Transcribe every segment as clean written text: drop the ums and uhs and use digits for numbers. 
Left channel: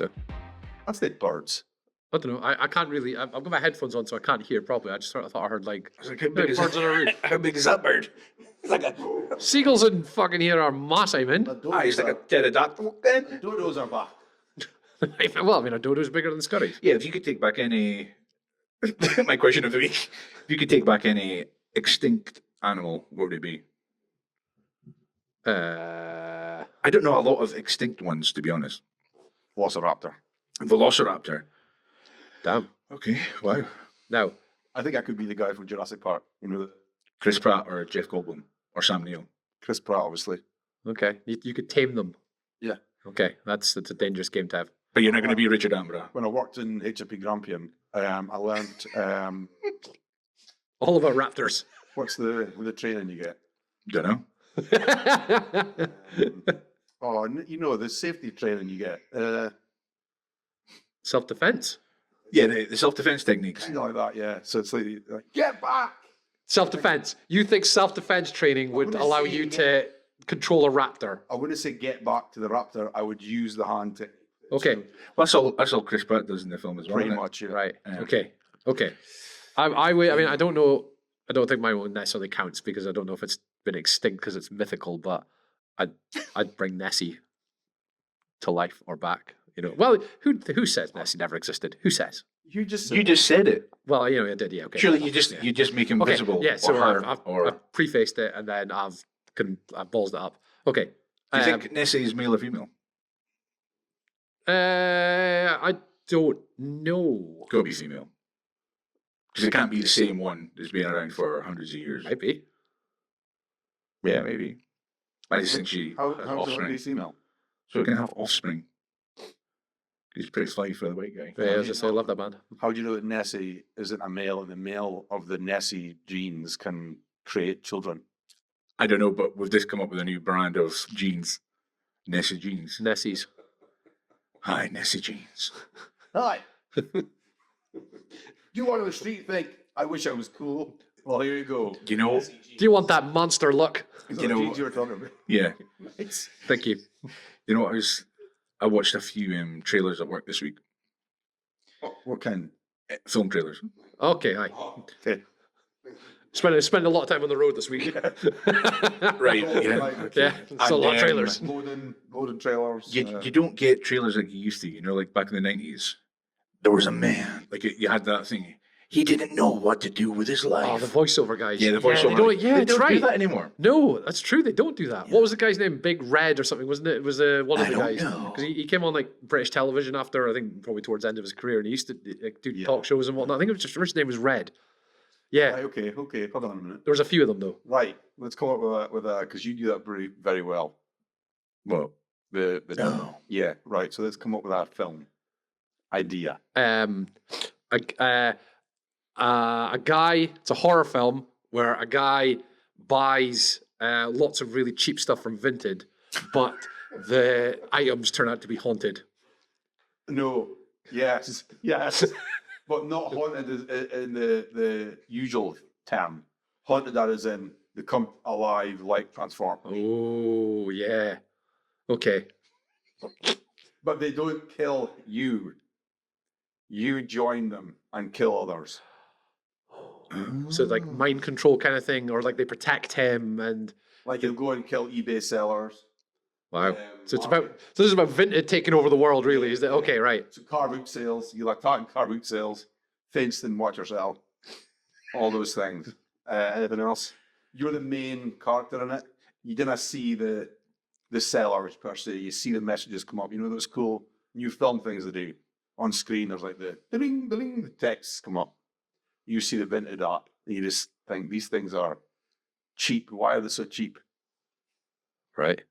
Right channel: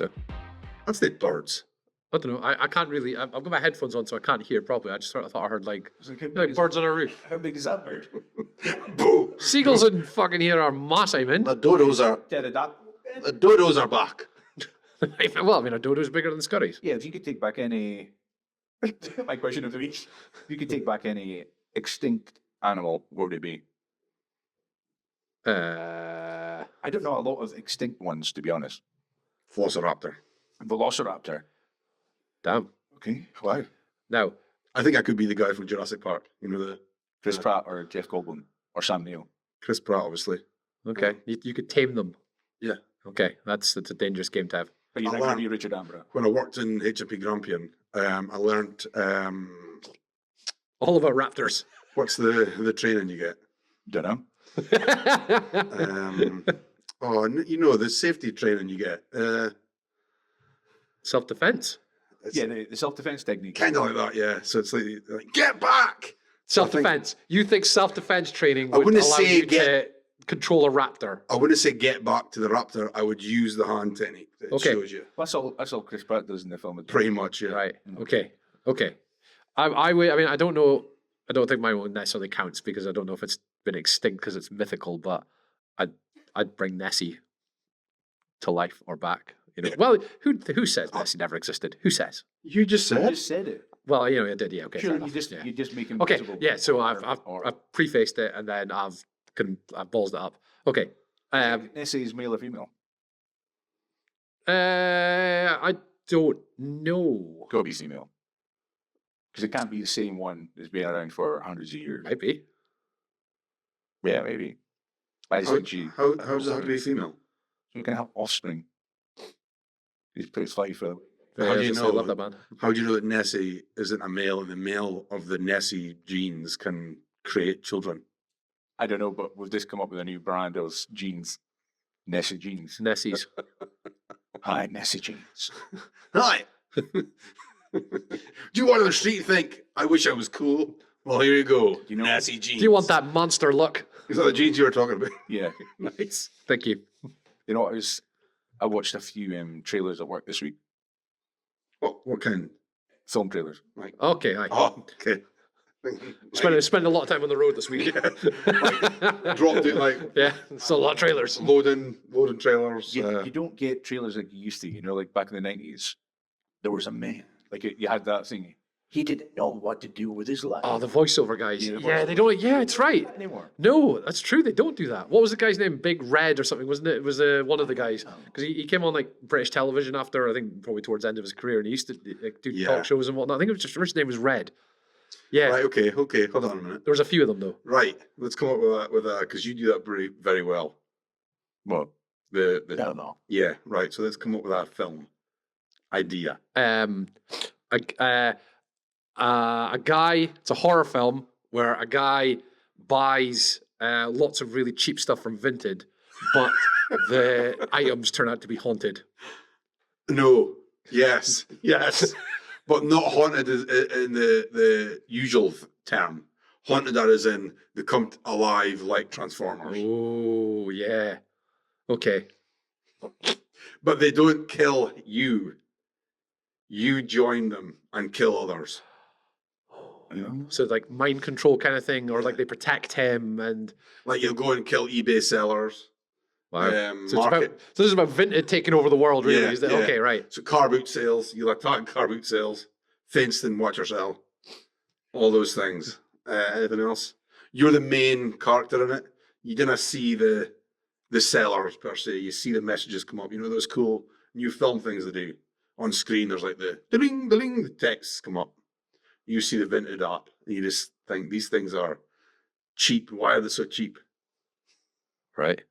so. I've said birds. I don't know. I can't really. I've got my headphones on, so I can't hear properly. I just sort of thought I heard like birds on a roof. How big is that bird? Seagulls in fucking here are massive, man. The dodos are pterodactyl. The dodos are back. Well, I mean, a dodo's bigger than scurries. Yeah, if you could take back any... My question of the week. If you could take back any extinct animal, what would it be? I don't know a lot of extinct ones, to be honest. Velociraptor. Velociraptor. Damn. Okay, wow. Now, I think I could be the guy from Jurassic Park. You know, the Chris Pratt or Jeff Goldblum or Sam Neill. Chris Pratt, obviously. okay, you could tame them. Yeah. Okay, that's a dangerous game to have. But you're not going to be Richard Attenborough. When I worked in HP Grampian, I learned All about raptors. what's the training you get. Don't know. You know, the safety training you get. Self-defense. Yeah, the self-defense techniques. Kind of like that, yeah. So it's like get back! Self-defense. You think self-defense training would wouldn't allow say you to control a raptor? I wouldn't say get back to the raptor. I would use the hand technique. That Okay. shows you. Well, that's all Chris Pratt does in the film as well. Pretty isn't it? much, yeah. Right. Yeah. Okay. I mean, I don't know. I don't think mine necessarily counts because I don't know if it's been extinct because it's mythical. But I'd bring Nessie to life or back. You know. Well, who says Nessie never existed? Who says? You just said You just said it. Well, you know, I did. Yeah. Okay. Surely fair you enough, just make him Okay. visible. Yeah. So or I've her, or... I've prefaced it and then I've ballsed it up. Okay. Do you think Nessie is male or female? I don't know. Got to be female. Because it can't be the same one that's been around for hundreds of years. Might be. Yeah, maybe. I just think she... How does it be female? So it can have offspring. He's pretty fly for the white guy. Yeah, do I you was gonna say, I know? love that band. How do you know that Nessie isn't a male and the male of the Nessie genes can create children? I don't know, but we've just come up with a new brand of jeans. Nessie jeans. Nessies. Hi, Nessie jeans. Hi. Do you want on the street think, I wish I was cool? Well, here you go. Do you know? Nessie jeans. Do you want that monster look? Is that you the know- jeans you were talking about? Yeah. Nice. Thank you. You know, I watched a few trailers at work this week. What kind? Film trailers. Okay, hi. Oh, okay. Spend a lot of time on the road this week. Right. Yeah, it's a lot of trailers. Loading trailers. You don't get trailers like you used to, you know, like back in the 90s. There was a man, like you had that thing. He didn't know what to do with his life. Oh, the voiceover guys. Yeah, the Yeah, they voiceover. don't. Yeah, They it's don't do right. that anymore. No, that's true. They don't do that. What was the guy's name? Big Red or something, wasn't it? It was one of I the don't guys know. because he came on like British television after I think probably towards the end of his career, and he used to like, do Yeah. talk shows and whatnot. I think it was just his name was Red. Yeah, Right, okay. Hold on a minute. there was a few of them though. Right, let's come up with that because you do that very, very well. Well, The no. yeah, right. So let's come up with that film idea. A guy. It's a horror film where a guy buys lots of really cheap stuff from Vinted, but the items turn out to be haunted. No, yes, but not haunted in the usual term. Haunted that is in they come alive like Transformers, Oh yeah. Okay. but they don't kill you. You join them and kill others. So like mind control kind of thing, or like they protect him and Like you'll go and kill eBay sellers. wow. So it's market- about this is about Vinted taking over the world, really. Yeah, Is that yeah. okay? Right. So car boot sales, you'll attack car boot sales, fenced and watch yourself, all those things. Anything else? You're the main character in it. You didn't see the sellers per se. You see the messages come up. You know those cool new film things they do on screen. There's like the ding, the texts come up. You see the Vinted art. And you just think these things are cheap. Why are they so cheap? Right.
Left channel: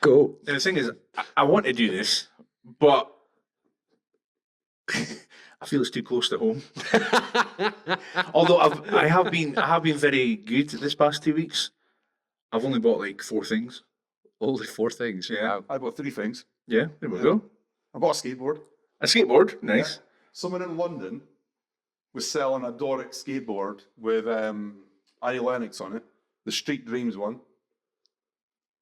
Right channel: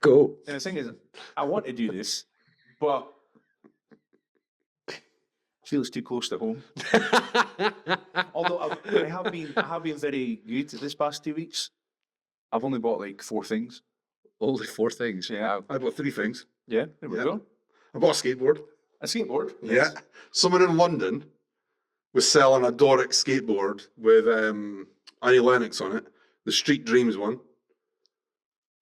Go. And the thing is, I want to do this, but I feel it's too close to home. Although I have been very good this past 2 weeks. I've only bought like 4 things. Only 4 things. Yeah, Wow. I bought 3 things. Yeah, there we Yeah. go. I bought a skateboard. A skateboard. Nice. Yeah. Someone in London was selling a Doric skateboard with Annie Lennox on it, the Street Dreams one.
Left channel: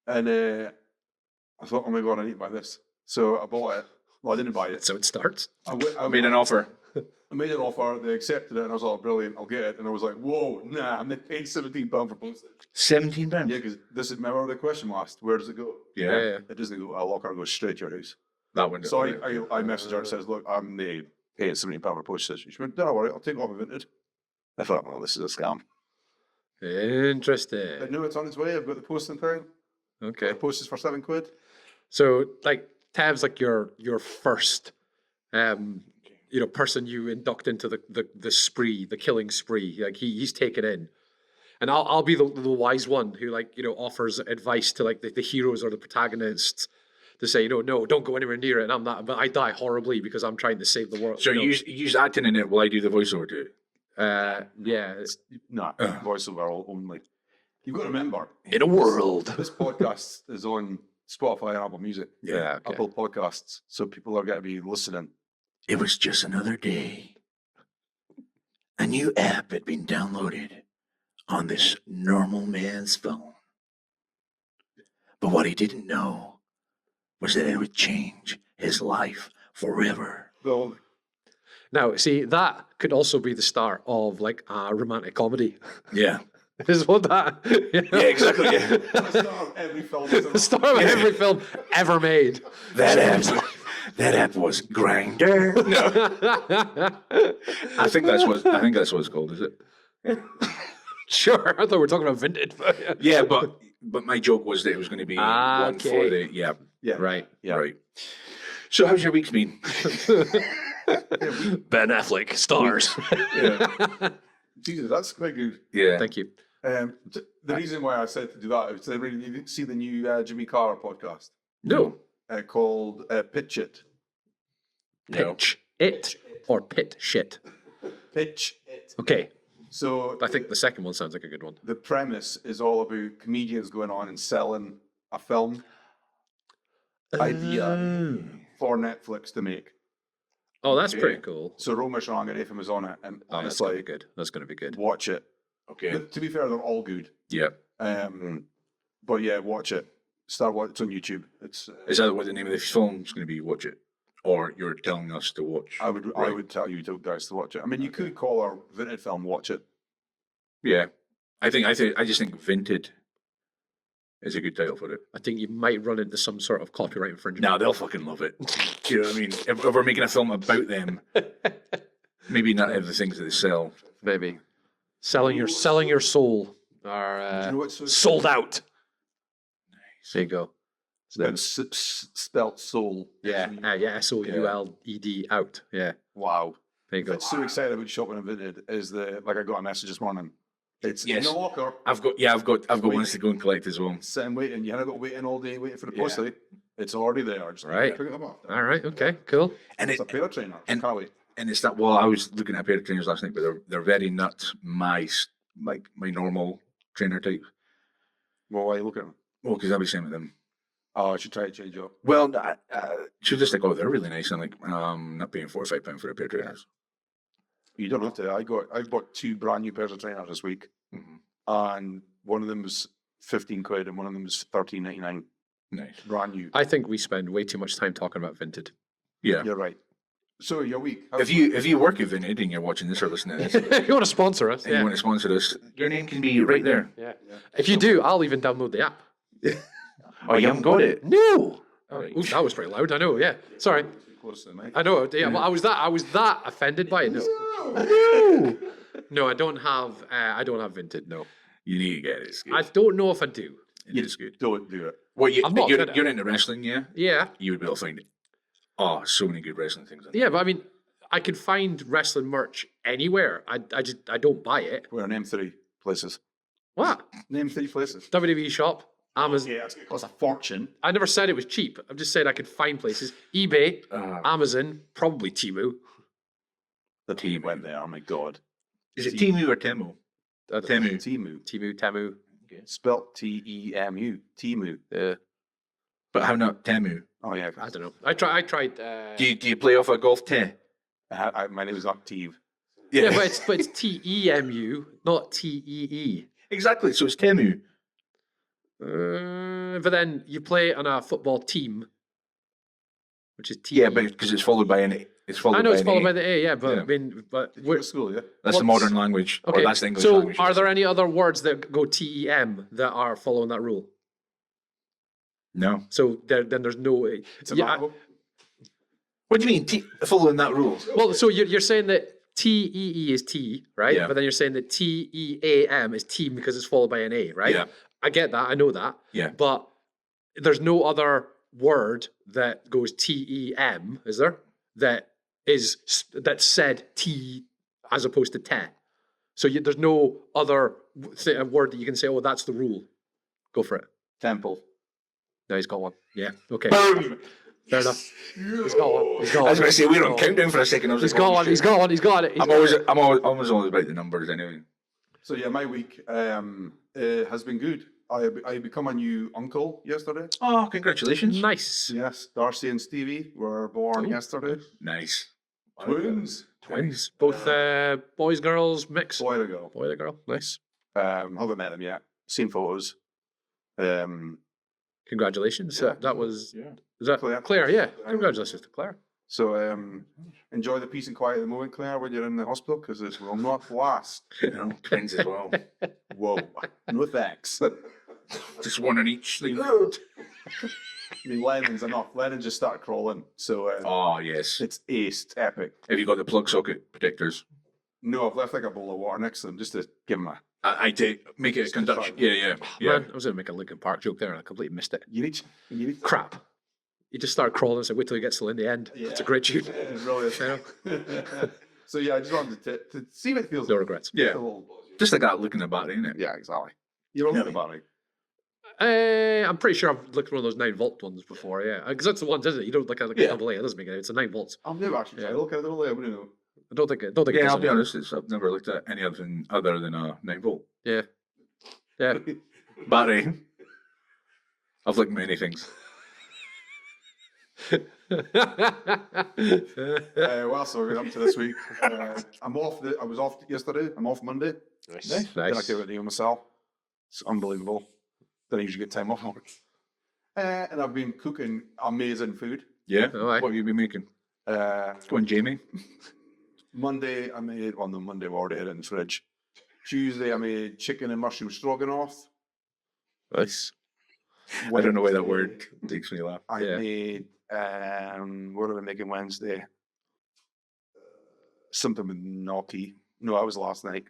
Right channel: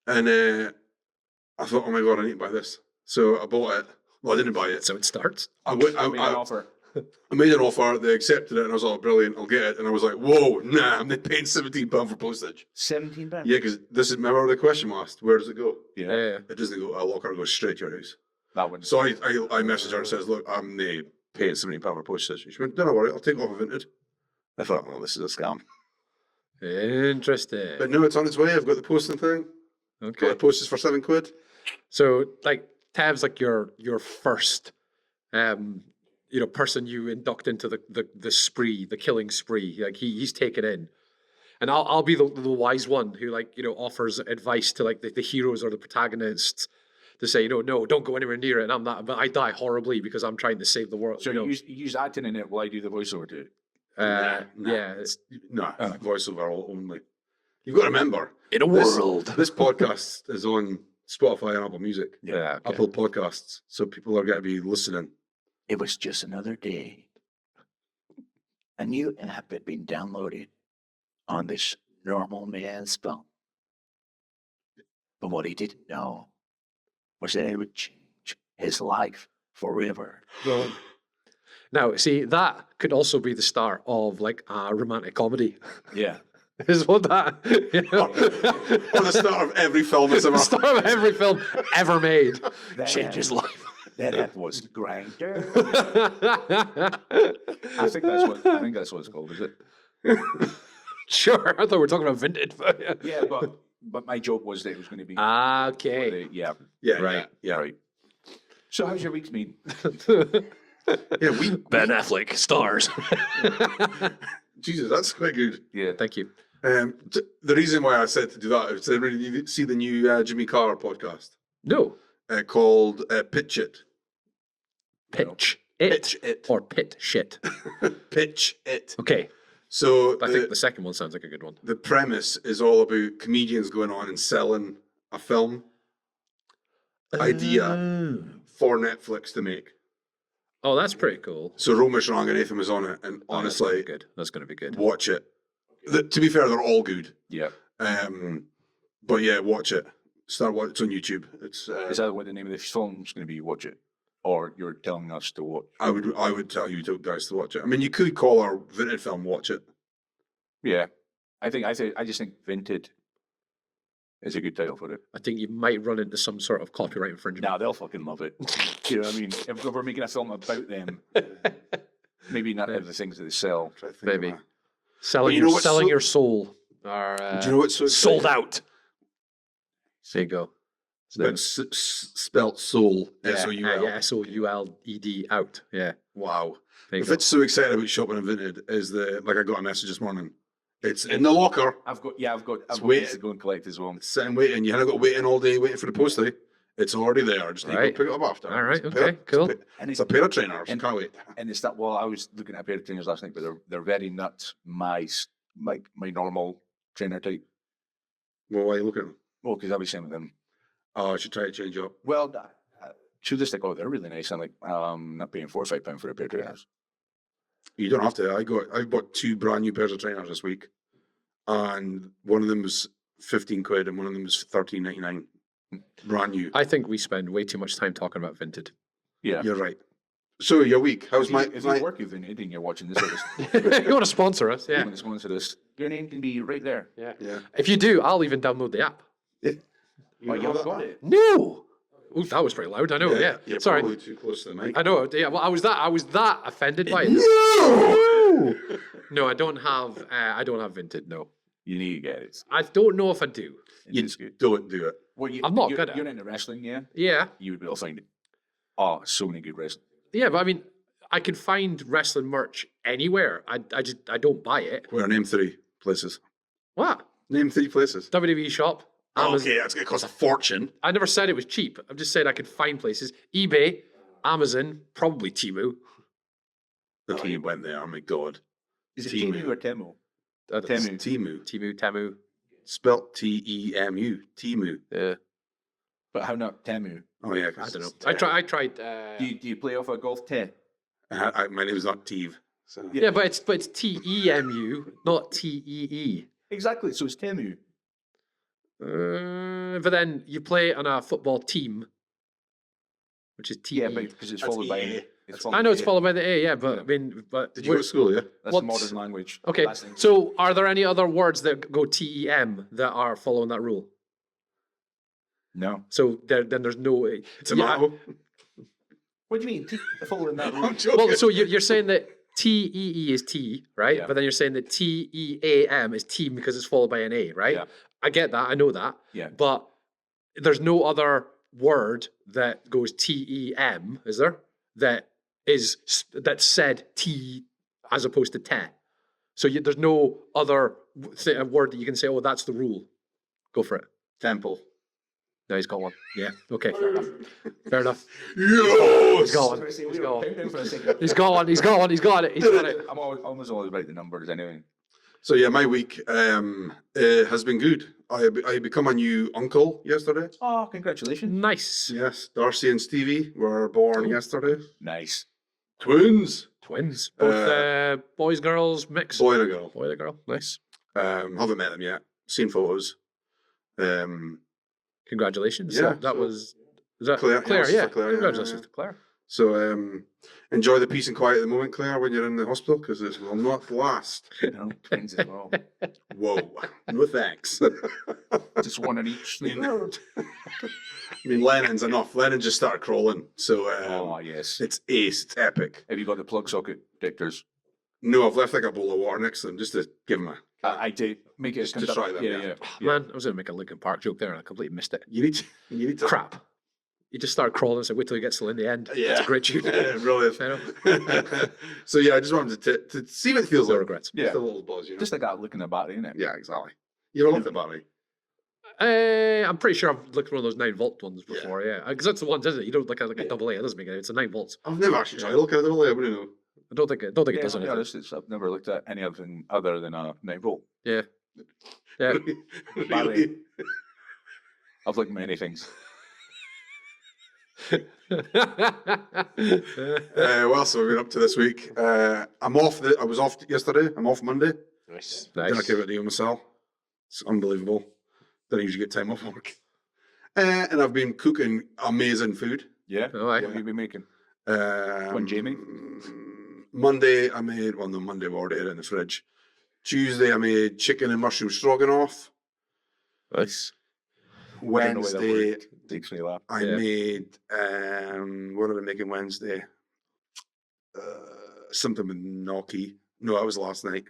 And I thought, oh my God, I need to buy this. So I bought it. Well, I didn't buy it. So it starts. I made an offer. I made an offer. They accepted it, and I was like, brilliant, I'll get it. And I was like, whoa, nah, I'm not paying £17 for postage. £17. Yeah, because remember the question asked, where does it go? Yeah. It doesn't go, a locker goes straight to your house. That one. So I messaged her and says, look, I'm paying £17 for postage. She went, don't worry, I'll take it off of Vinted. I thought, well, this is a scam. Interesting. But no, it's on its way. I've got the posting thing. Okay. Got the postage for £7. So, like, Tav's like your first, person you induct into the spree, the killing spree. Like he's taken in, and I'll be the wise one who offers advice to like the heroes or the protagonists to say, no, don't go anywhere near it. And I'm not, but I die horribly because I'm trying to save the world. So you use acting in it while I do the voiceover to it? Yeah. Voiceover only. You've got to remember, In a world. This podcast is on Spotify and Apple Music. Yeah. Okay. Apple Podcasts. So people are going to be listening. It was just another day. A new app had been downloaded on this normal man's phone. But what he didn't know was that it would change his life forever. Well, Now, see, that could also be the start of like a romantic comedy. Yeah. Is what that? Yeah, exactly. Yeah. at the start of every film that's ever The start of every film ever made. That Change his app, life. that app was Grinder. I think that's what it's called, is it? Sure, I thought we were talking about Vinted. But Yeah, but my joke was that it was going to be Ah, one for okay. yeah. Yeah. Right. Yeah. Right. So how's your week's been? Ben Affleck stars. Jesus, that's quite good. Yeah. Thank you. The reason why I said to do that is to really see the new Jimmy Carr podcast No, called Pitch It. pitch Pitch it It. or pit shit. Pitch It. Okay, So I think the second one sounds like a good one. the premise is all about comedians going on and selling a film idea for Netflix to make. Oh, that's pretty cool. So Romesh Ranganathan was on it, and Oh, that's gonna be honestly, good. That's gonna be good. watch it. Okay. To be fair, they're all good. Yeah. But yeah, watch it. Start watching. It's on YouTube. It's. Is that what the name of the film's going to be? Watch it, or you're telling us to watch? I would tell you guys to watch it. I mean, you could call our Vinted film Watch It. Yeah. I just think Vinted is a good title for it. I think you might run into some sort of copyright infringement. Nah, they'll fucking love it. Do you know what I mean? If we're making a film about them, maybe not have the things that they sell. Maybe selling you know your what's selling so- your soul are Do you know what's so sold out. There you go. It's spelt soul. Yeah, S-O-U-L. yeah, SOULED out. Yeah, Wow. there you If go. it's so excited about shopping in Vinted is like I got a message this morning. It's in Yes. the locker, I've got waiting. ones to go and collect as well. sitting waiting. You haven't got waiting all day waiting for the postie. It's already there. Just need Right. to pick it up after. All right, It's a okay, pair- cool. And It's a pair of trainers. and- Can't wait. And it's that. Well, I was looking at a pair of trainers last night, but they're very not my normal trainer type. Well, why are you looking at them? Well, because I'll be saying with them. Oh, I should try to change up. Well, she'll just like, oh, they're really nice. I'm like, not paying £4 or £5 for a pair of trainers. You don't have to. I bought 2 brand new pairs of trainers this week, and one of them was 15 quid, and one of them was 13.99. Nice. Brand new. I think we spend way too much time talking about Vinted. Yeah. You're right. So your week? If you work at Vinted and you're watching this service now, If you want to sponsor us, and you yeah. want to sponsor us, your name can be right there. Yeah. Yeah. If you do, I'll even download the app. Oh, you haven't got it. No. Right. Ooh, that was pretty loud. I know. Yeah. You're Sorry. probably too close to the mic. I know. Yeah. Well, I was that offended by it. No! No, I don't have Vinted. No, You need to get it. It's good. I don't know if I do. It's good. Don't do it. Well, I'm not good at you're it. into wrestling, yeah? Yeah. You would be able to find it. Oh, so many good wrestling things. Yeah, but I mean, I can find wrestling merch anywhere. I don't buy it. Well, name 3 places. What? Name 3 places. WWE shop, Amazon. Okay, that's going to cost a fortune. I never said it was cheap. I'm just saying I could find places. eBay, Amazon, probably Temu. The team went there. Oh my god. Is it Timu or Temu? Temu. Temu. Spelt T-E-M-U. Temu. Yeah. But how not Temu? Oh yeah. I don't know. I tried. Do you play off a golf tee? My name is not Teve. So. Yeah, but it's Temu, not Tee. Exactly. So it's Temu. But then you play on a football team. which is T. Yeah, but because it's followed by an. It's followed. I know it's by followed an by A. the A, yeah, but Yeah. I mean, but Did you go to school? Yeah. That's the what's- modern language. Or okay. that's the English So, language. are there any other words that go TEM that are following that rule? No. So then there's no. Yeah, Tomato. What do you mean? Following that rule? well, so you're saying that TEE is T, right? Yeah. But then you're saying that TEAM is team because it's followed by an A, right? Yeah. I get that. I know that. Yeah. But there's no other word that goes TEM, is there? That said T as opposed to te. So there's no other word that you can say, oh, that's the rule. Go for it. Temple. No, he's got one. Yeah. Okay. Fair enough. Yeah. I was going to say we were on countdown for a second. I was He's like, got one. He's got one. He's got it. He's got it. I'm always about the numbers anyway. So yeah, my week has been good. I become a new uncle yesterday. Oh, congratulations! Nice. Yes, Darcy and Stevie were born yesterday. Nice. Twins. Twins. Both boys, girls, mix. Boy and a girl. Boy and a girl. Nice. Haven't met them yet. Seen photos. Congratulations. Yeah, That so- was. Is that Claire. Claire? Yes, Yeah. Claire, Congratulations yeah. to Claire. So enjoy the peace and quiet at the moment, Claire, when you're in the hospital, because it will not last. Twins as well. Whoa. No thanks. Just one in each. I mean, Lennon's enough. Lennon just started crawling, so Oh yes. it's ace. It's epic. Have you got the plug socket protectors? No, I've left like a bowl of water next to them just to give them a. I take make it a Just to try conduction. that. Yeah. Man, I was going to make a Linkin Park joke there and I completely missed it. You need to. Crap. You just start crawling and say, wait till he gets till in the end. Yeah. It's a great tune. Yeah, really. You know? So yeah, I just wanted to see what it feels No like. regrets. Just Yeah. a little buzz. You know? Just like that look in the battery, isn't it? Yeah, exactly. You don't look at the battery. I'm pretty sure I've looked at one of those 9-volt ones before, yeah. Because that's the ones, isn't it? You don't look at like a double A. It doesn't make it. It's a 9 volts. I've never actually tried to look at it. I wouldn't know. I don't think it Yeah, does I'll be anything. honest. I've never looked at any other than a 9-volt Yeah. Yeah. battery. I've looked at many things. What else have we been up to this week? I'm off. I was off yesterday. I'm off Monday. Nice. Then I came out to myself. It's unbelievable. Then I usually get time off work. And I've been cooking amazing food. Yeah. Oh, aye. What have you been making? One Jamie? Monday I made Monday we already had it in the fridge. Tuesday I made chicken and mushroom stroganoff. Nice. I don't know why that Wednesday, word takes me a laugh. I Yeah. made what did I make on Wednesday? Something with gnocchi. No, that was last night.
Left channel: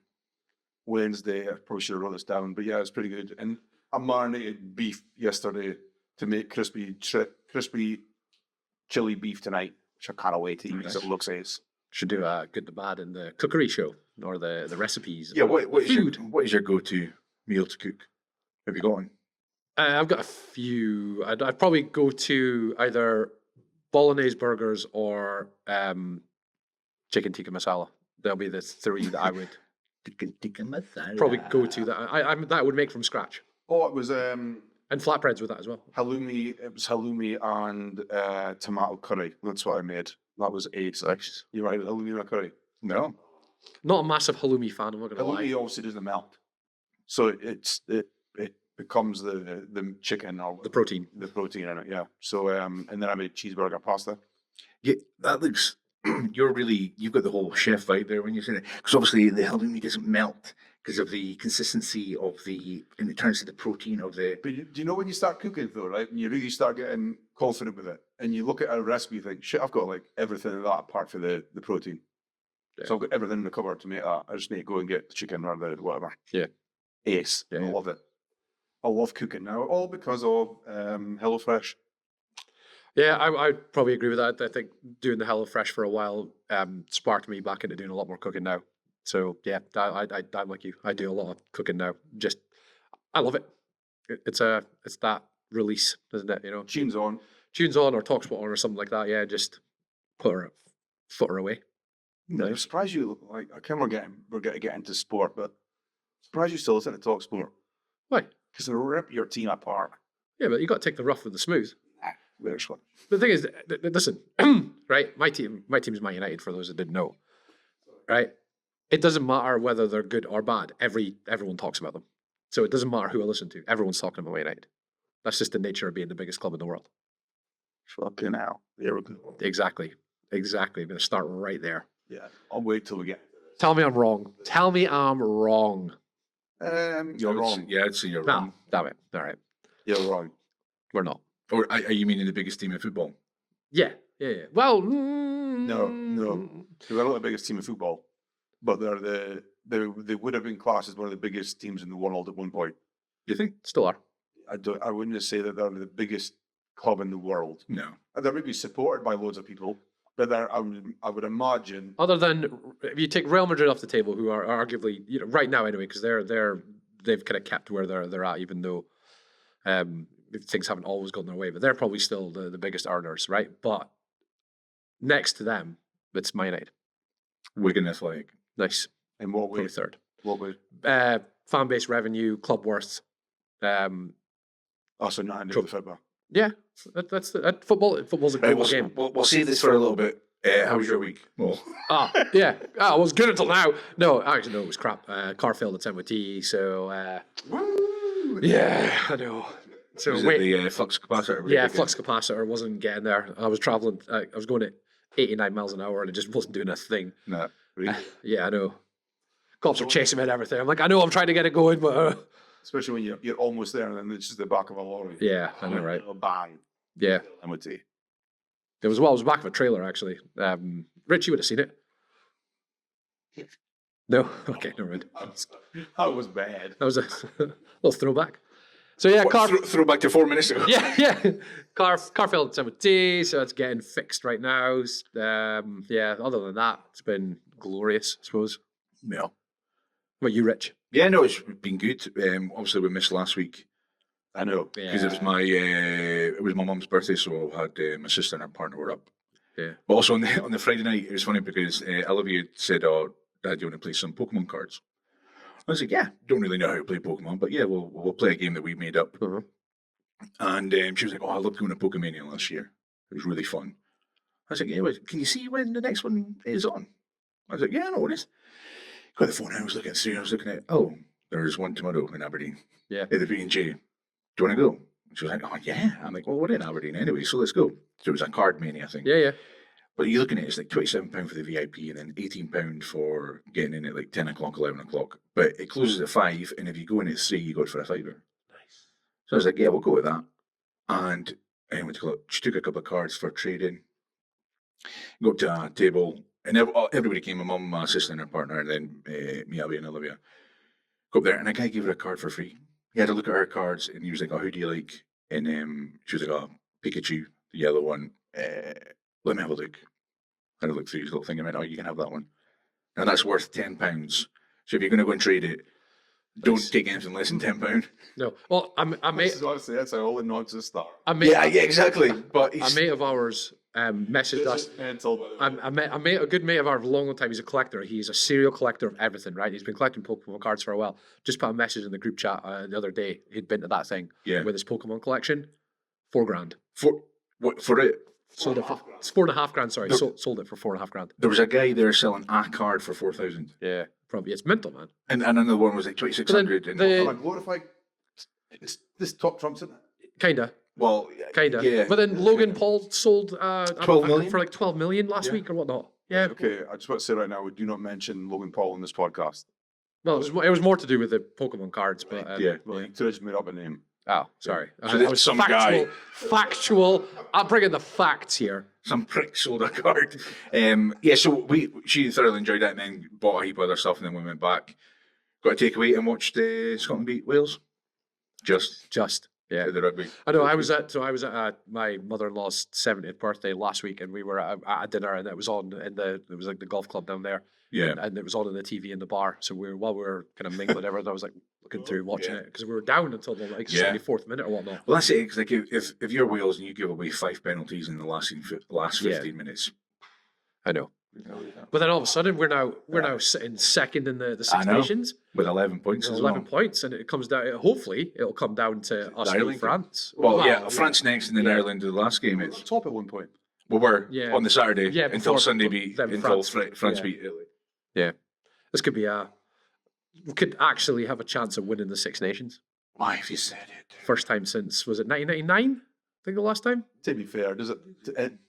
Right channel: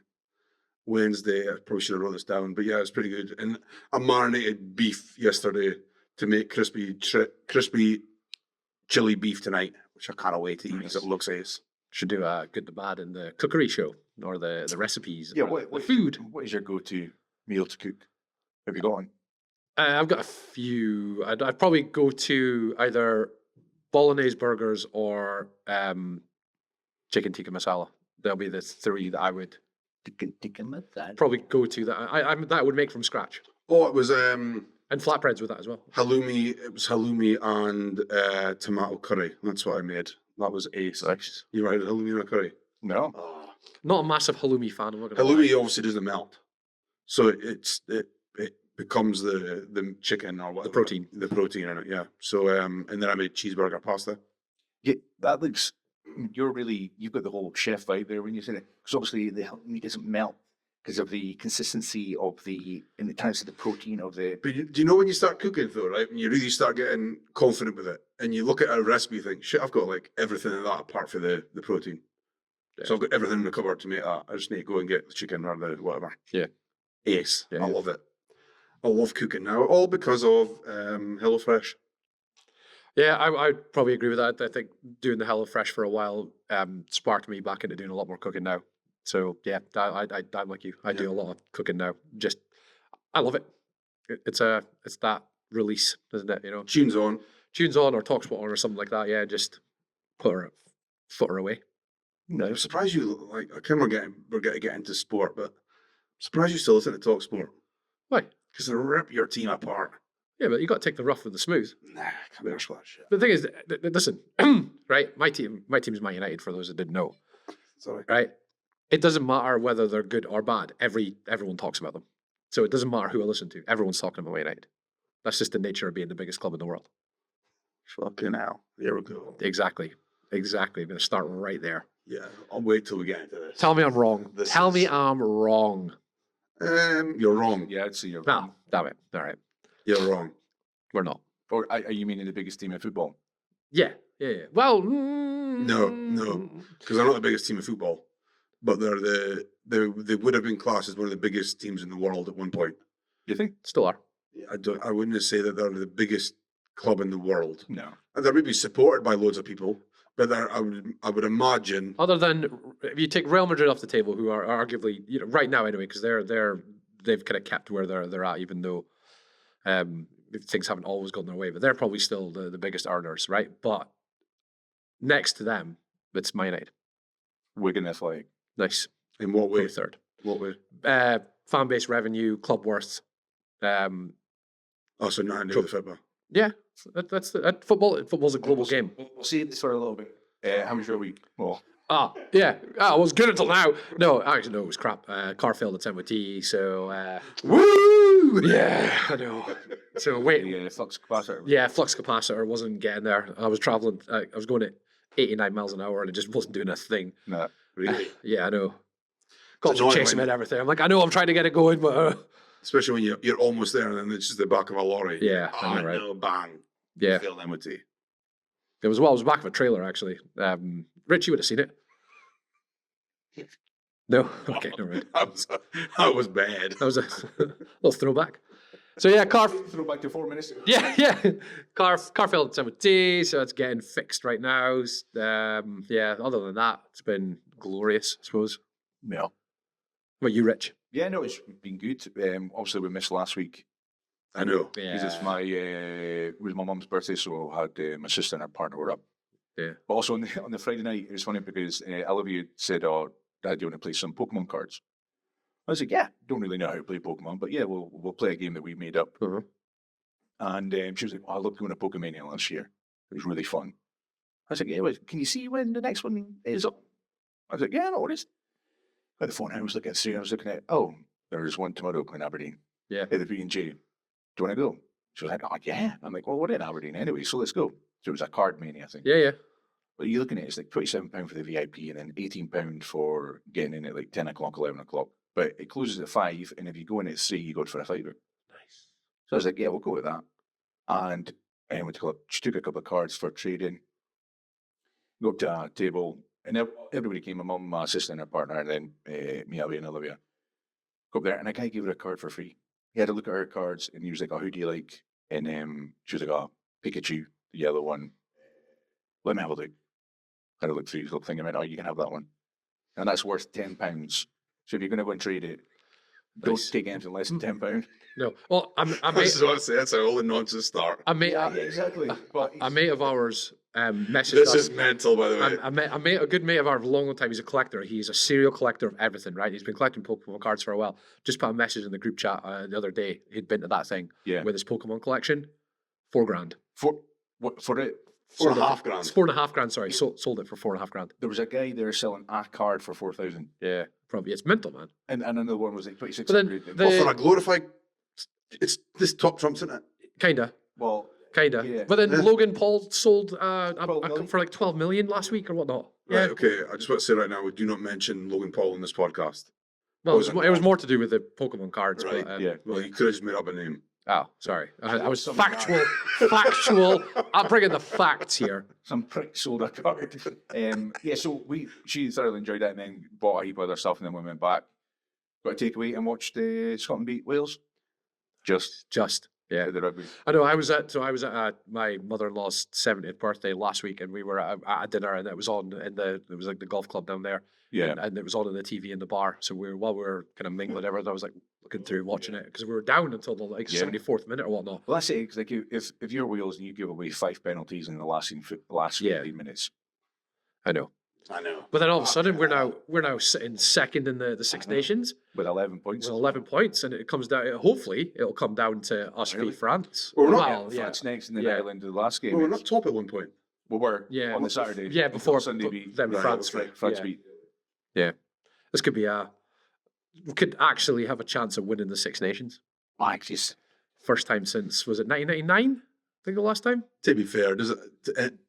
Wednesday, I probably should have wrote this down, but yeah, it was pretty good. And I marinated beef yesterday to make crispy chili beef tonight, which I can't wait to eat because it looks ace. Should do a Good, the Bad, and the cookery show or the recipes. Yeah, or what the food. What is your go-to meal to cook? Have you got one? I've got a few. I'd probably go to either bolognese burgers or chicken tikka masala. They'll be the three that I would probably go to. That that I would make from scratch, Oh, it was and flatbreads with that as well. halloumi. It was halloumi and tomato curry. That's what I made. That was ace. You're right, halloumi and a curry. No. Not a massive halloumi fan. I'm not gonna lie. Halloumi obviously doesn't melt, so it becomes the chicken or whatever, The protein. in it. Yeah. So and then I made cheeseburger pasta. Yeah, that looks. You've got the whole chef vibe there when you say it, because obviously the halloumi doesn't melt because of the consistency of in the terms of the protein of the. But do you know when you start cooking though, right? When you really start getting confident with it, and you look at a recipe, you think, shit, I've got like everything in that apart from the protein. Yeah. So I've got everything in the cupboard to make that. I just need to go and get the chicken or the whatever. Yeah. Ace. Yeah, I yeah. love it. I love cooking now, all because of HelloFresh. Yeah, I'd probably agree with that. I think doing the HelloFresh for a while sparked me back into doing a lot more cooking now. So yeah, I'm like you. I do a lot of cooking now. Just I love it. It's that release, isn't it? You know, Tunes on. tunes on or talks on or something like that. Yeah, just foot her away. I'm surprised you like. I can we're getting to get into sport, but I'm surprised you still listen to Talk Sport Why? because they rip your team apart. Yeah, but you got to take the rough with the smooth. Nah, better splash. The thing is, listen, right? My team is Man United. For those that didn't know, Sorry. right? It doesn't matter whether they're good or bad. Everyone talks about them. So it doesn't matter who I listen to. Everyone's talking about Man United. That's just the nature of being the biggest club in the world. Fucking hell. There we go. Exactly. I'm going to start right there. Yeah, I'll wait till we get into this. Tell me I'm wrong. This Tell me is- I'm wrong. You're wrong. Yeah, I'd say you're No, wrong. damn it. All right. You're wrong. We're not. Or are you meaning the biggest team in football? Yeah. Well, No. Because they're not the biggest team in football, but they would have been classed as one of the biggest teams in the world at one point. You think? Still are. I wouldn't say that they're the biggest club in the world. No. They would be supported by loads of people, but I would imagine. Other than if you take Real Madrid off the table, who are arguably right now anyway, because they've kind of kept where they're at, even though things haven't always gone their way, but they're probably still the biggest earners, right? But next to them, it's Man United. Wigan Athletic. Nice. In what way? Probably third. What way? Fan base revenue, club worth. Also, nothing to do with football. Yeah, that's football. Football's a global game. We'll save this for a little bit. How was your week? Well, Yeah. I was good until now. No, actually, no, it was crap. Car failed at MOT, so woo! yeah, I know. So Was it wait, the flux capacitor. yeah, flux capacitor wasn't getting there. I was traveling. I was going at 89 miles an hour, and it just wasn't doing a thing. No, really. Yeah, I know. Cops were annoying chasing me when- and everything. I'm like, I know, I'm trying to get it going, but Especially when you're almost there and then it's just the back of a lorry. yeah, I know, right? Bang. Yeah, Failed MOT. it was the back of a trailer actually. Rich, you would have seen it. No, okay, never mind. That was bad. That was a little throwback. So yeah, car. Throw back to 4 minutes ago. Yeah. Car failed at MOT, so it's getting fixed right now. Yeah. Other than that, it's been glorious, I suppose. Yeah. What about you, Rich? Yeah, no, it's been good. Obviously, we missed last week. I know. Because it's it was my mum's birthday, so I had my sister and her partner were up. Yeah. But also on the Friday night, it was funny because Olivia said, "Oh, Dad, do you want to play some Pokemon cards?" I was like, "Yeah, don't really know how to play Pokemon, but yeah, we'll play a game that we made up." Uh-huh. And she was like, "Oh, I loved going to Pokemania last year. It was really fun." I was like, "Yeah, well, can you see when the next one is on?" I was like, "Yeah, no, it is." Got the phone. I was looking at three. I was looking at, oh, there's one tomorrow in Aberdeen. Yeah. At the B&J. Do you want to go? She was like, oh, yeah. I'm like, well, we're in Aberdeen anyway, so let's go. So it was a card mania thing. Yeah. But you're looking at it, it's like £27 for the VIP and then £18 for getting in at like 10 o'clock, 11 o'clock. But it closes at 5, and if you go in at 3, you go it for a fiver. Nice. So I was like, yeah, we'll go with that. And she took a couple of cards for trading. Go up to a table, and everybody came, my mum, my sister and her partner, and then me, Abby and Olivia. Go up there, and a guy gave her a card for free. He had to look at her cards, and he was like, oh, who do you like? And she was like, oh, Pikachu, the yellow one. Let me have a look. Had a look through his little thing, and went, oh, you can have that one. And that's worth £10. So if you're going to go and trade it, don't Nice. take anything less than £10. No. Well, I This is what I say. That's how all the nonsense start. exactly. But a mate of ours messaged This us. is mental, by the way. A good mate of ours, a long time. He's a collector. He's a serial collector of everything, right? He's been collecting Pokemon cards for a while. Just put a message in the group chat the other day. He'd been to that thing Yeah. with his Pokemon collection. $4,000. For it? Sold it $4.5 for grand. It's $4.5 grand. Sorry, sold it for $4.5 grand. There was a guy there selling a card for 4,000, Yeah, probably it's mental, man. and another one was like 2,600. But then For a glorified, it's this top trumps, isn't it? Kinda. Yeah. But then Logan Paul sold 12 million? for like 12 million last week or whatnot. Yeah. Right, okay. I just want to say right now, we do not mention Logan Paul in this podcast. Well, it was more to do with the Pokemon cards, Right, but yeah. Well, you could have just made up a name. oh, sorry. I was some factual. Factual. I'm bringing the facts here. Some prick sold a card. Yeah, so she thoroughly enjoyed it, and then bought a heap of other stuff, and then we went back, got a takeaway, and watched Scotland beat Wales. Just Yeah. the rugby. I know. I was at my mother-in-law's 70th birthday last week, and we were at a dinner, and it was on it was like the golf club down there, Yeah. and it was on in the TV in the bar. So while we were kind of mingling everything, I was like looking through, watching it because we were down until the like Yeah. 74th minute or whatnot. Well, that's it. 'Cause like if you're Wales and you give away 5 penalties in the last 15 minutes, I know. But then all of a sudden we're now sitting second in the Six I know. Nations with 11 points. with as 11 well. points, and it comes down. Hopefully, it'll come down to us Ireland. beat France. Well, Wow, yeah, France next, and then Yeah. Ireland the last game. We were not top at one point. We were Yeah. on the Saturday. Yeah, until before- Sunday but beat then until France- France yeah. beat Italy. This could be we could actually have a chance of winning the Six Nations. Why, if you said it. First time since was it 1999? think the last time. To be fair,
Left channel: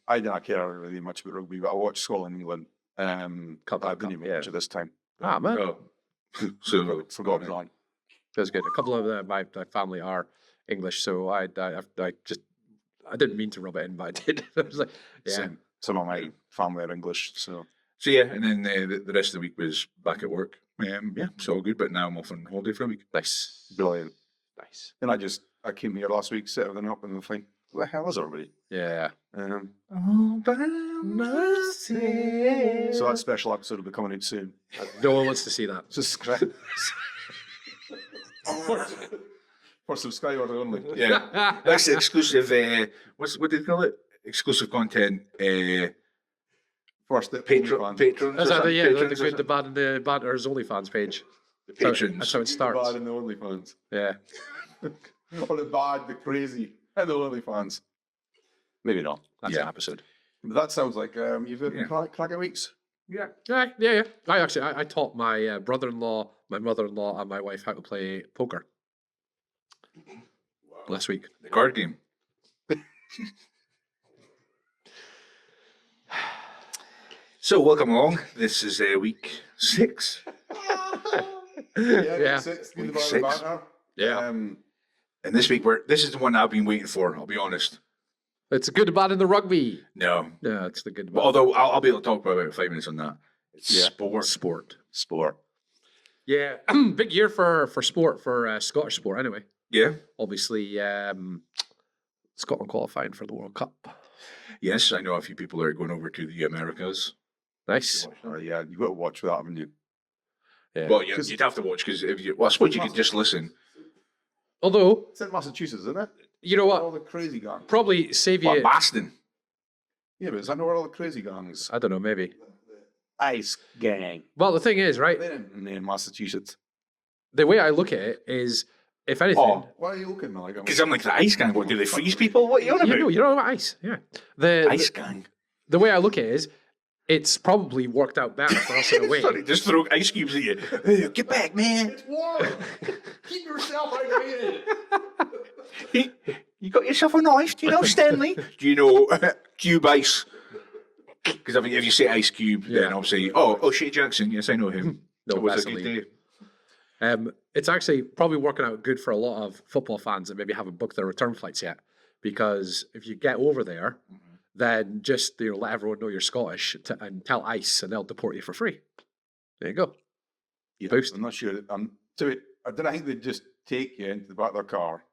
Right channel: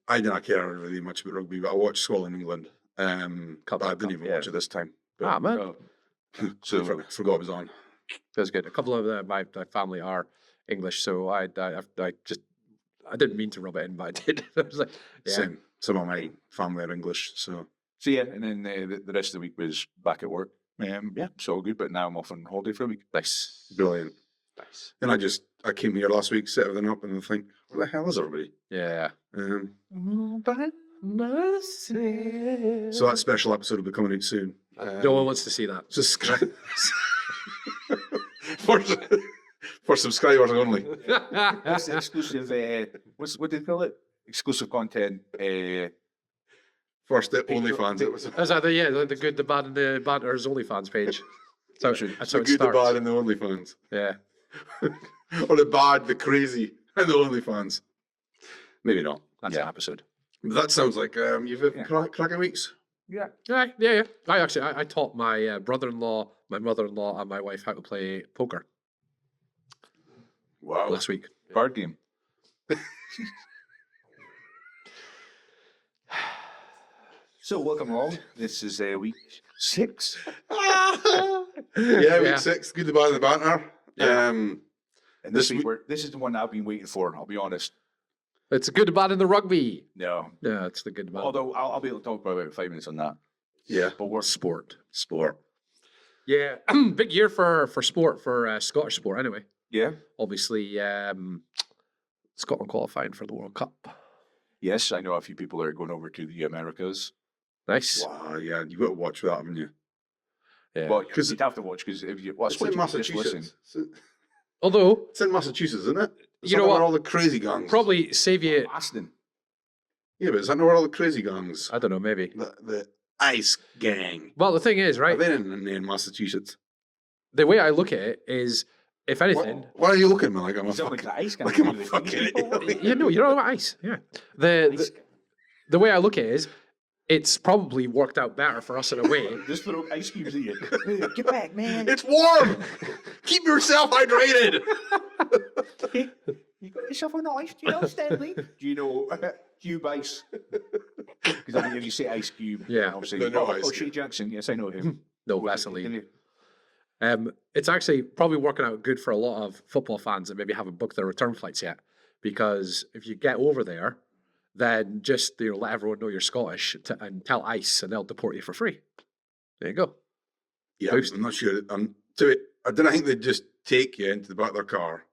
I don't care really much about rugby, but I watch Scotland, England. Cup, But I didn't Cup, even yeah. watch it this time. Ah, man. Oh. So Forgot it was on. That's good. A couple of my family are English, so I didn't mean to rub it in, but I did. I was like, yeah, Same. Some of my family are English, so yeah, and then the rest of the week was back at work. Yeah, it's all good. But now I'm off on holiday for a week. nice, brilliant. nice. And I came here last week, set everything up, and I think, where the hell is everybody? Yeah. So that special episode will be coming out soon. No one wants to see that. Subscribe for subscribers only. Yeah, that's exclusive. What do they call it? Exclusive content. First at OnlyFans. Is that the good, the bad, and the banter's OnlyFans page? That's how it The starts. bad and the OnlyFans. Yeah. Or the bad, the crazy, and the OnlyFans. Maybe not. That's Yeah. an episode. But that sounds like you've had cracking weeks. Yeah. Yeah. I taught my brother-in-law, my mother-in-law, and my wife how to play poker Wow. last week. The card game. So welcome along. This is week 6. Yeah, Yeah. week 6. Good, the bad, and the banter. Yeah. And this week this is the one I've been waiting for. I'll be honest. It's a good, bad, and the rugby. No, Yeah, it's the good, bad. although I'll be able to talk for about 5 minutes on that. Yeah. Sport. Yeah, big year for sport, for Scottish sport anyway. Yeah. Obviously, Scotland qualifying for the World Cup. Yes, I know a few people are going over to the Americas. Nice. Wow, yeah, you've got to watch that, haven't you? Yeah. Well, you'd have to watch because if you, well, I suppose you could just listen. Although, It's in Massachusetts, isn't it? Is You that know where what? all the crazy gangs. probably save What, you. Boston? Yeah, but is that not where all the crazy gangs? I don't know, maybe. The Ice Gang. Well, the thing is, right? They're in Massachusetts. The way I look at it is, if anything, Oh, why are you looking at me like I'm? Because I'm like the ice gang. What, do they freeze people? What are you on you about? know, you're on ice. Yeah. The, Ice the gang. the way I look at it is, it's probably worked out better for us in a way. Just throw ice cubes at you. Get back, man. It's warm. Keep yourself hydrated. You got yourself a knife. Do you know Stanley? Do you know Cube Ice? Because I think if you say Ice Cube, Yeah. then obviously, oh, Shea Jackson. Yes, I know him. No, What's that definitely. guy do? It's actually probably working out good for a lot of football fans that maybe haven't booked their return flights yet. Because if you get over there, then just let everyone know you're Scottish and tell ICE, and they'll deport you for free. There you go. Yeah, Boost. I'm not sure. I don't think they just take you into the back of their car,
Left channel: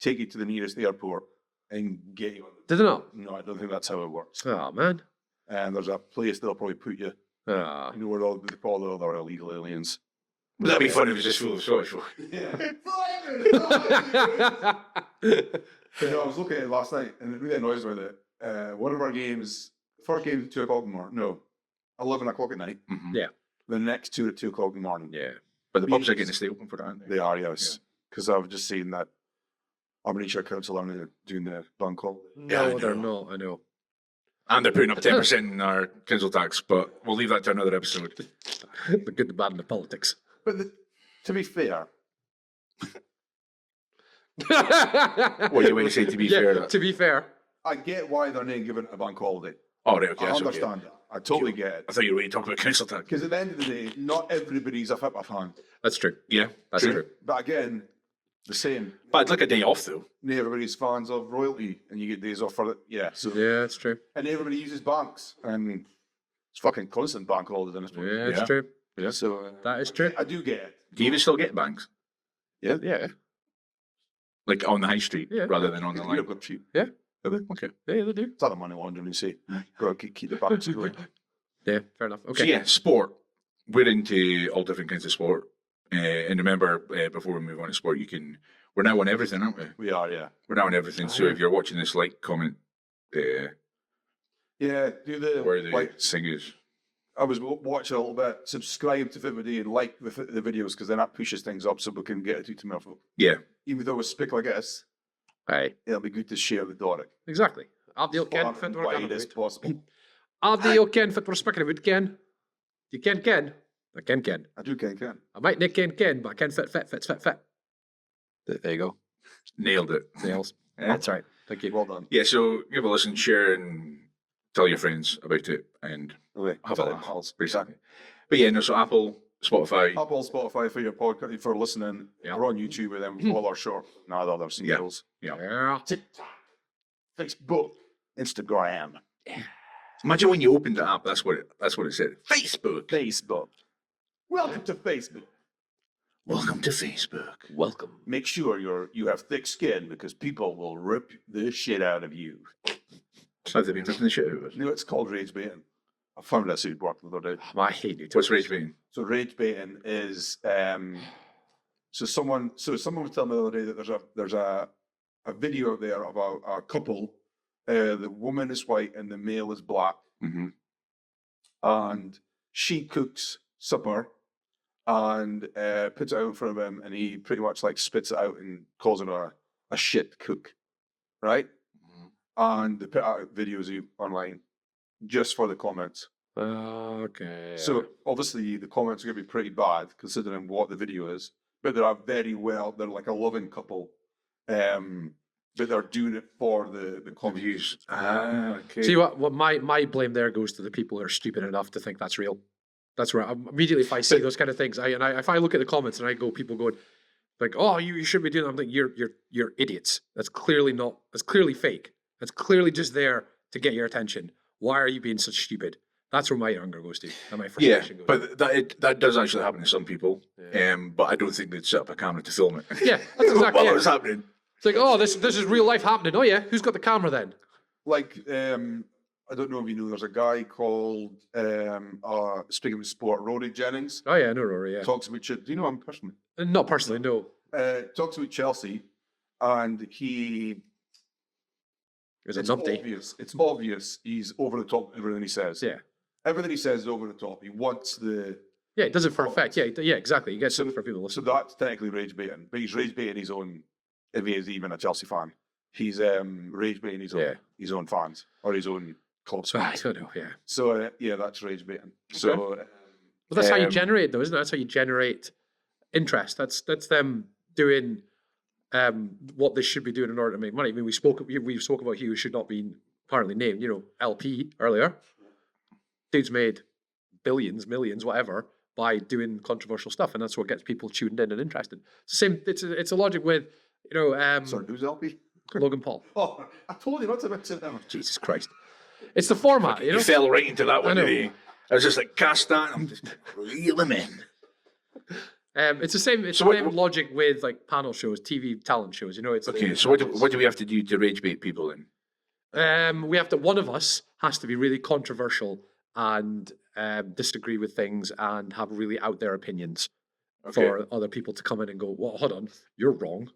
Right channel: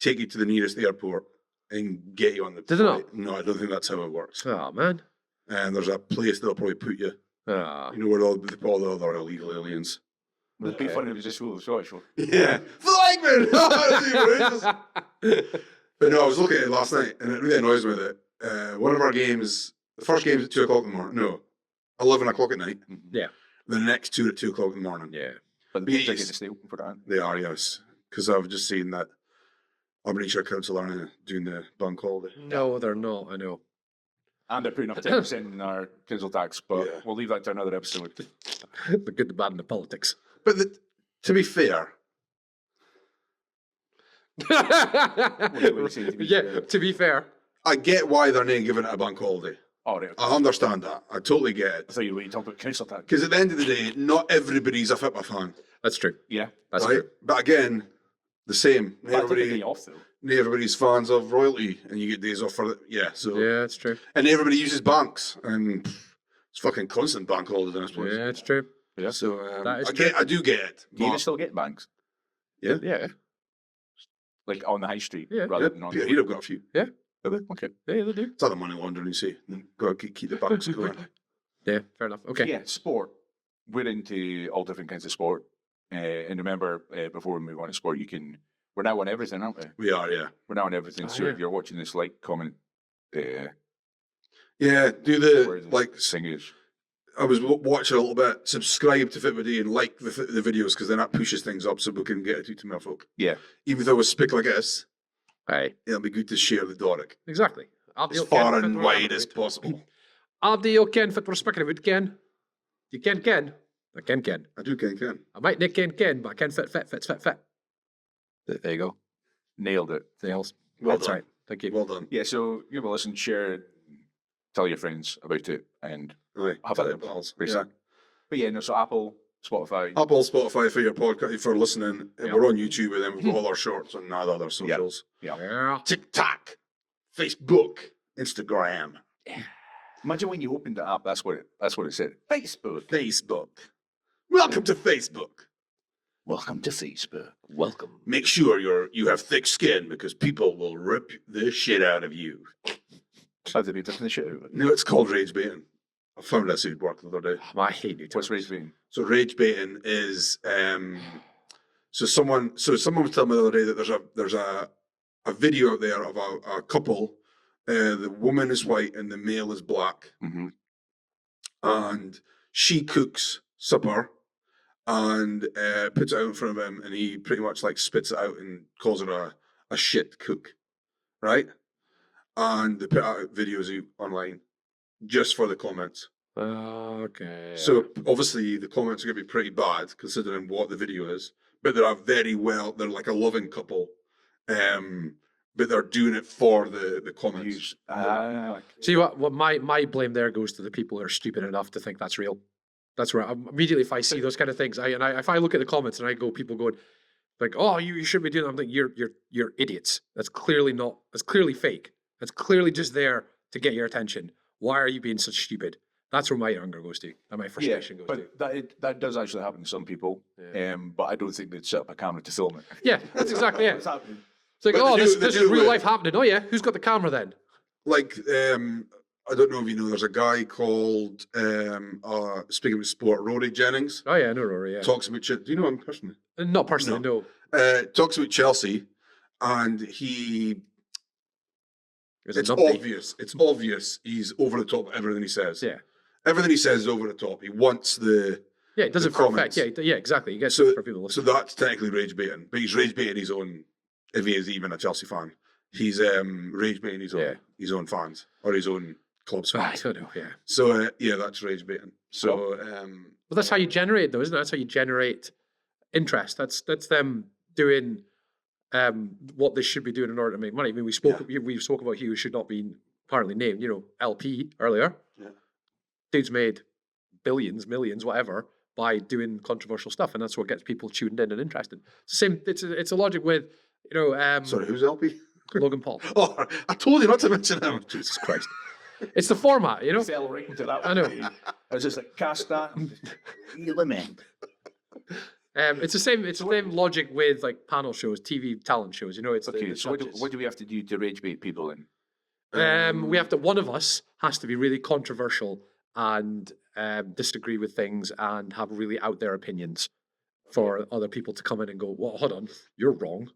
take you to the nearest airport, and get you on the. Did they not? No, I don't think that's how it works. Oh man. And there's a place they'll probably put you. Ah. You know where all the other illegal aliens. Would that be fun if it was just full of Scottish folk? Yeah. Flagman! But no, I was looking at it last night, and it really annoys me that one of our games, the first game's at 2 o'clock in the morning. No, 11 o'clock at night. Mhm. Yeah. The next two at 2 o'clock in the morning. Yeah. But the pubs are Yes. getting to stay open for that, aren't they? They are, yes. Because I've just seen that Aberdeenshire Council are doing the bank holiday. No, they're not. I know. And they're putting up 10% in our council tax, but we'll leave that to another episode. The good, the bad, and the politics. But to be fair, What do you say to be yeah, fair? to be fair. I get why they're not giving it a bank holiday. Oh, right, okay, I so, understand that. I totally get it. I thought you were waiting to talk about council tax. Because at the end of the day, not everybody's a football fan. That's true. Yeah. That's right? true. But again, the same. But it's like a day off, though. Not everybody's fans of royalty, and you get days off for it. Yeah, so Yeah, that's true. and everybody uses banks, and it's fucking constant bank holiday. I suppose. Yeah, it's Yeah. true. Yeah, so That is I true. I do get it. Do you even still get banks? Yeah. Yeah. Like on the high street Yeah, rather than on the Yeah, line? you've got a few. Okay. Yeah, they do. It's other money laundering, you see. Got to keep the banks going. Yeah, fair enough. So Okay. yeah, sport. We're into all different kinds of sport. And remember, before we move on to sport, we're now on everything, aren't we? We are, yeah. We're now on everything. So yeah. if you're watching this, like, comment, Yeah, do where the the like. singers. I was watching a little bit. Subscribe to Fitbody and like the videos because then that pushes things up so we can get it out to more folk. Yeah. Even though we speak like this, Aye. it'll be good to share the Doric Exactly. as far and wide as possible. Adi o ken fit respecting it ken. You ken. I ken. I do can. I might not ken, but I can fit. There you go. Nailed it. Nails. Yeah. That's right. Thank you. Well done. Yeah, so give a listen, share, and tell your friends about it, and Okay. have Tell a the pals. exactly. But yeah, no, so Apple, Spotify. Apple, Spotify for your podcast, for listening. Yeah. We're on YouTube with them, with all our shorts and all other socials. Yeah. TikTok, Facebook, Instagram, Imagine when you opened the app, that's what it said. Facebook. Facebook. Welcome to Facebook. Welcome to Facebook. Welcome. Make sure you have thick skin because people will rip the shit out of you. Have they been taking the shit out of it? No, it's called rage baiting. I found that suit work the other day. I hate you. What's rage baiting? So rage baiting is so someone was telling me the other day that there's a video out there of a couple. The woman is white and the male is black, Mm-hmm. and she cooks supper and puts it out in front of him, and he pretty much like spits it out and calls her a shit cook, right? And they put out videos online just for the comments. Okay. So obviously the comments are going to be pretty bad considering what the video is, but they're like a loving couple, but they're doing it for the comments. Okay. See what my blame there goes to the people who are stupid enough to think that's real. That's right. Immediately, if I see those kind of things, if I look at the comments and I go, people going like, "Oh, you should be doing," I'm thinking, you're idiots. That's clearly not. That's clearly fake. That's clearly just there to get your attention. Why are you being such stupid? That's where my anger goes to, and my frustration goes. But that does actually happen to some people. Yeah. But I don't think they'd set up a camera to film it. Yeah, that's exactly While it. it's happening. It's like, But oh, they this do is real it. life happening. Oh yeah, who's got the camera then? Like I don't know if you know, there's a guy called speaking of sport, Rory Jennings. Oh yeah, no, Rory. Yeah, Talks about do you know him personally? not personally, no. Talks about Chelsea, and he. It's a It's numpty. obvious. It's obvious. He's over the top. With everything he says. Yeah, Everything he says is over the top. He wants the. yeah, it does it for comments. effect. Yeah, yeah, exactly. He gets So- it for people to So listen. that's technically rage baiting, but he's rage baiting his own. If he is even a Chelsea fan, he's rage baiting his own fans or his own club's I fans. don't know. Yeah, So yeah, that's rage baiting. So well, that's how you um, generate, though, isn't it? That's how you generate interest. That's them doing what they should be doing in order to make money. I mean, we spoke about he who should not be apparently named. You know, LP earlier. Yeah. Dude's made billions, millions, whatever, by doing controversial stuff, and that's what gets people tuned in and interested. It's the same. It's a logic with Sorry, who's LP? Logan Paul. Oh, I told you not to mention him. Jesus Christ. It's the format, you know. You fell right into that one. I know. didn't you? I was just like, cast that. I'm just Reel him in. It's the same. It's the same logic with like panel shows, TV talent shows. You know, it's okay. So what do we have to do to rage bait people then? we have to. One of us has to be really controversial and disagree with things and have really out there opinions for other people to come in and go, "Well, hold on, you're wrong."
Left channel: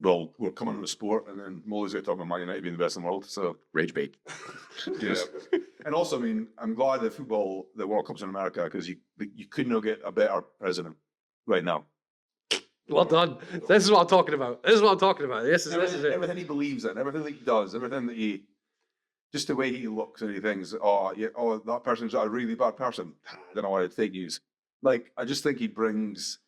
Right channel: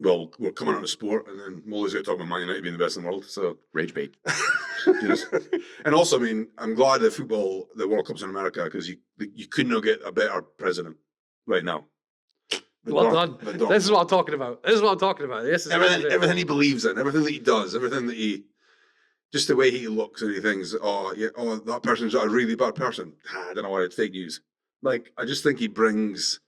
Well, we're coming on to sport, and then Molly's going to talk about Man United being the best in the world. So Rage bait. Yes. And also, I mean, I'm glad the World Cup's in America because you could not get a better president right now. Well done. This is what I'm talking about. This is what I'm talking about. This is Everything he believes in, everything that he does, everything that just the way he looks and he thinks, that person's a really bad person. I don't know why it's fake news. Like, I just think he brings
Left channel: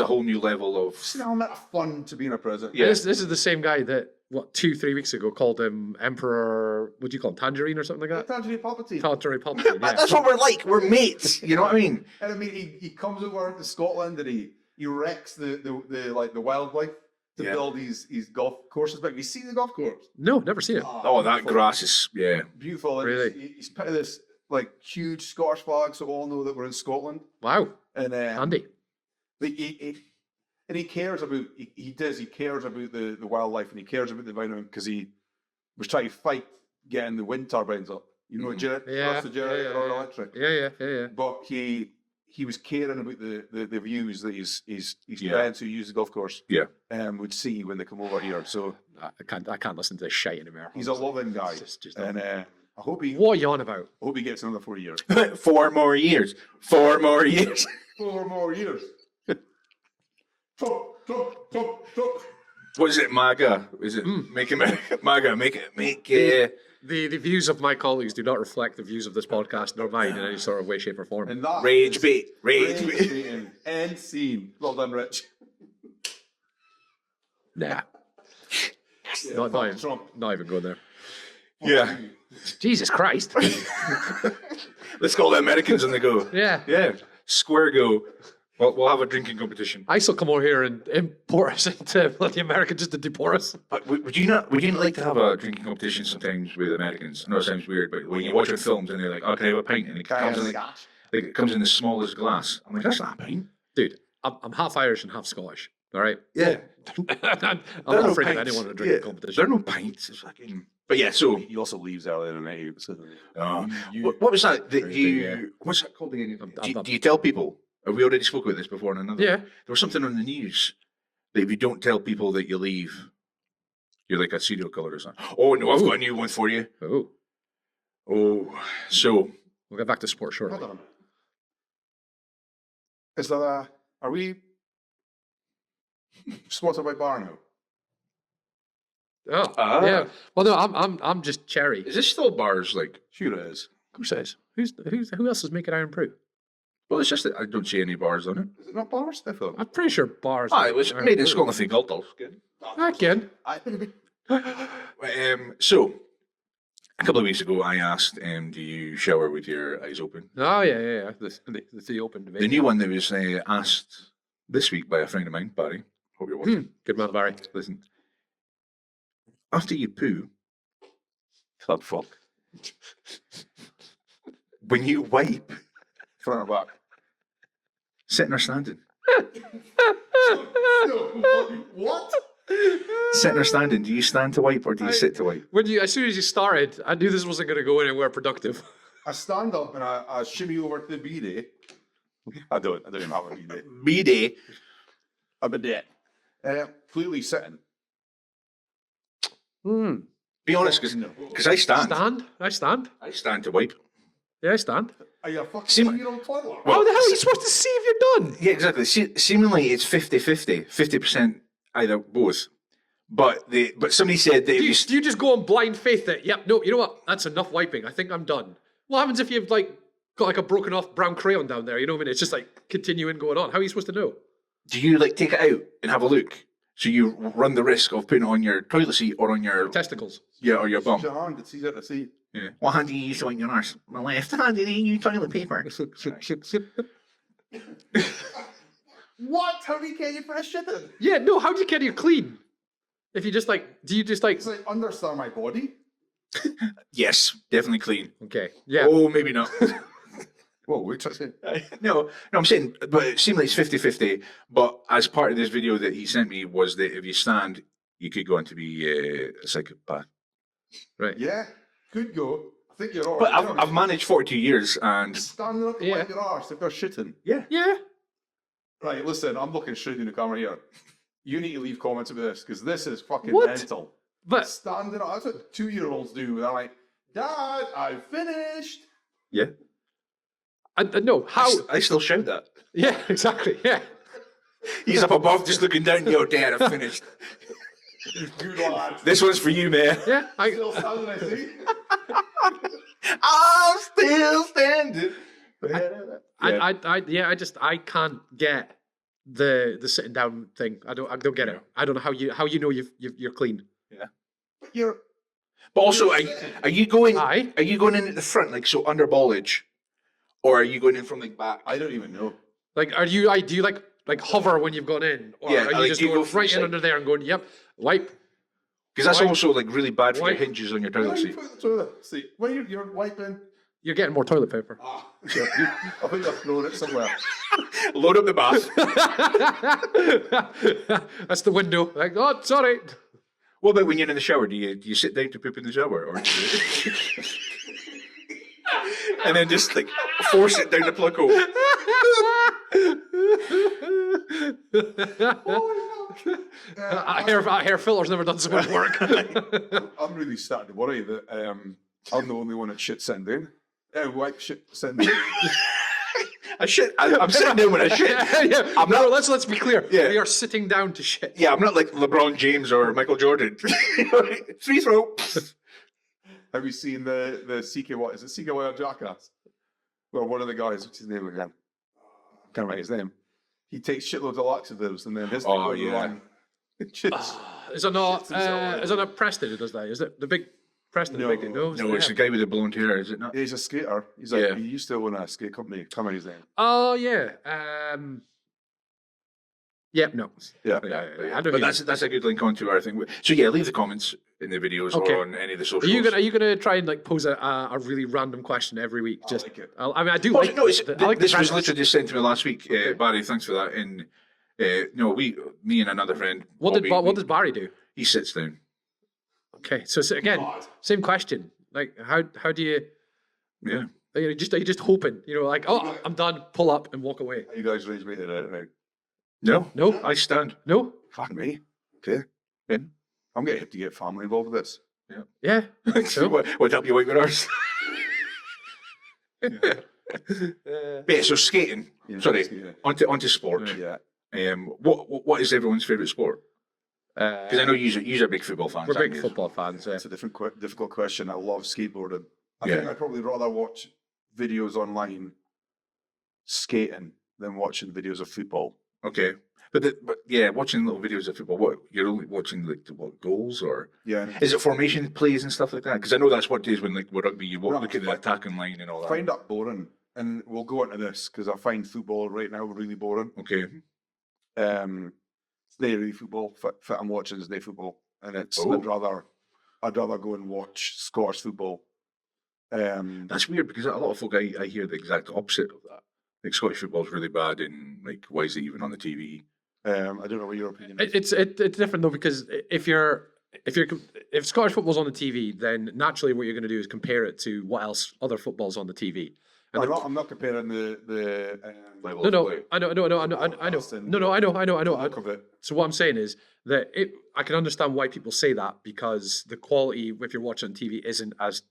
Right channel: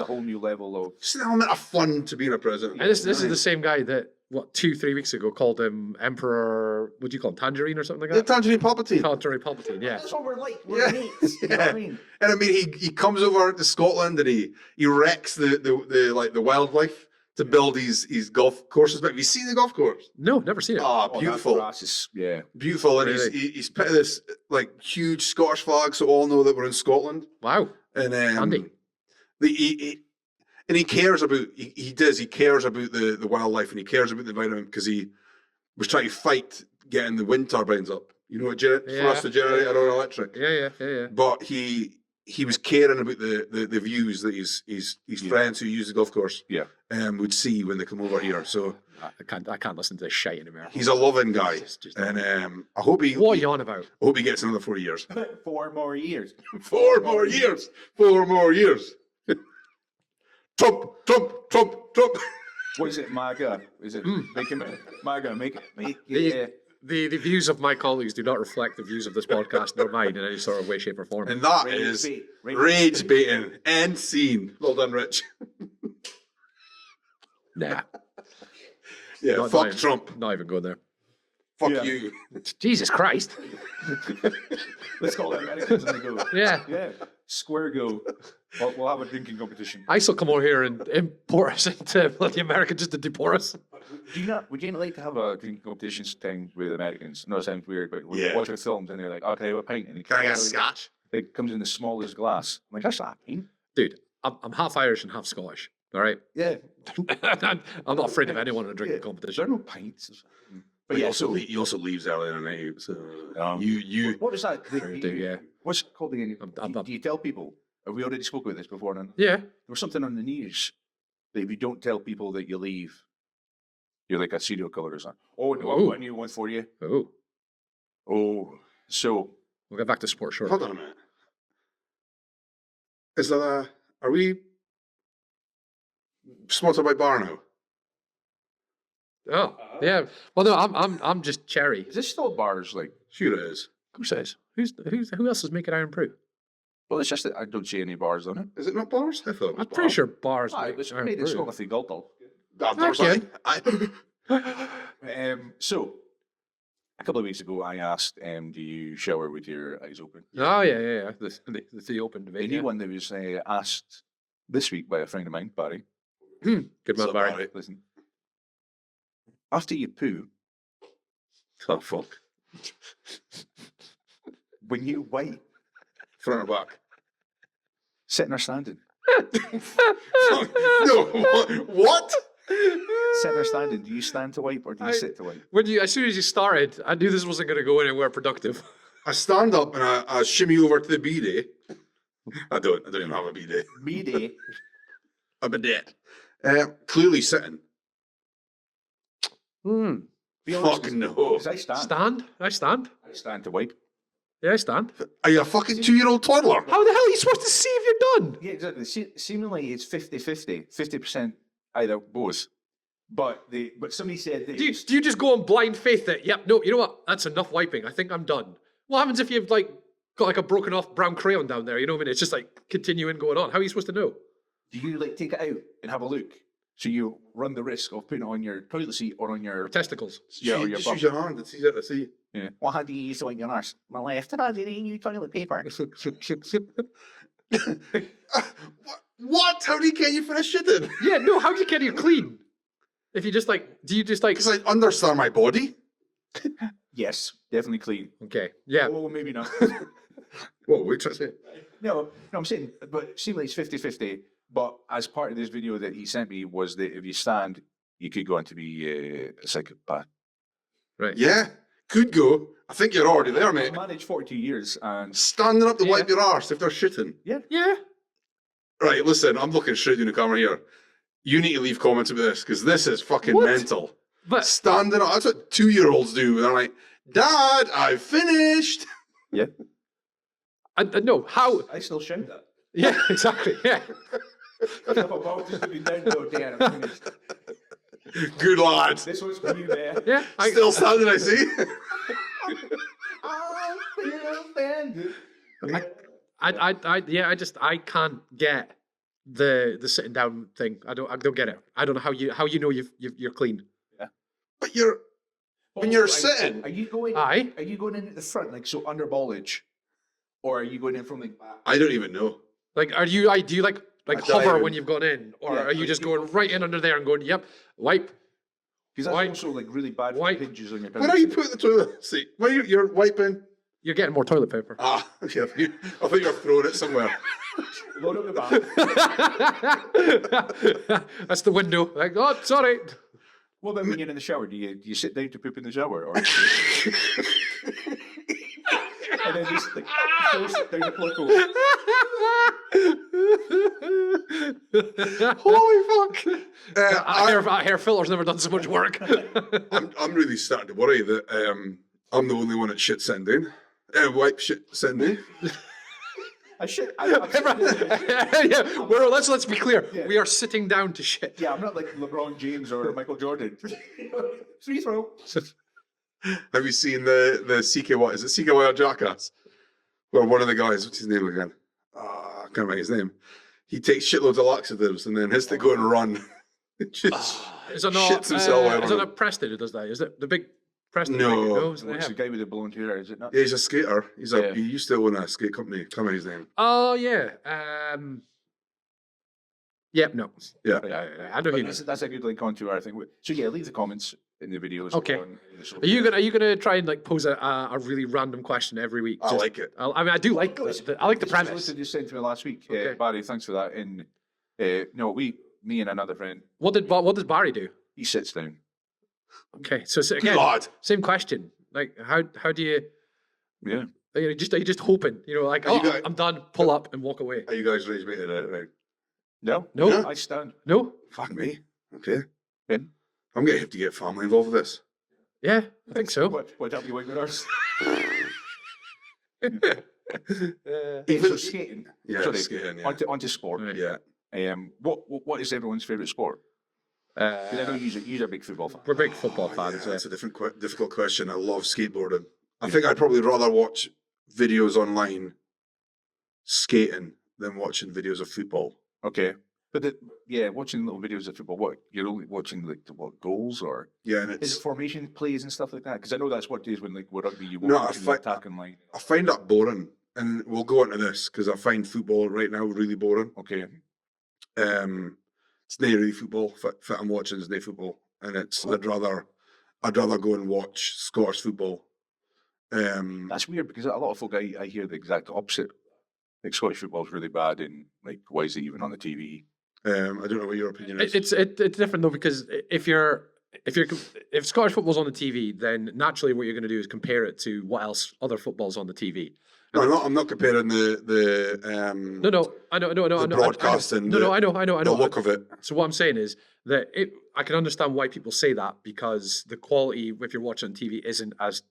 a whole new level of. just an element of fun to being a president. And this is the same guy that 2-3 weeks ago called him Emperor. What do you call him? Tangerine or something like that? Tangerine Palpatine. Tangerine Palpatine. Yeah. That's what we're like. We're mates. You know what I mean? And I mean, he comes over to Scotland and he wrecks the wildlife to build these golf courses. But have you seen the golf course? No, never seen it. Oh, that beautiful. grass is Beautiful. And Really? he's put this like huge Scottish flag so all know that we're in Scotland. Wow. And Handy. He cares about he cares about the wildlife and he cares about the environment because he was trying to fight getting the wind turbines up. You know what the generator on electric. Yeah. But he was caring about the views that his friends who use the golf course would see when they come over here. So I can't listen to this shite anymore. he's a loving guy. Just And I hope he what are you on about? gets another 4 years. 4 more years. 4 more years. 4 more years. Trump. What is it, MAGA? Is it make it MAGA? Make it. The views of my colleagues do not reflect the views of this podcast nor mine in any sort of way, shape, or form. And that Rage is bait. Rage baiting. End scene. Well done, Rich. Nah, Yeah, Not fuck dying. Trump. not even going there. Fuck Yeah. you. Jesus Christ. Let's call the Americans and they go. Yeah. Yeah. Square go. We'll have a drinking competition. I still come over here and import us into bloody America just to deport us. But would you not? Would you not like to have a drinking competition sometimes with Americans? No, it sounds weird, but when you watch their films and they're like, "Okay, have a pint," and it comes, like, it comes in the smallest glass. I'm like, "That's not a pint." Dude, I'm half Irish and half Scottish. All right. Yeah. I'm not afraid of anyone in a drinking There competition. are no pints. It's fucking. But yeah, so He also leaves early in the night. So you. What was that? Do Thursday, you, yeah. What's that called again? I'm- Do you tell people? Have we already spoke about this before in another? Yeah. There was something on the news that if you don't tell people that you leave, you're like a serial killer or something. Oh no, I've got a new one for you. Oh, Oh, so we'll get back to sport hold shortly. on a minute. Is that are we sponsored by Barno? Oh, Ah. yeah. Well, no, I'm just cherry. is this still bars? Like, Sure it is. Who says? Who else is making Iron Brew? well, it's just that I don't see any bars on it. Is it not bars? I thought it was I'm pretty bars. sure bars. Ah, make it was Iron made in Brew. Scotland for Galtals. Again. So a couple of weeks ago, I asked, "Do you shower with your eyes open?" Oh yeah. The open debate. The new yeah. one that was asked this week by a friend of mine, Barry. Hope you're watching. Good man, Barry. Listen, after you poo, club fuck. When you wipe, front or back, sitting or standing, No, what? sitting or standing. Do you stand to wipe or do you sit to wipe? As soon as you started, I knew this wasn't going to go anywhere productive. I stand up and I shimmy over to the bidet. I don't even have a bidet. Bidet. A bidet. Clearly sitting. Be honest, Fuck no. because I stand. Stand? I stand. I stand to wipe. Yeah, I stand. Are you a fucking 2-year-old toddler? How the hell are you supposed to see if you're done? Yeah, exactly. Seemingly it's 50-50, 50% either both. But somebody said that Do you just go on blind faith that, yep, no, you know what? That's enough wiping. I think I'm done. What happens if you've got like a broken off brown crayon down there? You know what I mean? It's just like continuing going on. How are you supposed to know? do you like take it out and have a look? So you run the risk of putting it on your toilet seat or on your Testicles. or your bum. Use your hand. It's easier to see. Yeah. What hand do you use on your arse? My left hand. Do you use toilet paper? What? How do you get you finish shitting? Yeah, no, how do you get you clean? If you just do you just Because I understand my body. Yes, definitely clean. okay, yeah. Oh, maybe not. Well, wait, that's it. No, I'm saying, but it seemed like it's 50-50. But as part of this video that he sent me was that if you stand, you could go on to be a psychopath. Right. Yeah, could go. I think you're already But there, I've mate. managed 42 years and Standing up to Yeah. wipe your arse if they're shitting. Yeah. Right, listen, I'm looking straight in the camera here. You need to leave comments about this because this is fucking What? mental. But Standing up, that's what 2-year-olds do. They're like, Dad, I've finished. yeah, no, how? I still shout that. Yeah, exactly. Yeah. He's up above, just looking down. Go, Dad, I finished. Good lads. This one's for you, man. Yeah. Still standing, I see. I'm still standing. I can't get the sitting down thing. I don't get it. I don't know how you know you're clean. But you're But And also, you're are, sitting. are you going? Aye. Are you going in at the front, like so under ballage, or are you going in from like back? I don't even know. Like, do you like hover don't- when you've gone in, or Yeah, are you like just you going go from right in side. under there and going, yep, wipe? Because that's Why- also like really bad for why- the hinges on your Why toilet don't you seat. put the toilet seat? Why you're wiping? You're getting more toilet paper. Ah, okay. I think you're throwing it somewhere. Load up the bath. That's the window. Like, oh, sorry. What about when you're in the shower? Do you sit down to poop in the shower, or and then just like force it down the plug hole? Holy fuck! Hair filter's never done so much work. I'm really starting to worry that I'm the only one that shit sitting down. Wipe shit sitting down. I'm sitting down when I shit. Yeah. No, let's be clear. Yeah. We are sitting down to shit. Yeah, I'm not like LeBron James or Michael Jordan. Free throw. Have you seen the CKY? Is it CKY or Jackass? Where one of the guys, what's his name again? I can't remember his name. He takes shitloads of laxatives and then has to Oh, go and yeah. run. Is it not? Shits himself Is it not Preston who does that? Is it the big Preston? No, no, No, it's the guy with the blonde hair, is it not? Yeah, he's a skater. Yeah. He used to own a skate company. Can't remember his name. Oh yeah. Yep. No. Yeah. I don't. But that's a good link onto our thing. So yeah, leave the comments in the videos Okay. or on any of the socials. Are you gonna try and like pose a really random question every week? I like it. I mean, I do like. No, I like the this was premise. literally just sent to me last week. Okay. Barry, thanks for that. And no, me and another friend. What does Barry do? He sits down. Okay, so again, God. same question. Like, how do you? Yeah. Are you just hoping? Like, Are you oh, guys- I'm done. Pull up and walk away. Are you guys rage baited out right? No, No. I stand. No. Fuck me. Okay. Yeah. I'm going to have to get family involved with this. Yeah, I think so. What help you wait with ours? Yeah, so skating. Yeah, Sorry, skating, yeah. onto sport. Yeah. What is everyone's favourite sport? Because I know you're big football fans. We're big aren't you? football fans. That's a difficult question. I love skateboarding. I Yeah. think I'd probably rather watch videos online skating than watching videos of football. Okay, but yeah, watching little videos of football. What you're only watching like what goals or Yeah, and is it formation plays and stuff like that? Because I know that's what days when like with rugby you No, look I at the fi- attacking line and all I that. find that boring, and we'll go into this because I find football right now really boring. Okay, It's not really football. Fit I'm watching is not football, and it's Oh. I'd rather go and watch Scottish football. that's weird because a lot of folk I hear the exact opposite of that. Like Scottish football's really bad, and like why is it even on the TV? I don't know what your opinion is. It's different though, because if Scottish football's on the TV, then naturally what you're going to do is compare it to what else other football's on the TV. No, I'm not comparing the No, I know, broadcasting, I know. the look of it. So what I'm saying is that I can understand why people say that, because the quality, if you're watching on TV, isn't as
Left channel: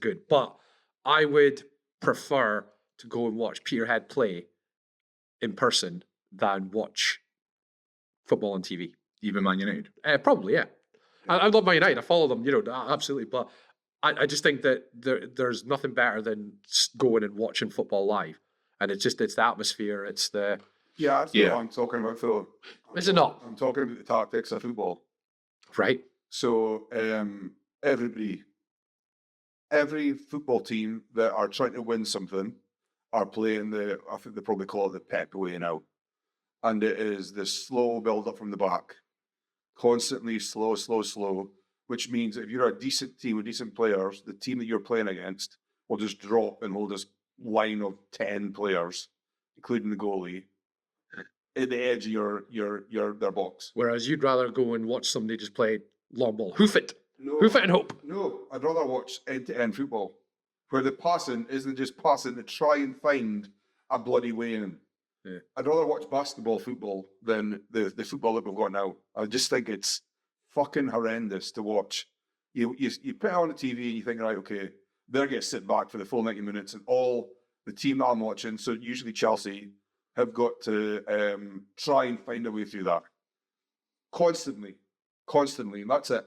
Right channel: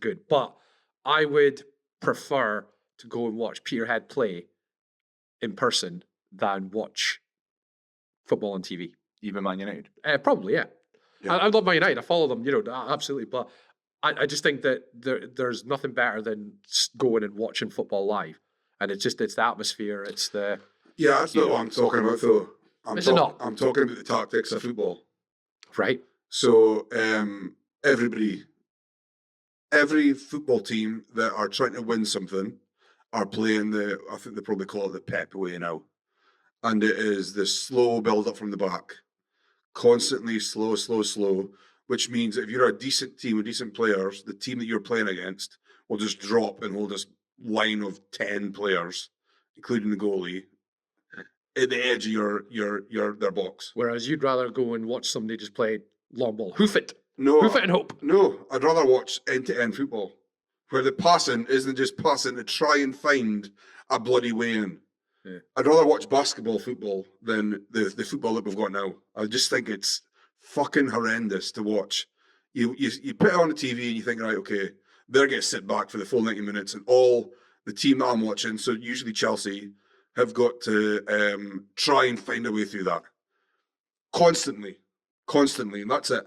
good. But I would prefer to go and watch Peterhead play in person than watch football on TV. Even Man United. Probably, yeah. Yeah. I love Man United. I follow them, absolutely. But I just think that there's nothing better than going and watching football live. And it's the atmosphere. It's the Yeah, that's not Yeah. what I'm talking about, though. Is it not? I'm talking about the tactics of football. right. So every football team that are trying to win something are playing I think they probably call it the Pep way now. And it is the slow build up from the back. Constantly slow, which means if you're a decent team with decent players, the team that you're playing against will just drop and hold this line of 10 players, including the goalie, at the edge of their box. Whereas you'd rather go and watch somebody just play long ball. Hoof it No, and hope. No, I'd rather watch end-to-end football, where the passing isn't just passing to try and find a bloody way in. Yeah. I'd rather watch basketball football than the football that we've got now. I just think it's fucking horrendous to watch. You put it on the TV and you think, right, okay, they're going to sit back for the full 90 minutes, and all the team that I'm watching, so usually Chelsea, have got to try and find a way through that constantly, and that's it.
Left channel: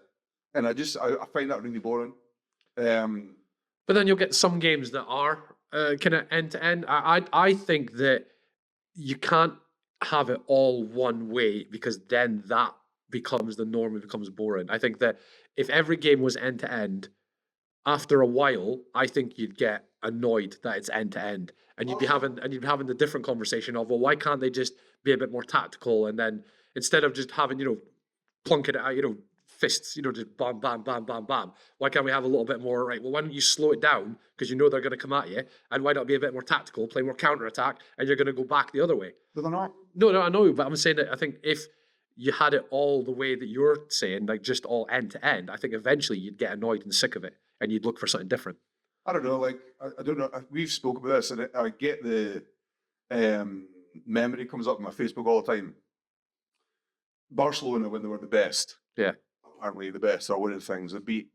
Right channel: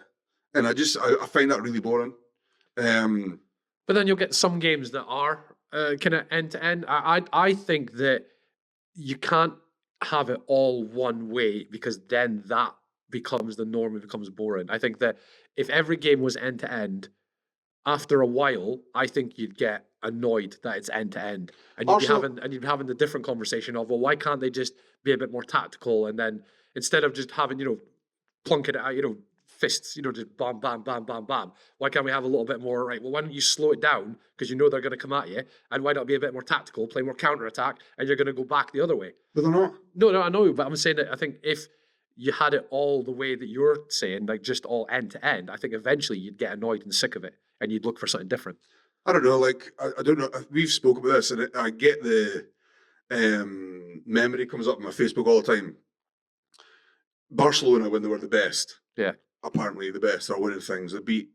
And I find that really boring. But then you'll get some games that are kind of end to end. I think that you can't have it all one way, because then that becomes the norm. It becomes boring. I think that if every game was end to end, after a while, I think you'd get annoyed that it's end to end, and you'd be having the different conversation of, well, why can't they just be a bit more tactical, and then instead of just having plunking it out, fists, just bam, bam, bam, bam, bam. Why can't we have a little bit more, right? Well, why don't you slow it down, because they're going to come at you, and why not be a bit more tactical, play more counter-attack, and you're going to go back the other way. But they're not. No, I know, but I'm saying that I think if you had it all the way that you're saying, like just all end to end, I think eventually you'd get annoyed and sick of it, and you'd look for something different. I don't know. Like I don't know. We've spoken about this, and I get the memory comes up on my Facebook all the time. Barcelona, when they were the best, Yeah. apparently the best, are winning things. They beat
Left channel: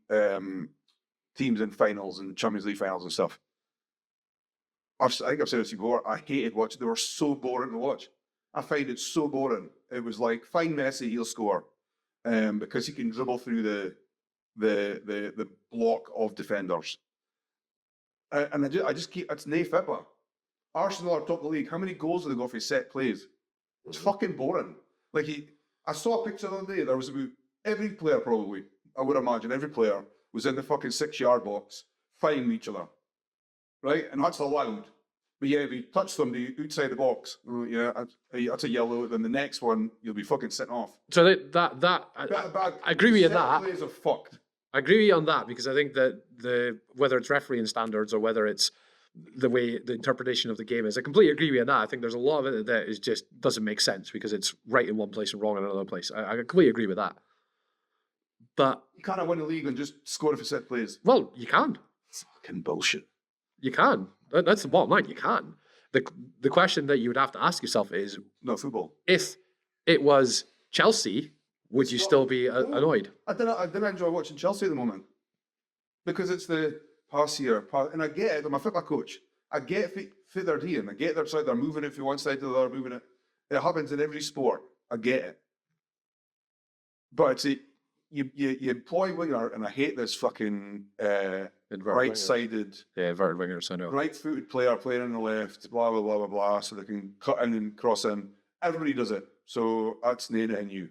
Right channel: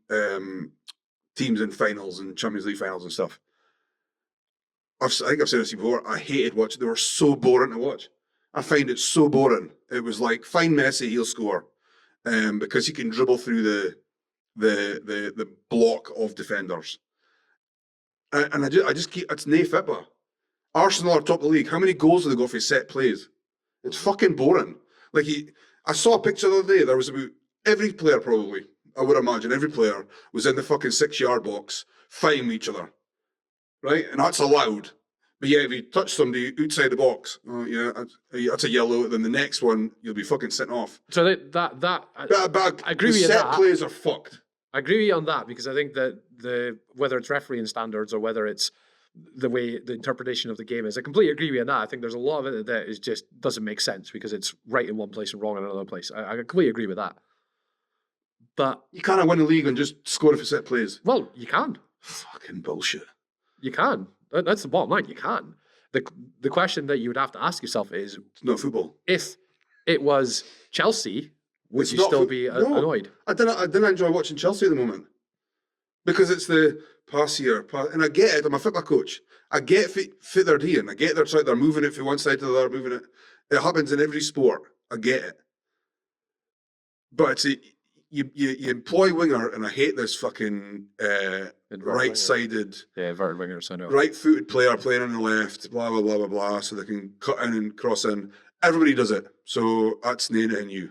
teams in finals and Champions League finals and stuff. I think I've said this before. I hated watching. They were so boring to watch. I find it so boring. It was like, find Messi, he'll score, because he can dribble through the block of defenders. And I just keep, it's nae football. Arsenal are top of the league. How many goals do they go for set plays? It's fucking boring. Like I saw a picture the other day. There was about every player, probably, I would imagine, every player was in the fucking 6-yard box fighting each other, right? And that's allowed. But yeah, if you touch somebody outside the box, that's a yellow. Then the next one, you'll be fucking sitting off. So I agree with you on Set that. plays are fucked. I agree with you on that because I think that whether it's refereeing standards or whether it's the way the interpretation of the game is, I completely agree with you on that. I think there's a lot of it that is just doesn't make sense because it's right in one place and wrong in another place. I completely agree with that. But You can't win the league and just score if you set plays. well, you can. Fucking bullshit. You can. That's the bottom line. You can. The question that you would have to ask yourself is, It's not football. if it was Chelsea, would It's you not still fo- be No. annoyed? I didn't enjoy watching Chelsea at the moment because it's the pass here, and I get it. I'm a football coach. I get fit they're doing. I get they're moving it from one side to the other, moving it. It happens in every sport. I get it. But you employ winger, and I hate this fucking right-sided, inverted wingers. I know. right-footed player playing on the left, blah blah blah blah blah, so they can cut in and cross in. Everybody does it, so that's anything new.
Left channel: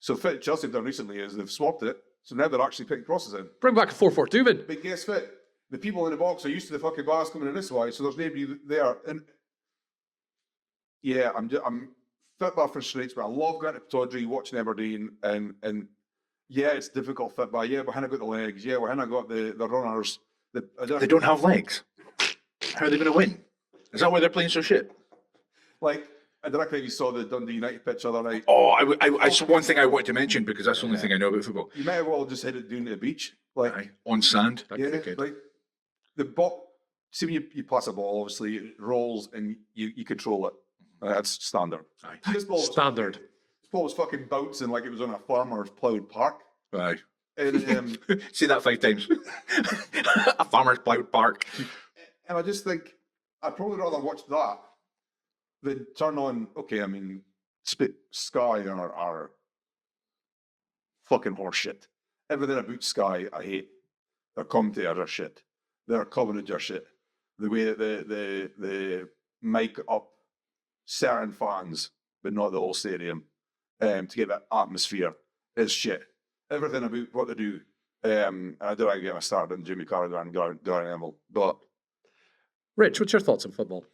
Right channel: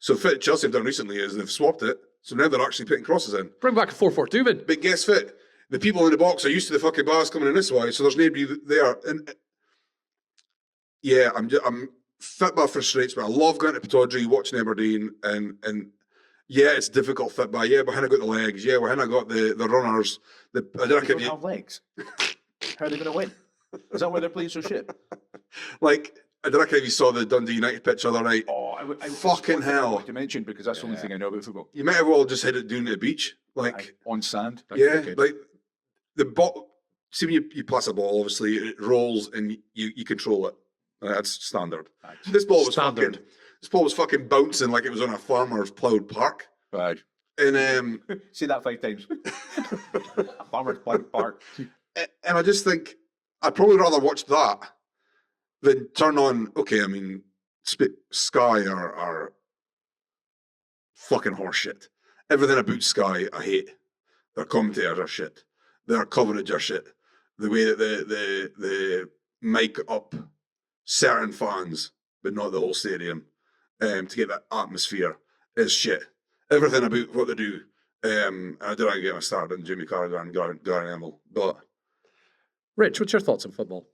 So what Chelsea have done recently is they've swapped it, so now they're actually putting crosses in. Bring back a 4-4-2 man. But guess what? The people in the box are used to the fucking bars coming in this way, so there's nobody there. And yeah, I'm football frustrates me. I love going to Pittodrie, watching Aberdeen, and yeah, it's difficult football. Yeah, behind I got the legs. Yeah, behind I got the runners. They don't have legs. How are they going to win? Is that why they're playing so shit? Like, I don't know if you saw the Dundee United pitch the other night. Oh, I saw Fucking one thing I hell. want to mention because that's the only thing I know about football. You might have well just headed down to the beach. Like, On sand. yeah, like the ball. See when you pass a ball, obviously it rolls and you control it. That's standard. This ball was Standard. This ball was fucking bouncing like it was on a farmer's ploughed park. Aye. And Say that 5 times. A farmer's ploughed park. and I just think I'd probably rather watch that than turn on. Okay, I mean, Sky are fucking horseshit. Everything about Sky I hate. Their commentators are shit. Their coverage are shit. The way that they mic up certain fans, but not the whole stadium, to get that atmosphere is shit. Everything about what they do. I don't want to get my start on Jimmy Carragher and Gary Neville, but Rich, what's your thoughts on football?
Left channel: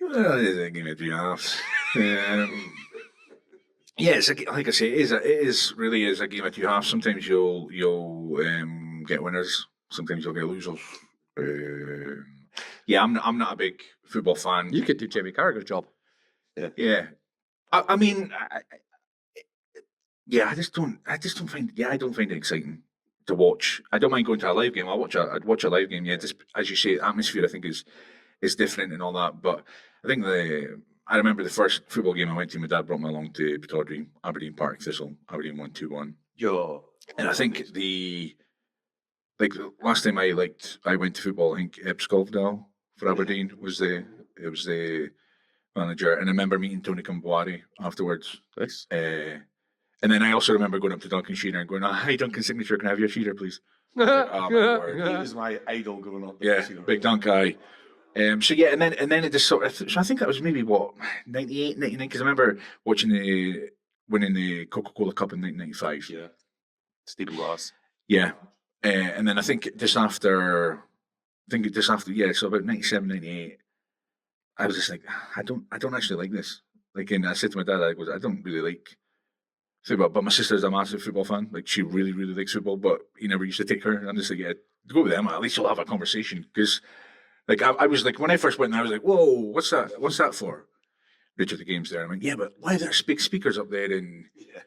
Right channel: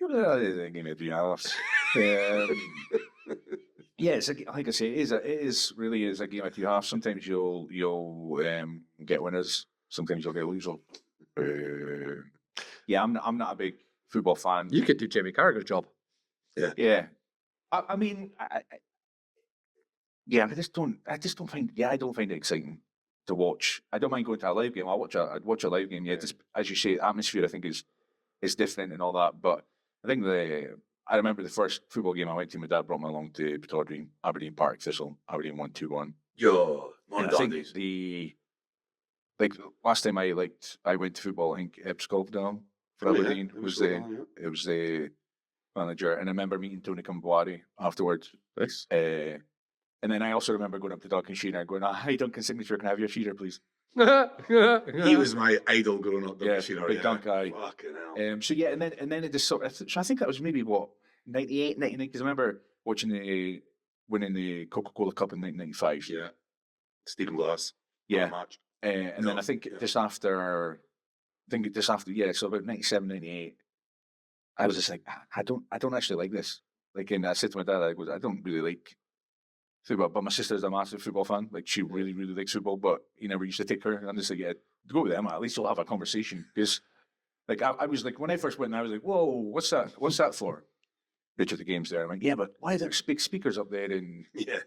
Well, it is a game of 3 hours. Yeah, like I say, it is really is a game of 2 halves. Sometimes you'll get winners. Sometimes you'll get losers. Yeah, I'm not a big football fan. You could do Jamie Carragher's job. Yeah, I mean, I just don't find. Yeah, I don't find it exciting to watch. I don't mind going to a live game. I'd watch a live game. Yeah, just as you say, atmosphere I think is different and all that. But I think I remember the first football game I went to. My dad brought me along to Pittodrie, Aberdeen Park Thistle. Aberdeen won 2-1. yo, And I think last time I went to football, I think Epscovdale for Aberdeen was the manager, and I remember meeting Tony Camboari afterwards. Nice. And then I also remember going up to Duncan Shearer and going, "Hi, Duncan Signature, can I have your Shearer, please?" he was my idol growing up. Yeah, big Dunk guy. So yeah, and then it just sort of. So I think that was maybe 98, 99, because I remember watching winning the Coca-Cola Cup in 1995. Yeah, Steve Glass. Yeah. And then I think just after, so about 97, 98, I was just like, I don't actually like this. Like, and I said to my dad, I don't really like football, but my sister's a massive football fan. Like, she really, really likes football, but he never used to take her. I'm just like, yeah, go with them. At least you'll have a conversation. Because, like, I was like, when I first went there, I was like, whoa, what's that? What's that for? Richard, the game's there. I'm like, yeah, but why are there big speakers up there? And Yeah.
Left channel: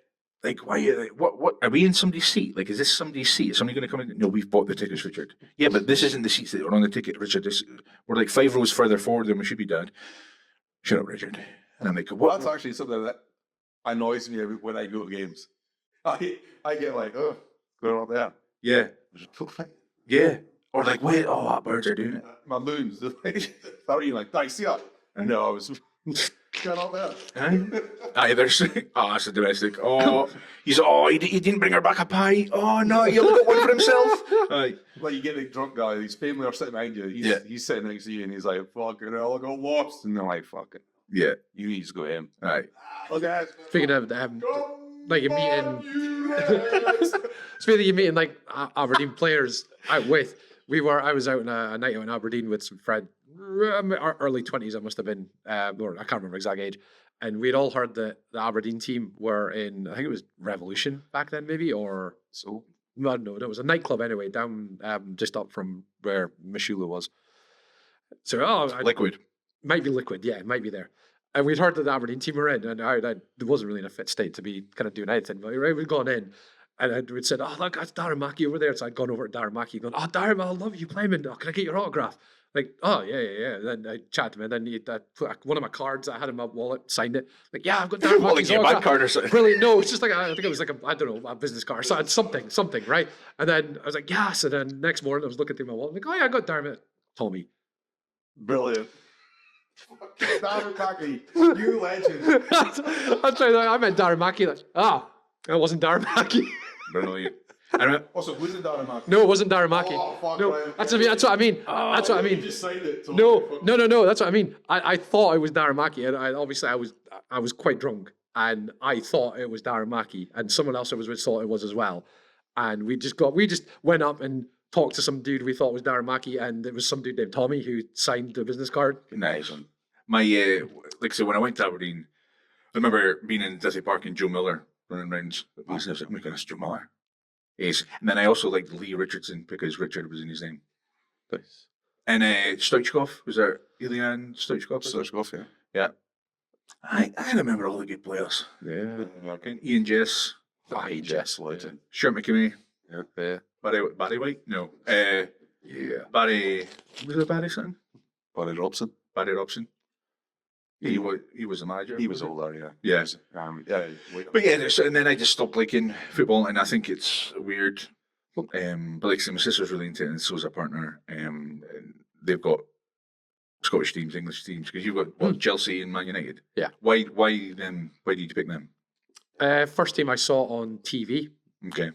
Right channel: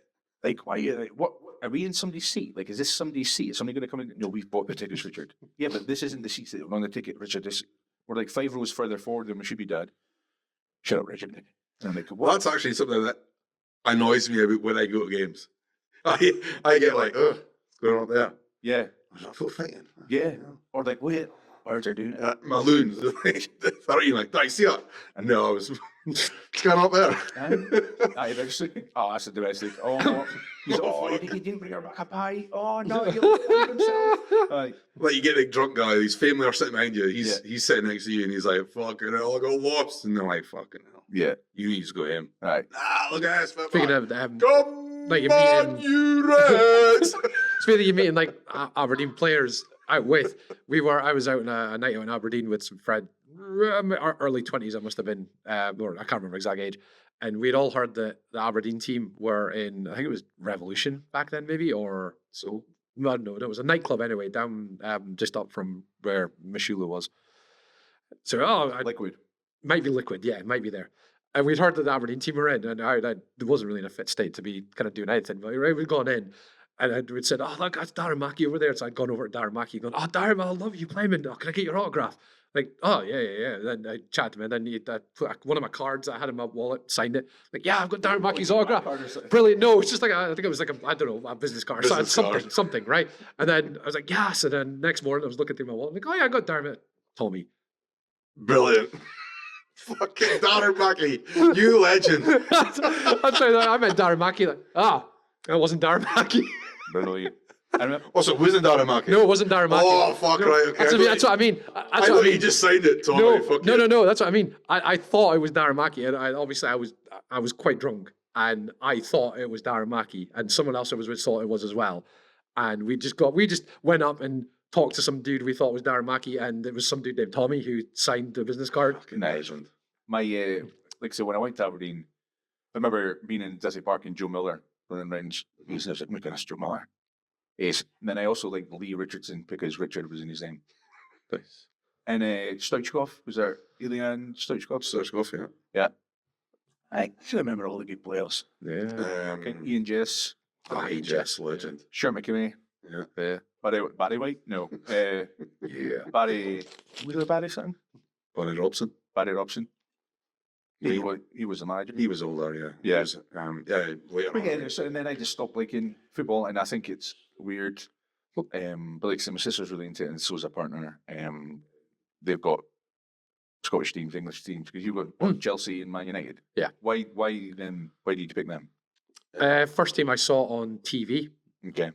like, why? What? Are we in somebody's seat? Like, is this somebody's seat? Is somebody going to come in? No, we've bought the tickets, Richard. Yeah, but this isn't the seats that are on the ticket, Richard. We're like 5 rows further forward than we should be, Dad. Shut up, Richard. And I'm like, Well, what? that's actually something that annoys me about when I go to games. I get like, oh, what's going on there? Yeah, Was that foot fighting? yeah. Or like, wait, that birds are doing it. My loons, 30, like, did I see that? And no, I was going up there. Aye, there's, that's a domestic. Oh, he didn't bring her back a pie. Oh no, he'll get one for himself. Aye. Like, you get a drunk guy, his family are sitting behind you, he's sitting next to you, and he's like, fucking hell, I got lost. And they're like, fucking hell. Yeah, you need to go him. Right. Look at this. Speaking of Come like you're on, meeting, you Reds! speaking of you meeting like Aberdeen players out with, I was out on a night out in Aberdeen with some friends, early 20s, I must have been, or I can't remember exact age. And we'd all heard that the Aberdeen team were in, I think it was Revolution back then, maybe, or so. No, no, it was a nightclub anyway, down just up from where Mishula was. So, Liquid. might be Liquid, yeah, it might be there. And we'd heard that the Aberdeen team were in, and I wasn't really in a fit state to be kind of doing anything. But we'd gone in, and we'd said, "Oh, look, that's Darren Mackey over there." So I'd gone over to Darren Mackey, going, "Oh, Darren, I love you playing. Oh, can I get your autograph?" Like, "Oh, yeah, yeah, yeah." Then I chatted to him, and then I put one of my cards I had in my wallet, signed it. Like, "Yeah, I've got Darren Mackey's autograph." Card or something. Brilliant. No, it's just like I think it was like I don't know, a business card, Business card. something, right? And then I was like, "Yes." And then next morning I was looking through my wallet, like, "Oh yeah, I got Darren." Tommy. Brilliant. Fucking Darren Mackey, you legend. That's right. I meant Darren Mackey. Like, that wasn't Darren Mackey. Brilliant. Also, wasn't Darren Mackey? No, it wasn't Darren Mackey. Oh, fuck, No, right. Okay. that's what I mean. That's I what I thought mean. you just signed it, Tommy. No, Fuck no, you. no, no. That's what I mean. I thought it was Darren Mackey, and I was quite drunk, and I thought it was Darren Mackey, and someone else I was with thought it was as well, and we just went up and talked to some dude we thought was Darren Mackey, and it was some dude named Tommy who signed the business card. Nice one. My like I said, when I went to Aberdeen, I remember being in Disney Park and Joe Miller running around. I was like, "Oh my goodness, Joe Miller." Yes, and then I also liked Lee Richardson because Richard was in his name. Nice. And Stoichkov, was there Ilian Stoichkov? Stoichkov, yeah. Yeah. I remember all the good players. Yeah. Okay. Ian Jess, Jess, legend. Shirt McKinney, Yeah. Barry White, no, Yeah. Barry, was it Barry something? Barry Robson. Barry Robson. He was the manager. He was older, yeah. Yeah. He was, yeah. But yeah, and then I just stopped liking football, and I think it's weird. But like I said, my sister's really into it, and so's her partner. They've got Scottish teams, English teams, because you've got what, Chelsea and Man United. Yeah. Why then? Why did you pick them? First team I saw on TV Okay.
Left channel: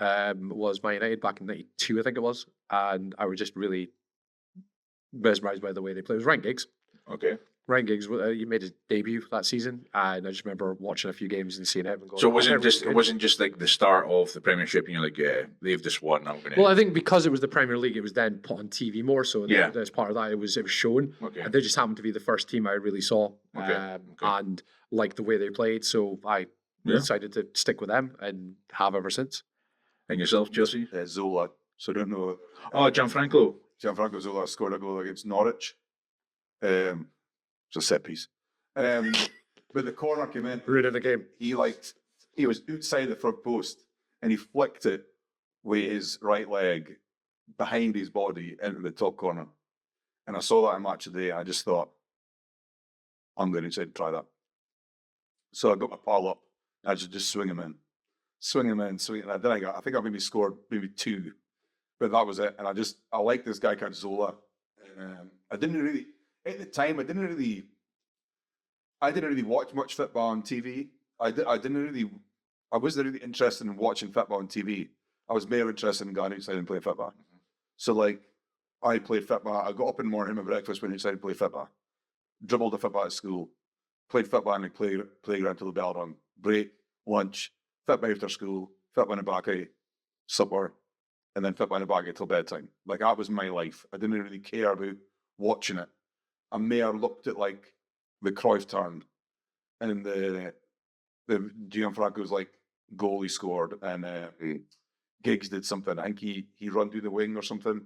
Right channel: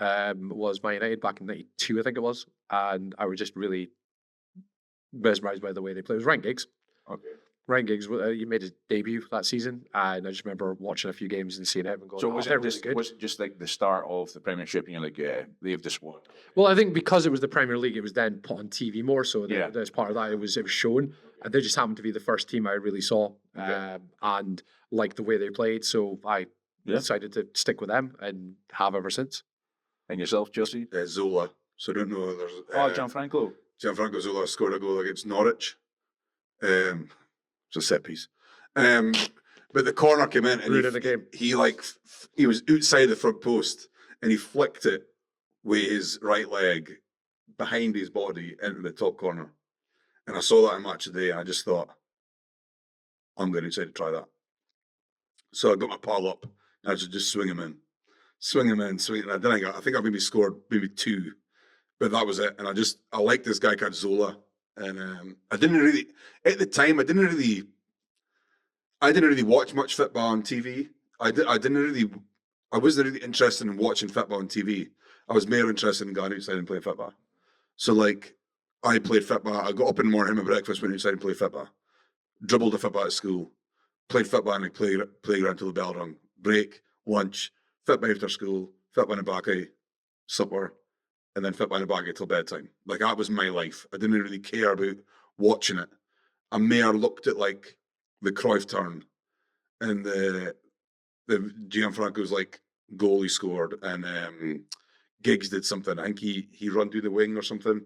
was Man United back in '92, I think it was, and I was just really mesmerised by the way they played. It was Ryan Giggs. Okay. Ryan Giggs, he made his debut that season, and I just remember watching a few games and seeing him and going, So "Oh, was they're it just really it good." wasn't just like the start of the Premiership, and you're like, yeah, they've just won. I'm gonna. Well, I think because it was the Premier League, it was then put on TV more. So Yeah. as part of that, it was shown, Okay. and they just happened to be the first team I really saw, and liked the way they played. So I Yeah. decided to stick with them and have ever since. And yourself, Chelsea? Zola. So I don't know. There's, Oh, Gianfranco. Gianfranco Zola scored a goal against Norwich. It's a set piece. But the corner came in and Ruined the game. he was outside the front post and he flicked it with his right leg behind his body into the top corner. And I saw that in Match of the Day and I just thought, I'm going to try that. So I got my pal up and I just swing him in. And then I think I maybe scored maybe 2, but that was it. And I liked this guy called Zola. And I didn't really, at the time, I didn't really watch much football on TV. I wasn't really interested in watching football on TV. I was more interested in going outside and playing football. So like, I played football. I got up in the morning, had my breakfast, went outside and played football. Dribbled a football at school. Played football in the playground till the bell rung. Break, lunch, football after school, football in the back supper, and then football in the back till bedtime. Like that was my life. I didn't really care about watching it. I more looked at like the Cruyff turn and the Gianfranco's like goal he scored and Giggs did something. I think he run through the wing or something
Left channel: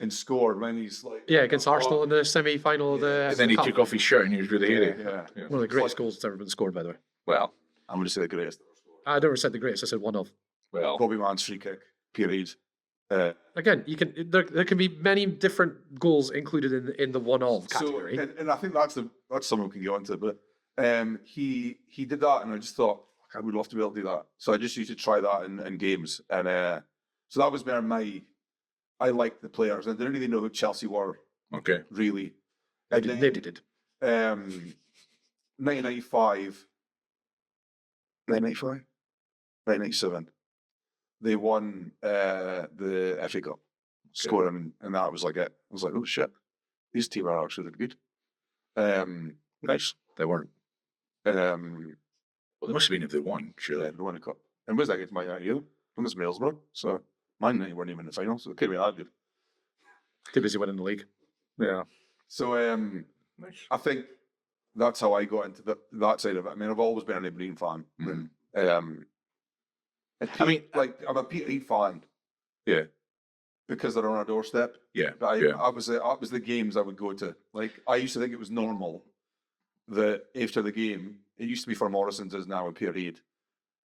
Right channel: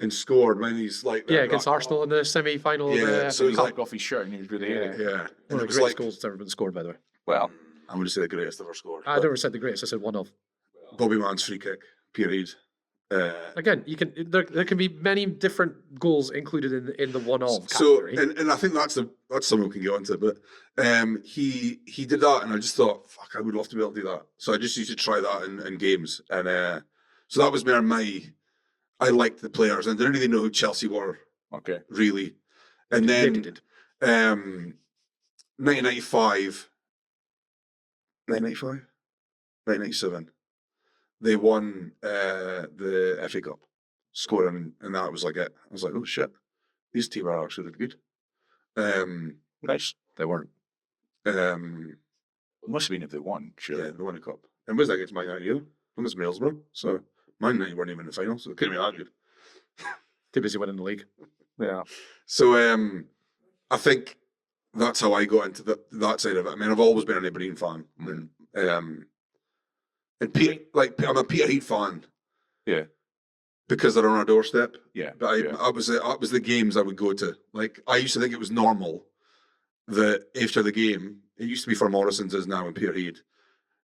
and scored when he's like Against Arsenal in the semi-final of Yeah, the And then he Cup. took off his shirt and he was really yeah. yeah. One of the It was greatest like- goals that's ever been scored, by the way. Well, I'm going to say the greatest ever scored. I never said the greatest. I said one of. Bobby Mann's free kick, period. Again, you can there can be many different goals included in the one of category. And I think that's something we can get onto. But he did that, and I just thought, fuck, I would love to be able to do that. So I just used to try that in games, and so that was where I liked the players, and didn't really know who Chelsea were okay. really. And They then did. 1995, 1997, they won the FA Cup, scoring, and that was like it. I was like, oh shit, these teams are actually good. Nice. They weren't. Um, Well, it must have been if they won, yeah, surely. they won a cup. And was that against Man United? From this Middlesbrough. So Man United weren't even in the final, so it couldn't be that good. Too busy winning the league. Yeah. So I think that's how I got into that side of it. I mean, I've always been an Aberdeen fan. Mhm. And like I'm a Peter Heath fan. Yeah. Because they're on our doorstep. Yeah. But yeah. I was the games I would go to. Like I used to think it was normal that after the game, it used to be for Morrison's as now in Peterhead.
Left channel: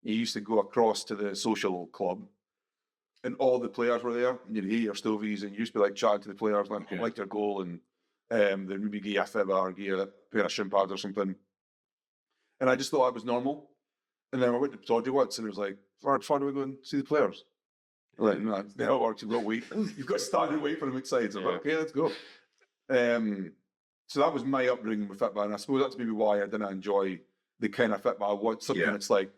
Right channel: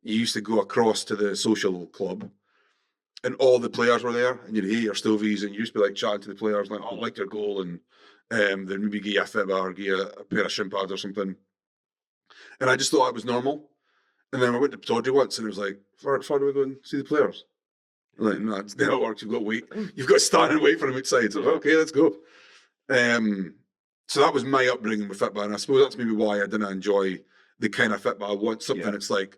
You used to go across to the social club, and all the players were there, and you'd hear your stovies, and you used to be like chatting to the players, like, "Oh, I like your goal," and then maybe give you a fib or give you a pair of shin pads or something. And I just thought it was normal. And then I went to Tawdry once, and it was like, "Far do we go and see the players?" I'm like, no, it's not how it works. You've got to wait. You've got to stand and wait for them outside. So okay, let's go. So that was my upbringing with football, and I suppose that's maybe why I didn't enjoy the kind of football. I want something that's like,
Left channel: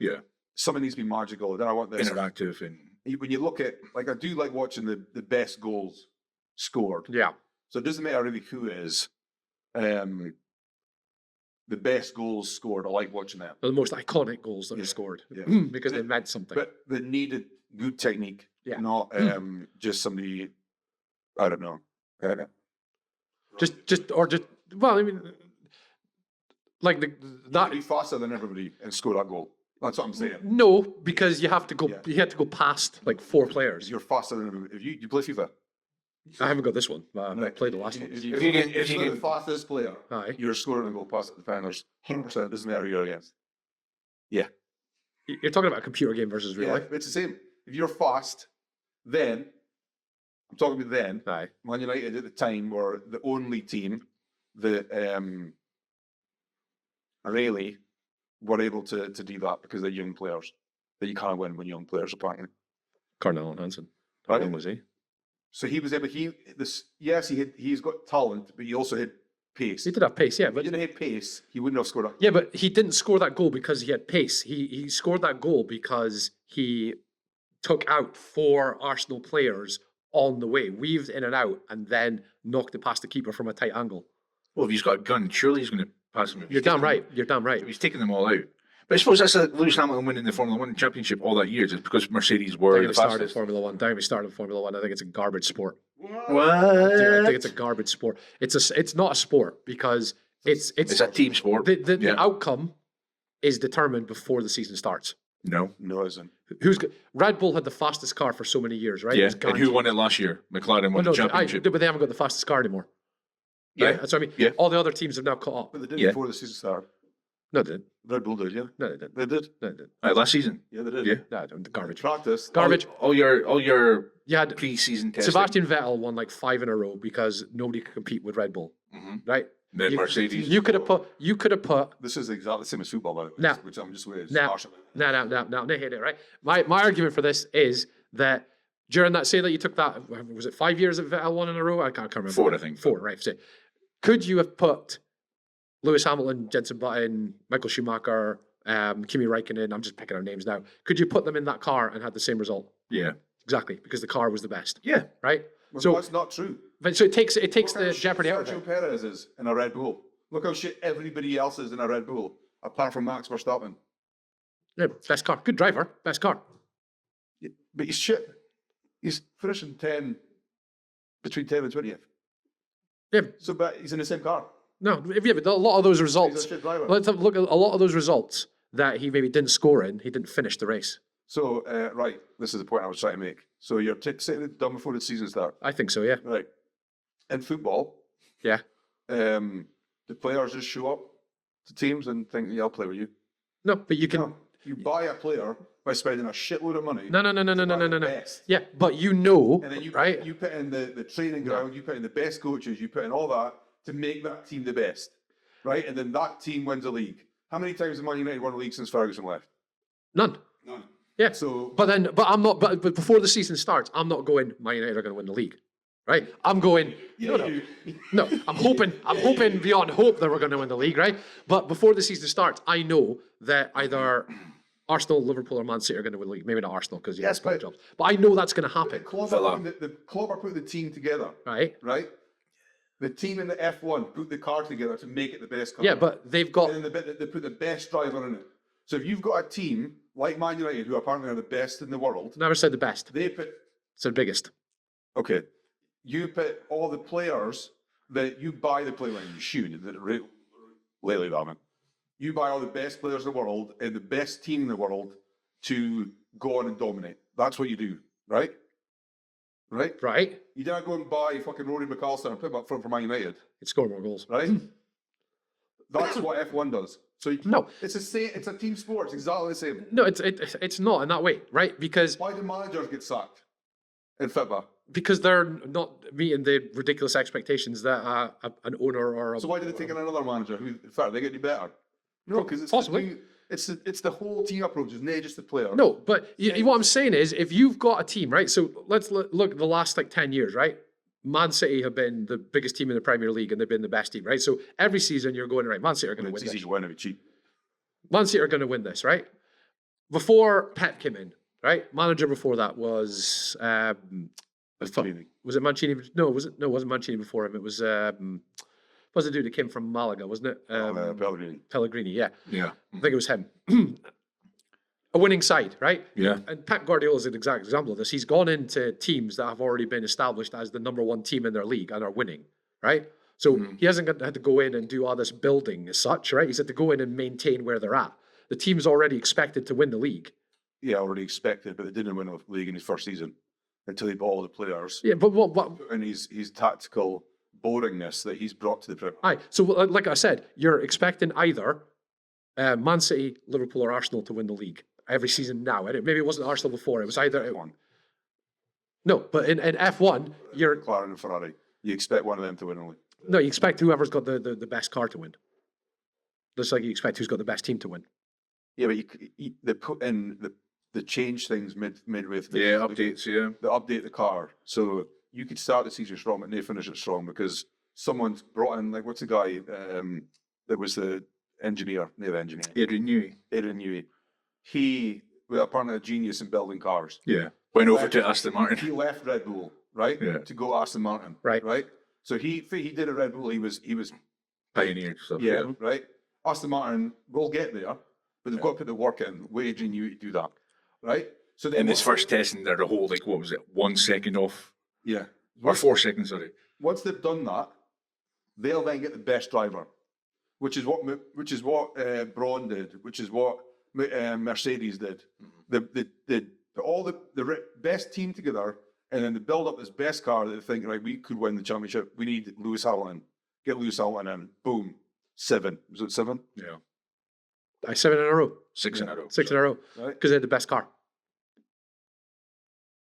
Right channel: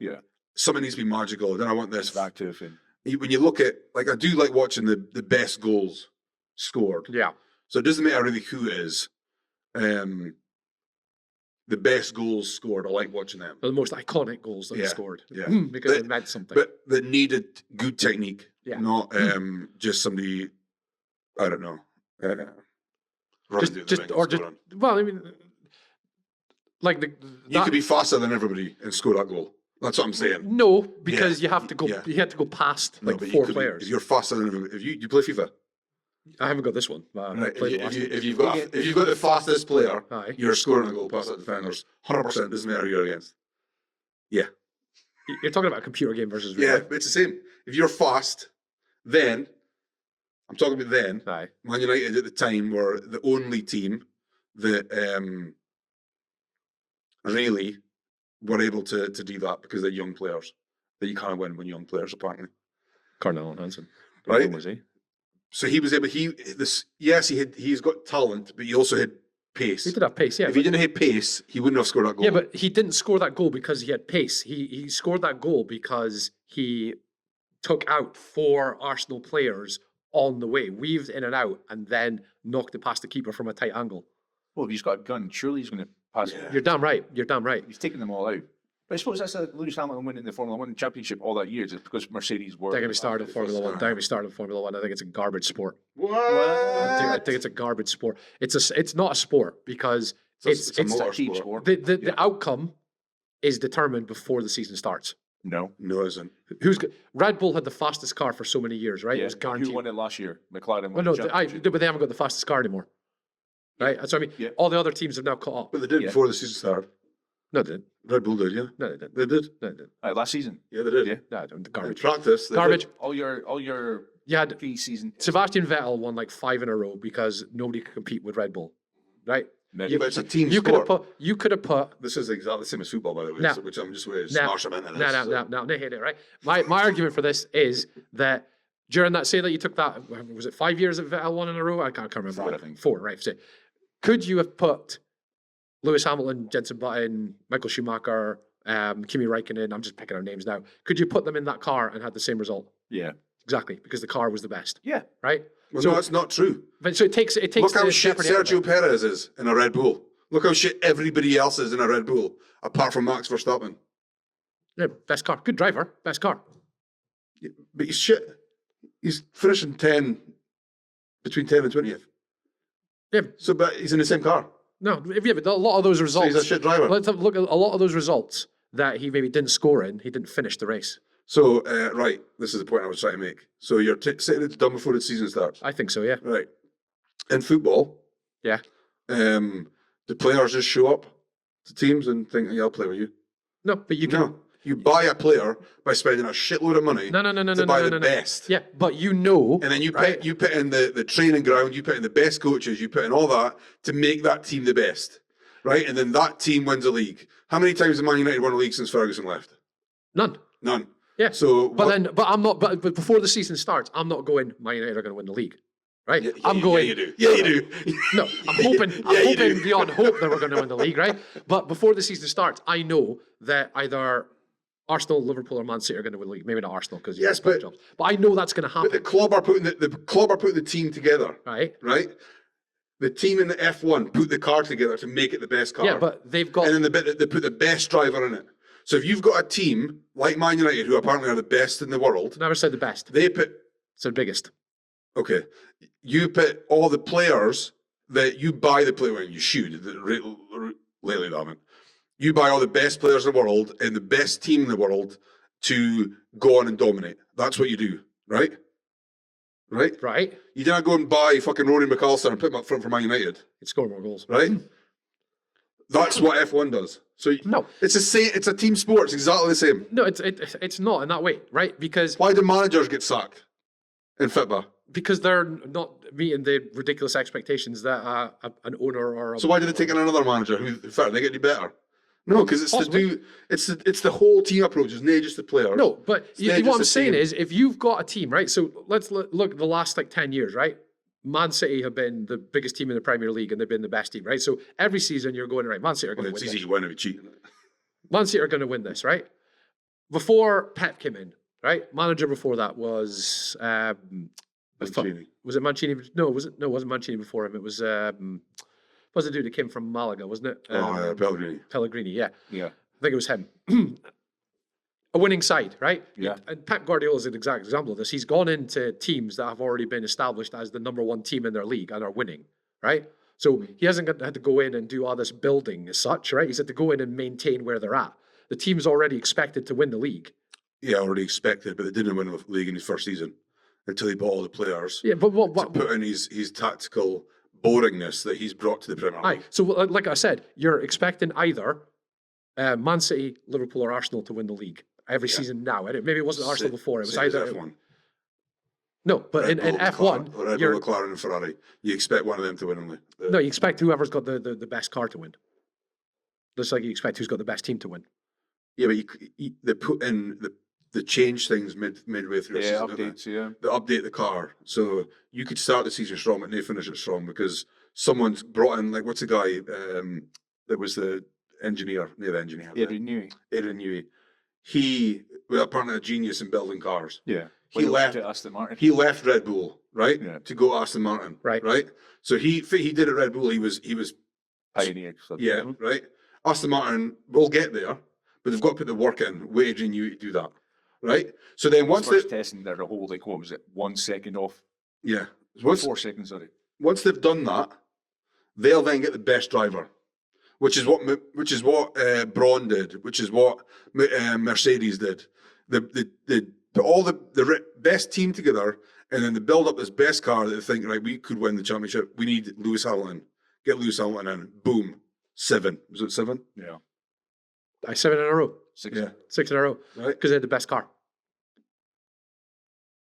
something needs to be magical. Then I want this Interactive. And when you look at, like, I do like watching the best goals scored. Yeah. So it doesn't matter really who it is. The best goals scored, I like watching them. The most iconic goals that they Yeah, scored. yeah. Because they meant something. But that needed good technique, not just somebody, I don't know. Well, I mean, like you could be faster than everybody and score that goal. That's what I'm saying. No, because you have to go. You had to go past like four players. You're faster than everybody. If you play FIFA, I haven't got this one, but I played the last one. If you've got the fastest player, Aye. you're scoring a goal past the defenders. 100%. Doesn't matter who you're against. Yeah. You're talking about a computer game versus real Yeah, life. it's the same. If you're fast, then I'm talking about then. Aye. Man United at the time were the only team that really were able to do that because they're young players. That you can't win when young players apparently. Cardinal and Hansen. Right? When was he? So he was able. He's got talent, but he also had pace. He did have pace, yeah. If he didn't have pace, he wouldn't have scored that goal. Yeah, but he didn't score that goal because he had pace. He scored that goal because he took out 4 Arsenal players on the way, weaved in and out, and then knocked it past the keeper from a tight angle. well, if he's got a gun, surely he's going to pass. You're damn right. You're damn right. He's taking them all out. But I suppose that's Lewis Hamilton winning the Formula 1 championship all that year just because Mercedes were. They're going to the start in fastest. Formula One. They're going to start in Formula One. I think it's a garbage sport. What? I think it's a garbage sport. It's not a sport because it's It's a team sport. the outcome is determined before the season starts. No. No, it isn't. Red Bull had the fastest car for so many years, right? It Yeah. was And guaranteed. who won it last year? McLaren Well, won no, the championship. but they haven't got the fastest car anymore. Right? Yeah. That's what I mean. Yeah. All the other teams have now caught up. But they did Yeah. before the season started. No, they didn't. Red Bull did, yeah. No, they didn't. They did. No, they didn't. Last season. Yeah, they did. Yeah. No, they didn't. Garbage. Practice. Garbage. All your You had pre-season testing. Sebastian Vettel won like 5 in a row because nobody could compete with Red Bull. Mhm. Right? Then You- Mercedes. team- You could have put This is exactly the same as football, by the way. Now- Which I'm just with. now, no, hit it, right? My argument for this is that during that, say that you took that, was it 5 years that Vettel won in a row? I can't remember. 4, I think. 4, right? So, could you have put Lewis Hamilton, Jenson Button, Michael Schumacher, Kimi Räikkönen, I'm just picking out names now. Could you put them in that car and had the same result? Yeah. Exactly, because the car was the best. Yeah. Right? Well, So- no, that's not true. But so it takes Look how the shit jeopardy out of Sergio it. Perez is in a Red Bull. Look how shit everybody else is in a Red Bull, apart from Max Verstappen. Yeah, best car. Good driver, best car. But he's shit. He's finishing between 10 and 20th. Yeah, So, but he's in the same car. no, but a lot of those So results. he's a shit driver. Let's have a look at a lot of those results that he maybe didn't score in. He didn't finish the race. So, right, this is the point I was trying to make. So you're saying it's done before the season starts. I think so. Yeah. Right. In football, Yeah. the players just show up to teams and think, yeah, I'll play with you. No, but you can. No. You buy a player by spending a shitload of money No. to buy the No. best. Yeah, but you know, And then you right? put in the training ground, you put in the best coaches, you put in all that to make that team the best. Right? And then that team wins a league. How many times have Man United won a league since Ferguson left? None. None. Yeah. So But I'm not. But before the season starts, I'm not going. Man United are going to win the league, right? I'm going. Yeah, you do. Yeah, you do. No, I'm hoping. I'm hoping beyond hope that we're going to win the league, right? But before the season starts, I know that either Arsenal, Liverpool, or Man City are going to win the league. Maybe not Arsenal because Yes, but- jobs. But I know that's going to But happen, the club are putting the team together, right? right? The team in the F1 put the car together to make it the best car. Yeah, but they've got and then they put the best driver in it. So if you've got a team like Man United, who apparently are the best in the world, never said the best. they put It's the biggest. okay. You put all the players that you buy the player. Well, you should lately, that man. You buy all the best players in the world and the best team in the world to go on and dominate. That's what you do, right? Right? Right? You didn't go and buy fucking Rory McAllister and put him up front for Man United, It scored more goals. right? That's what F1 does. So No. it's a team sport. It's exactly the same. No, it's not in that way, right? Because Why do managers get sacked in football? they're not meeting the ridiculous expectations that an owner or a, So why did they take in another manager? Who fair, they get to do better? No, because it's Possibly. it's the whole team approach. It's not just the player. no. But Yeah, what I'm just a saying team. is, if you've got a team, right? So let's look the last like 10 years, right? Man City have been the biggest team in the Premier League, and they've been the best team, right? So every season you're going right. Man City are going to It's win easy this. to win if you cheat. Man City are going to win this, right? Before Pep came in, right? Manager before that was Mancini. was it Mancini? No, it wasn't Mancini before him. It was what was the dude that came from Malaga, wasn't it? Pellegrini. Pellegrini, yeah. Yeah. I think it was him. A winning side, right? Yeah. And Pep Guardiola is an exact example of this. He's gone into teams that have already been established as the number one team in their league and are winning, right? So he hasn't had to go in and do all this building as such, right? He's had to go in and maintain where they're at. The team's already expected to win the league. Yeah, already expected, but they didn't win the league in his first season until he bought all the players. Yeah, but what Put in his tactical boringness that he's brought to the Premier aye. League. So like I said, you're expecting either Man City, Liverpool, or Arsenal to win the league every season now. Maybe it wasn't Arsenal before. It was Same as either F1. no, but in F1, Red Bull, you're McLaren, and Ferrari. You expect one of them to win only. no, you expect whoever's got the best car to win. Just like you expect who's got the best team to win. Yeah, but they put in the change things midway through. the Yeah, season, don't they? updates, yeah. They update the car, so you could start the season strong, but they finish it strong because someone's brought in, like, what's the guy that was the engineer, the engineer, Adrian Newey. Adrian Newey. He was apparently a genius in building cars. Yeah. He Went over left- to Aston Martin. He left Red Bull, right, Yeah. to go Aston Martin, Right. right. So he did at Red Bull. He was Pioneered stuff. yeah, right. Aston Martin will get there, but they've got to put the work in. With Adrian Newey to do that, right. So then In his once first they, testing, they're the whole, like, what was it, 1 second off? yeah, Or 4 seconds, sorry. once they've done that, they'll then get the best driver, which is what Braun did, which is what Mercedes did. They put all the best team together, and then they build up this best car that they think, right, we could win the championship. We need Lewis Hamilton. Get Lewis Hamilton in. Boom. 7. Was it 7? Yeah. 7 in a row, 6 in a row. 6 in a row, Right. because they had the best car.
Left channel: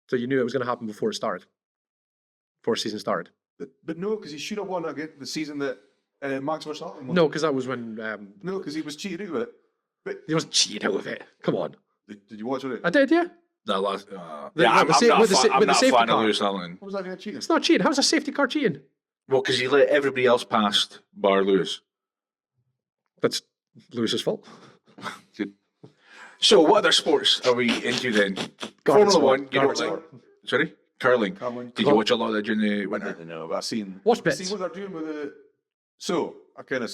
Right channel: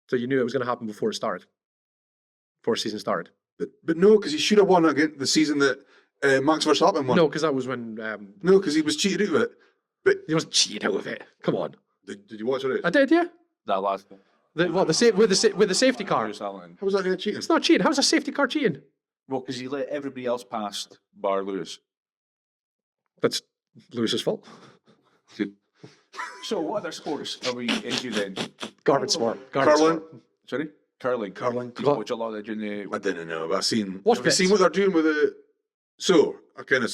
So you knew it was going to happen before it started, before season started. But no, because he should have won again the season that Max Verstappen won. No, because that was when No, because he was cheated out of it. he wasn't cheating out of it. Come on, Did you watch it? I did, yeah. That last. The- yeah, what, the I'm sa- not with the a sa- fan- with I'm the not a safety fan of car. Lewis Hamilton. How was that going to cheat? It's not cheating. How's a safety car cheating? Well, because he let everybody else past bar Lewis. That's Lewis's fault. So, what other sports are we into then? Garbage Formula sport. 1, Garbage curling. sport. Sorry? Curling. Curling. Did you watch a lot of that during I the. didn't know, but I've seen. Watch have you seen bits. what they're doing with the. So I kind of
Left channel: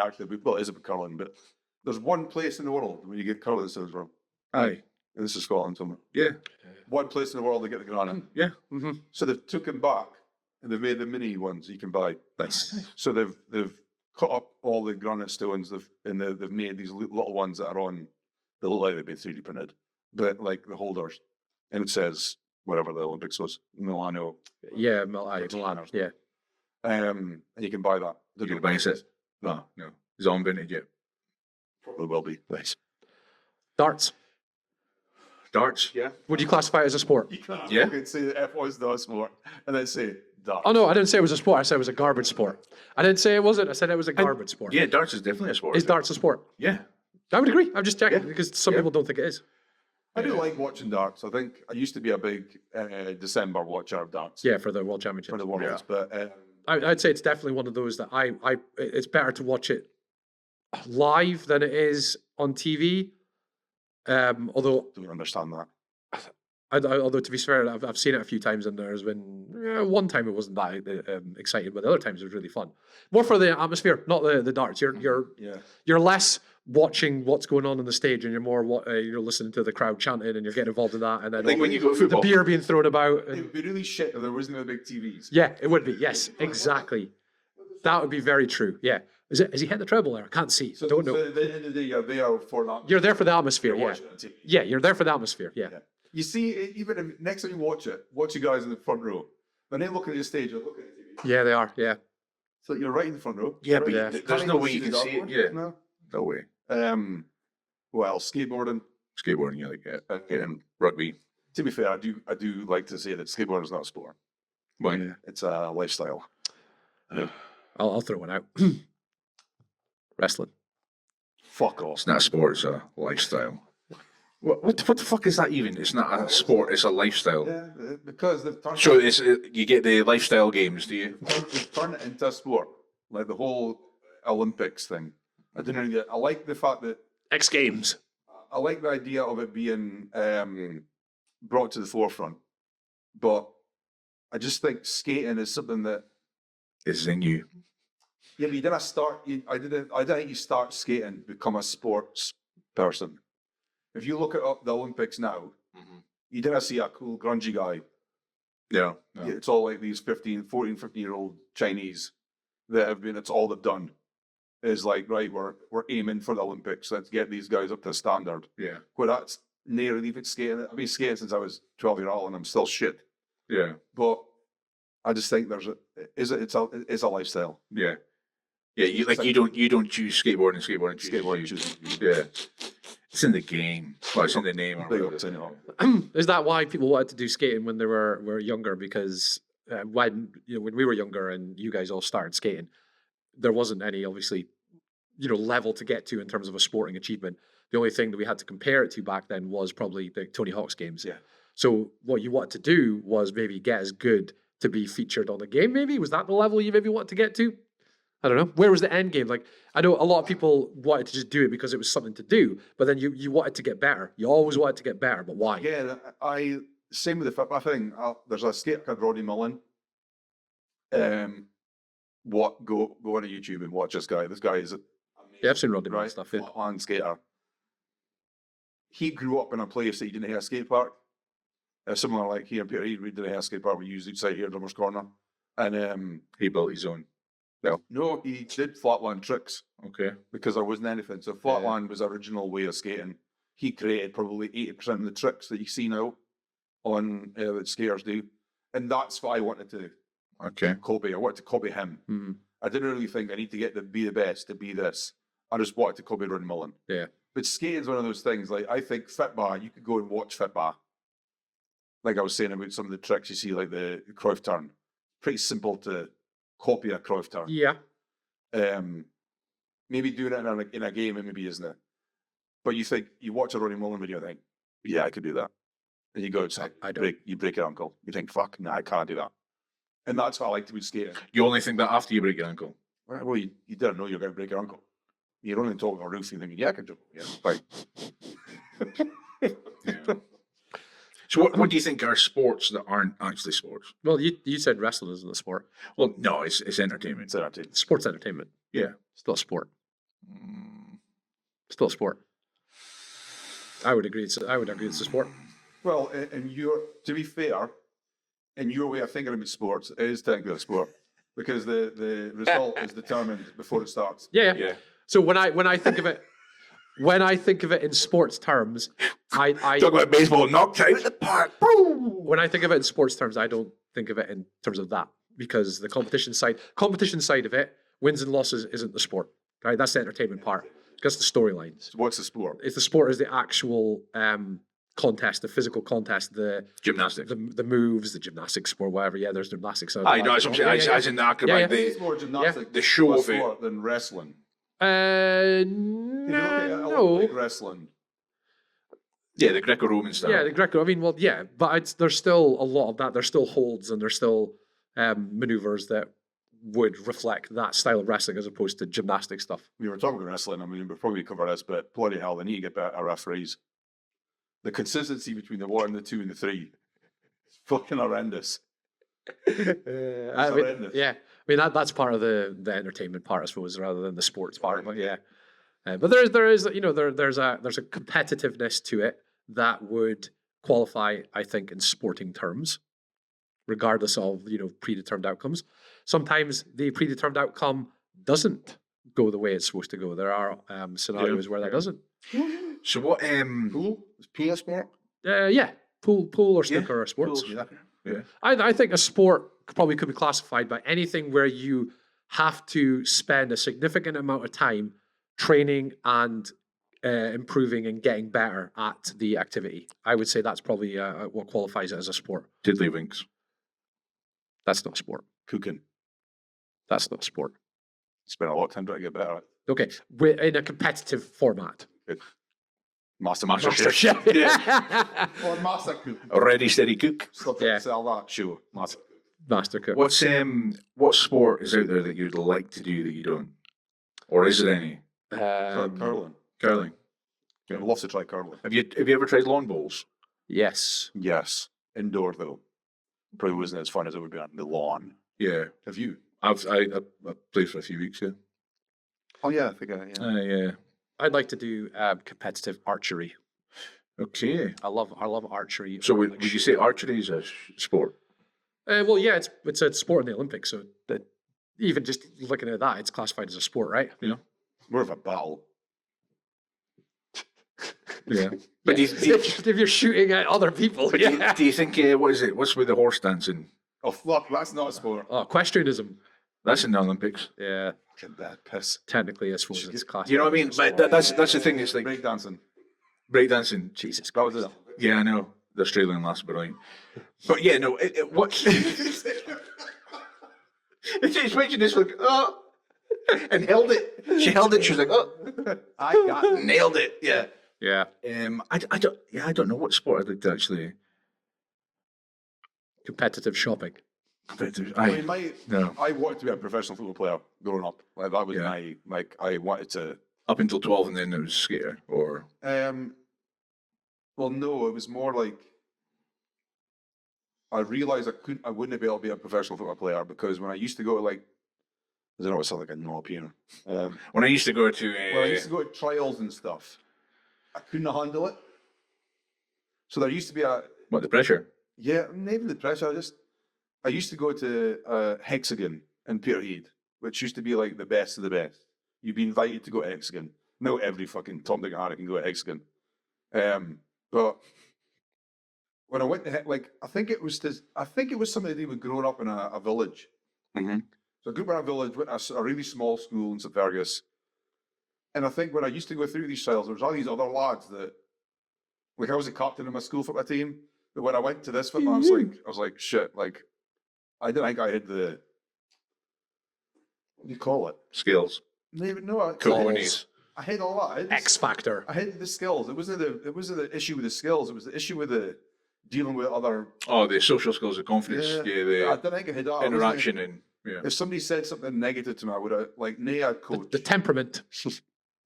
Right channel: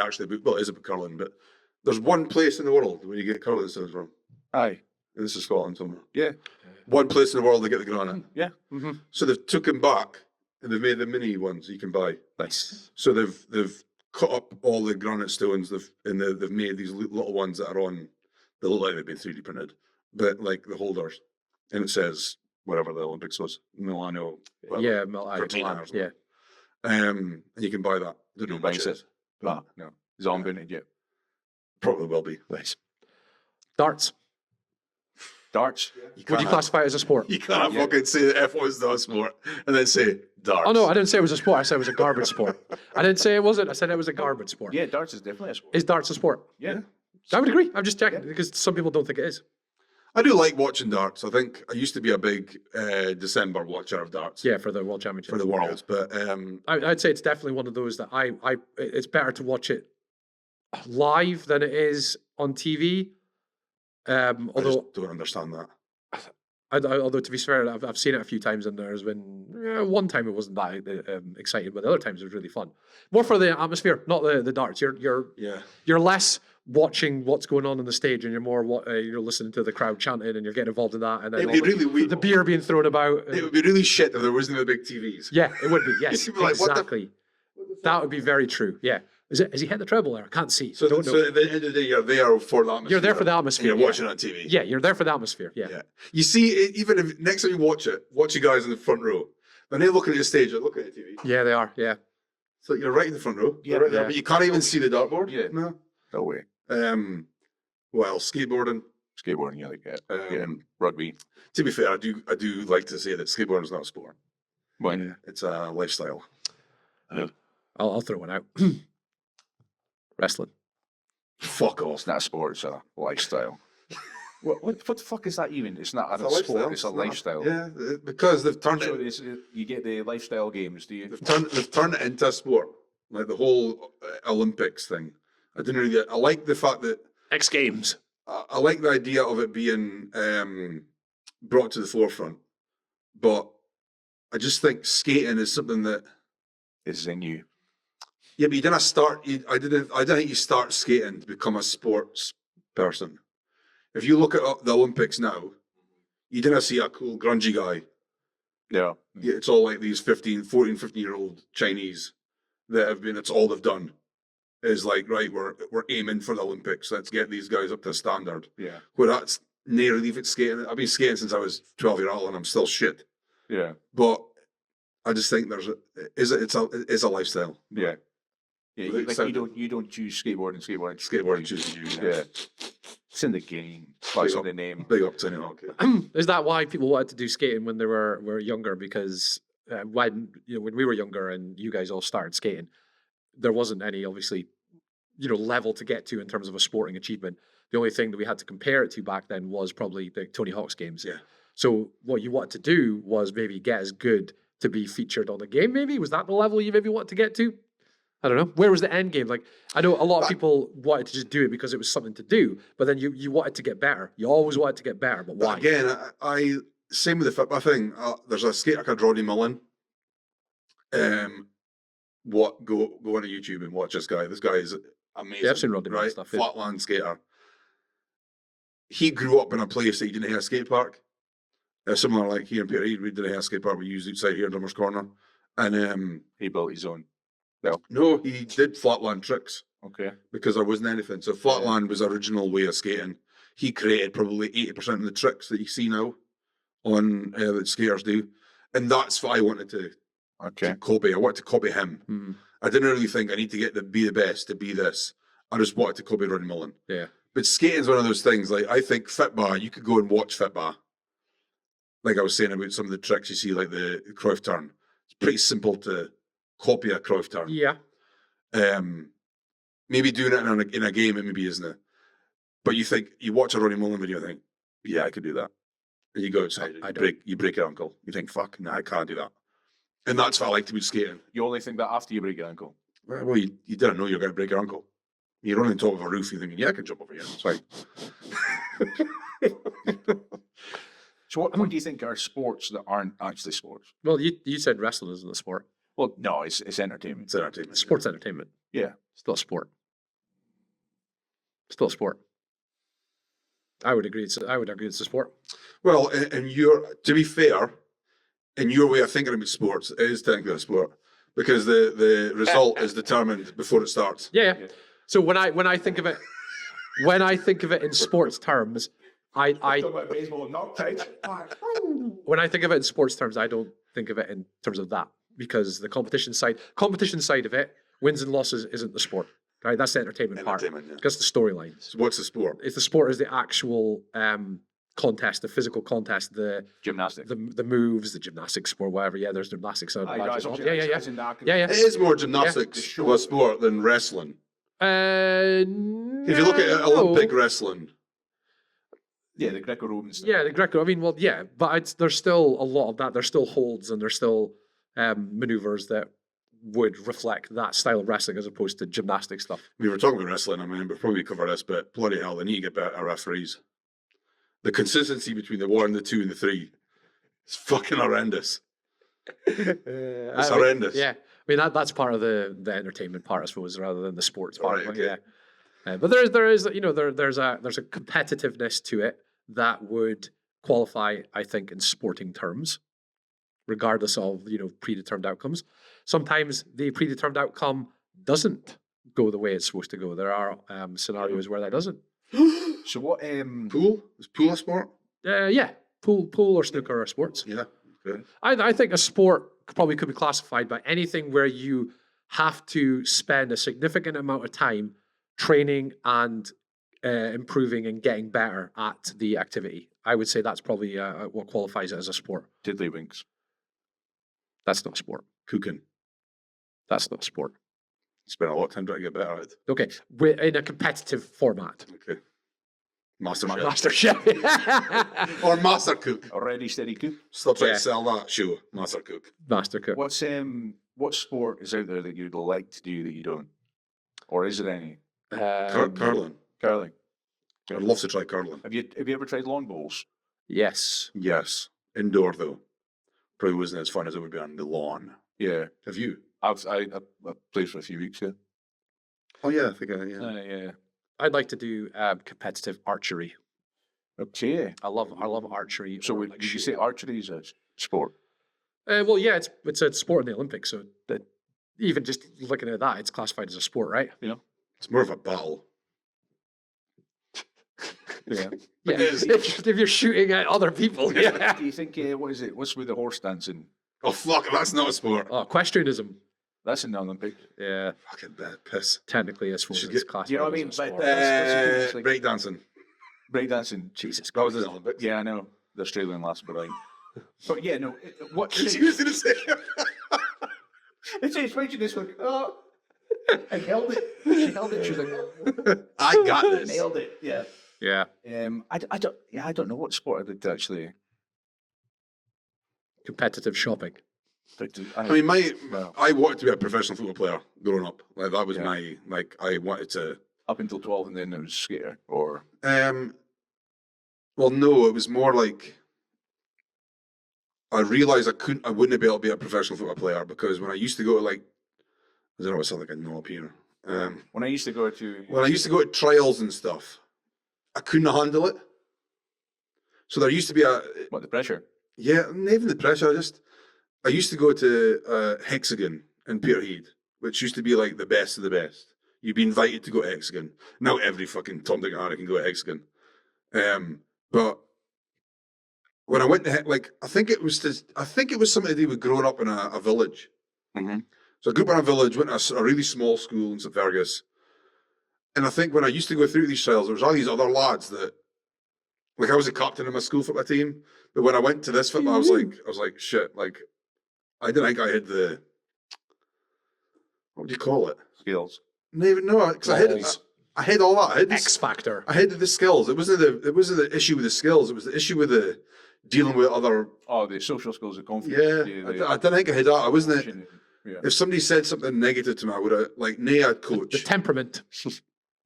actually, well, it is about curling, but there's one place in the world where you get curling stones from. Aye. And this is Scotland somewhere. Yeah. One place in the world they get the granite. Yeah. Mhm. So they've took them back and they've made the mini ones you can buy. Nice. So they've cut up all the granite stones. They've made these little ones that are on. They look like they've been 3D printed, but like the holders, and it says whatever the Olympics was, Milano. whatever. Yeah, Cortina Milan. or something. Yeah. And you can buy that. Don't know You how much buy it? No, No. Is it on vintage yet? probably will be. Nice. Darts. Darts? Yeah. Would you classify it as a sport? You can't Yeah. fucking say that F1's not a sport and then say darts. Oh no, I didn't say it was a sport. I said it was a garbage sport. I didn't say it wasn't. I said it was a garbage sport. Yeah, darts is definitely a sport. Is darts a sport? Yeah. I would agree. I'm just checking because some people don't think it is. I do like watching darts. I think I used to be a big December watcher of darts Yeah, for the World Championship. for the Worlds, but I'd say it's definitely one of those that it's better to watch it live than it is on TV. although Although, don't understand that. although to be fair, I've seen it a few times and there's been One time it wasn't that exciting, but the other times it was really fun. More for the atmosphere, not the darts. You're less watching what's going on the stage, and you're more you're listening to the crowd chanting, and you're getting involved in that, and then It would be really the beer being thrown about. It would be really shit if there wasn't the big TVs. Yeah, it would be. Yes, You'd be like, exactly. That would be very true. Yeah. Has he hit the treble there? I can't see. So, Don't know. so at the end of the day, you're there for the atmosphere. You're there for the atmosphere. And you're Yeah. watching it on TV. Yeah, you're there for the atmosphere. Yeah. Yeah. You see, even if next time you watch it, watch you guys in the front row. When they're looking at the stage, they're looking at the TV. Yeah, they are. Yeah. So you're right in the front row. Yeah, Right yeah. there. You can't There's no even way see you the can see dartboard. it. Yeah. No. No way. Well, skateboarding. Skateboarding, yeah, like and rugby. To be fair, I do like to say that skateboarding is not a sport. Why? It's a lifestyle. I'll throw one out. Wrestling. Fuck off. It's not a sport, it's a lifestyle. What the fuck is that even? It's not a It's a sport, lifestyle. it's a lifestyle. Yeah, because they've turned So it, it's you get the lifestyle games, do you? they've turned it into a sport, like the whole Olympics thing. I didn't really. I like the fact that X Games. I like the idea of it being brought to the forefront, but I just think skating is something that. It's in you. Yeah, but you didn't start. I didn't think you start skating to become a sports person. If you look at the Olympics now, you didn't see a cool grungy guy. Yeah. Yeah, it's all like these 14, 15-year-old Chinese that have been. It's all they've done. Is like, right, we're aiming for the Olympics. Let's get these guys up to standard. Yeah. Where that's nearly even skating. I've been skating since I was 12-year-old, and I'm still shit. Yeah. But I just think it's a lifestyle. Yeah. Yeah, you don't choose skateboarding. Skateboarding chooses you. Yeah. It's in the game. Well, it's in the name. Big up to anyone. Is that why people wanted to do skating when they were younger? Because when we were younger and you guys all started skating, there wasn't any obviously level to get to in terms of a sporting achievement. The only thing that we had to compare it to back then was probably the Tony Hawk's games. Yeah. So what you wanted to do was maybe get as good to be featured on a game. Maybe was that the level you maybe wanted to get to? I don't know. Where was the end game? Like, I know a lot of people wanted to just do it because it was something to do, but then you wanted to get better. You always wanted to get better, but why? Again, I same with the football thing. There's a skater called Roddy Mullen. Go on to YouTube and watch this guy. This guy is amazing. Yeah, I've seen Roddy Mullen right? stuff. Yeah. Flatland skater. He grew up in a place that he didn't have a skate park. Similar like here in Peter, we didn't have a skate park. We used outside here in Drummers Corner, and He built his own. no, he did flatland tricks Okay. because there wasn't anything. So flatland was the original way of skating. He created probably 80% of the tricks that you see now on that skaters do, and that's what I wanted to Okay. copy. I wanted to copy him. Mhm. I didn't really think I need to be the best to be this. I just wanted to copy Roddy Mullen. Yeah. But skating's one of those things. Like I think Fitbar, you could go and watch Fitbar. Like I was saying about some of the tricks you see, like the Cruyff turn. It's pretty simple to copy a Cruyff turn. Yeah. Maybe doing it in a game, it maybe isn't it. But you watch a Roddy Mullen video, and think, yeah, I could do that. And you go outside, I don't. you break your ankle. You think, fuck, nah, I can't do that. And that's what I like to be skating. You only think that after you break your ankle. Well, you didn't know you were going to break your ankle. You're on the top of a roof, you're thinking, yeah, I can jump over here. It's fine. So what do you think are sports that aren't actually sports? Well, you said wrestling isn't a sport. Well, no, it's entertainment. It's entertainment. It's sports entertainment. Yeah. Still a sport. Still a sport. I would agree. It's a sport. Well, to be fair, in your way of thinking about sports, it is technically a sport because the result is determined before it starts. Yeah. Yeah. So when I think of it, in sports terms, I Talk about baseball knocked out of the park. when I think of it in sports terms, I don't think of it in terms of that because the competition side of it, wins and losses isn't the sport, right? That's the entertainment part. Entertainment, yeah. That's the storylines. So what's the sport? If the sport is the actual contest, the physical contest, the Gymnastics. the moves, the gymnastics sport, whatever. Yeah, there's gymnastics. I know, it's as in the acrobat. It is more gymnastics, The show of a of it. sport than wrestling. If If you look at Olympic wrestling, Yeah, the Greco-Roman style. Yeah, the Greco. I mean, well, yeah, but there's still a lot of that. There's still holds and there's still maneuvers that would reflect that style of wrestling as opposed to gymnastic stuff. we were talking about wrestling. I mean, before we cover this, but bloody hell, they need to get better referees. The consistency between the 1, the 2, and the 3 is fucking horrendous. It's horrendous. Yeah, I mean that's part of the entertainment part, I suppose, rather than the sports part. Right, But okay. yeah, but there is there's a competitiveness to it that would qualify, I think, in sporting terms, regardless of predetermined outcomes. Sometimes the predetermined outcome doesn't go the way it's supposed to go. There are scenarios where that doesn't. So what? Pool? Is pool a sport? Yeah, pool or snooker are sports. Yeah. Yeah. I think a sport probably could be classified by anything where you have to spend a significant amount of time training and improving and getting better at the activity. I would say that's probably what qualifies it as a sport. Tiddlywinks. That's not a sport. Cooking. That's not a sport. Spend a lot of time trying to get better at it. Okay, in a competitive format. Okay. Master Chef. Or Master Cook. Ready, steady, cook. Still trying Yeah. to sell that show. Master Cook. Master cook. What sport is out there that you'd like to do that you don't, or is there any? Curling. Curling. I'd love to try curling. Have you ever tried lawn bowls? Yes. Yes. Indoor, though. Probably wasn't as fun as it would be on the lawn. Yeah, Have you? I played for a few weeks. Yeah. Oh, yeah. I think yeah. Yeah. I'd like to do competitive archery. Okay. I love archery. So or, would like, you say shooting. archery is a sport? Well, yeah, it's a sport in the Olympics, so that even just looking at that, it's classified as a sport, right? It's more of a battle. Yeah. But Yeah. if you're shooting at other people, yeah. Do you think what is it? What's with the horse dancing? Oh, fuck. That's not a sport. Oh, equestrianism. That's in the Olympics. Yeah, Fucking bad piss. technically, I suppose Should it's get- classified. you know what I as a mean? sport. But that's the thing. It's like breakdancing. breakdancing. Jesus That was Christ. the Olympics. Yeah, I know the Australian last, but but yeah, no. What? It's mentioned this like and held it. She held it. She was like, oh, I got it. Nailed it. Yeah. Yeah, I don't. Yeah, I don't know what sport I'd like to actually. competitive shopping. I mean, no. I wanted to be a professional football player growing up. Like that was Yeah. I wanted to. Up until 12, and then it was skater or Well, no, it was more like I realized I wouldn't be able to be a professional football player because when I used to go to I don't know, it sounds like a knob here. when I used to go to. When I used to go to trials and stuff, I couldn't handle it. So there used to be what the pressure? yeah, not even the pressure. I used to go to Hexagon in Peterhead, which used to be like the best of the best. You'd be invited to go to Hexagon. Now every fucking Tom, Dick, and Harry can go to Hexagon. But when I went to I think it was something to do with growing up in a village. Mhm. So I grew up in a village, went to a really small school in St Fergus, and I think when I used to go through these trials, there was all these other lads that, like, I was the captain of my school football team. But when I went to this football, I was like, shit, like, I didn't think I had the, what do you call it? Skills. No, I had all that. I had X Factor. I had the skills. It wasn't the issue with the skills. It was the issue with the dealing with other. Oh, the social skills, the confidence. Yeah, I didn't think I had that. I wasn't. Interaction and yeah. If somebody said something negative to me, I would have I'd coach. The temperament.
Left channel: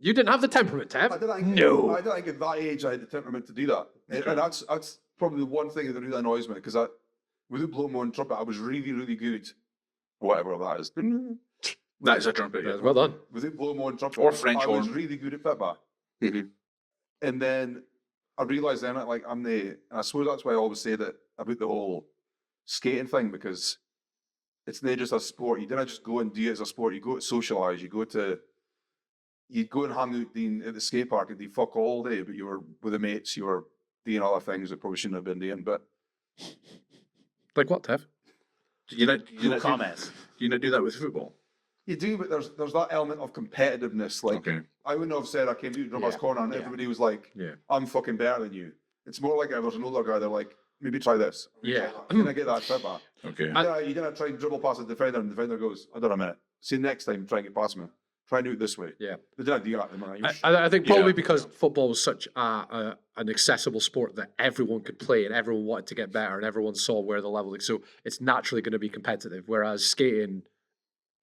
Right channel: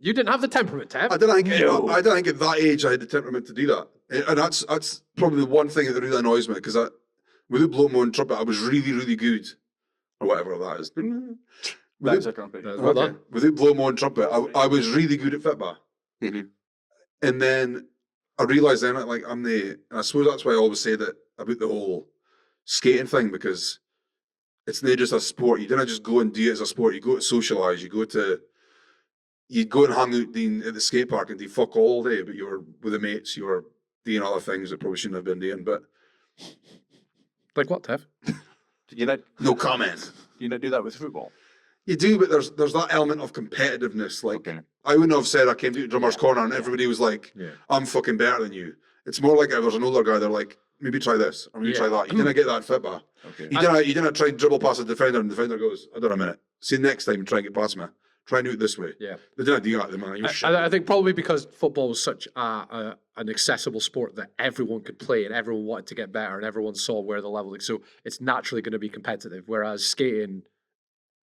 You didn't have the temperament, Tab. I didn't think. No. I didn't think at that age I had the temperament to do that, and that's probably the one thing that really annoys me because without blowing my own trumpet, I was really really good, or whatever that is. That's a trumpet. That's well done. Without blowing my own trumpet, Or French I was horn. really good at football. Mhm. And then I realised then, I suppose that's why I always say that about the whole skating thing, because it's not just a sport. You didn't just go and do it as a sport. You go to socialise. You go and hang out at the skate park and do fuck all day, but you were with the mates. You were doing other things that probably shouldn't have been doing. But Like what, Tev? no comment. Do you not do that with football? You do, but there's that element of competitiveness. Like Okay. I wouldn't have said I came to drummer's corner and everybody was like, Yeah. I'm fucking better than you. It's more like if there's an older guy, they're like, maybe try this, or maybe try Yeah. that. You didn't get that football. Okay. You didn't try and dribble past the defender, and the defender goes, hold on a minute. See next time, try and get past me. Try and do it this way. Yeah. They didn't do that, man. You shit. I think probably because football was such an accessible sport that everyone could play and everyone wanted to get better and everyone saw where the level is. So it's naturally going to be competitive, whereas skating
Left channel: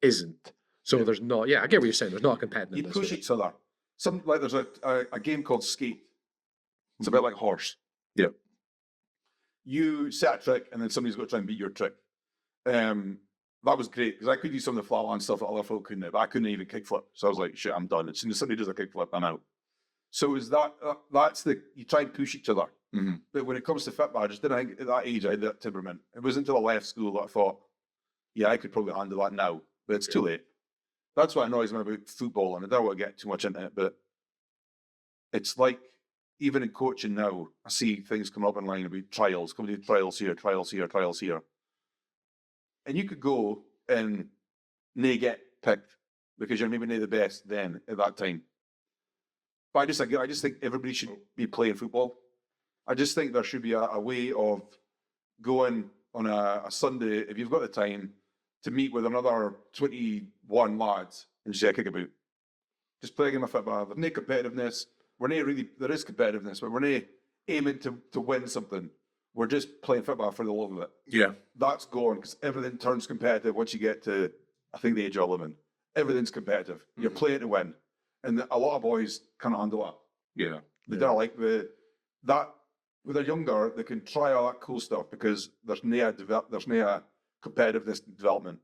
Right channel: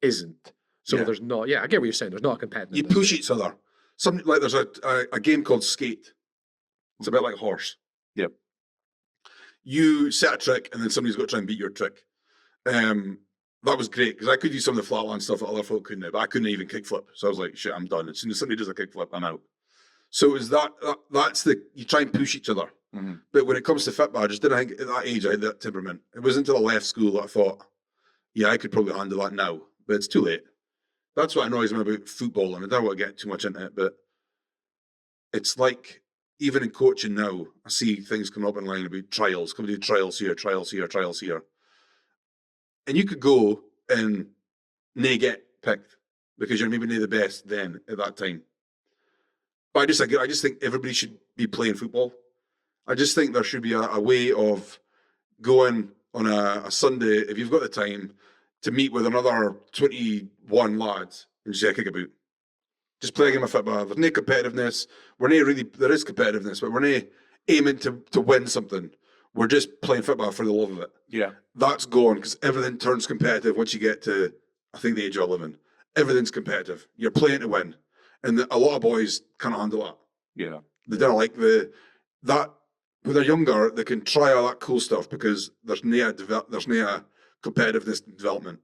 isn't. So there's not. Yeah, I get what you're saying. There's not a competitive. You push each other. Something like there's a game called Skate. It's a bit like horse. Yep. You set a trick, and then somebody's got to try and beat your trick. That was great because I could do some of the flatland stuff that other folk couldn't, but I couldn't even kickflip. So I was like, shit, I'm done. As soon as somebody does a kickflip, I'm out. So it was that's you try and push each other. Mm-hmm. But when it comes to football, I just didn't think at that age I had that temperament. It wasn't until I left school that I thought, yeah, I could probably handle that now, but it's too late. That's what annoys me about football, and I don't want to get too much into it, but it's like, even in coaching now, I see things come up in line about trials, come do trials here, trials here, trials here. And you could go and nae get picked because you're maybe nae the best then at that time. But I just think everybody should be playing football. I just think there should be a way of going on a Sunday, if you've got the time, to meet with another 21 lads and just say, kick about. Just play a game of football. There's no competitiveness. There is competitiveness, but we're not aiming to win something. We're just playing football for the love of it. Yeah. That's gone because everything turns competitive once you get to, I think, the age of 11. Everything's competitive. You're playing to win. And a lot of boys can't handle that. Yeah. They don't like that. When they're younger, they can try all that cool stuff because there's no competitiveness development.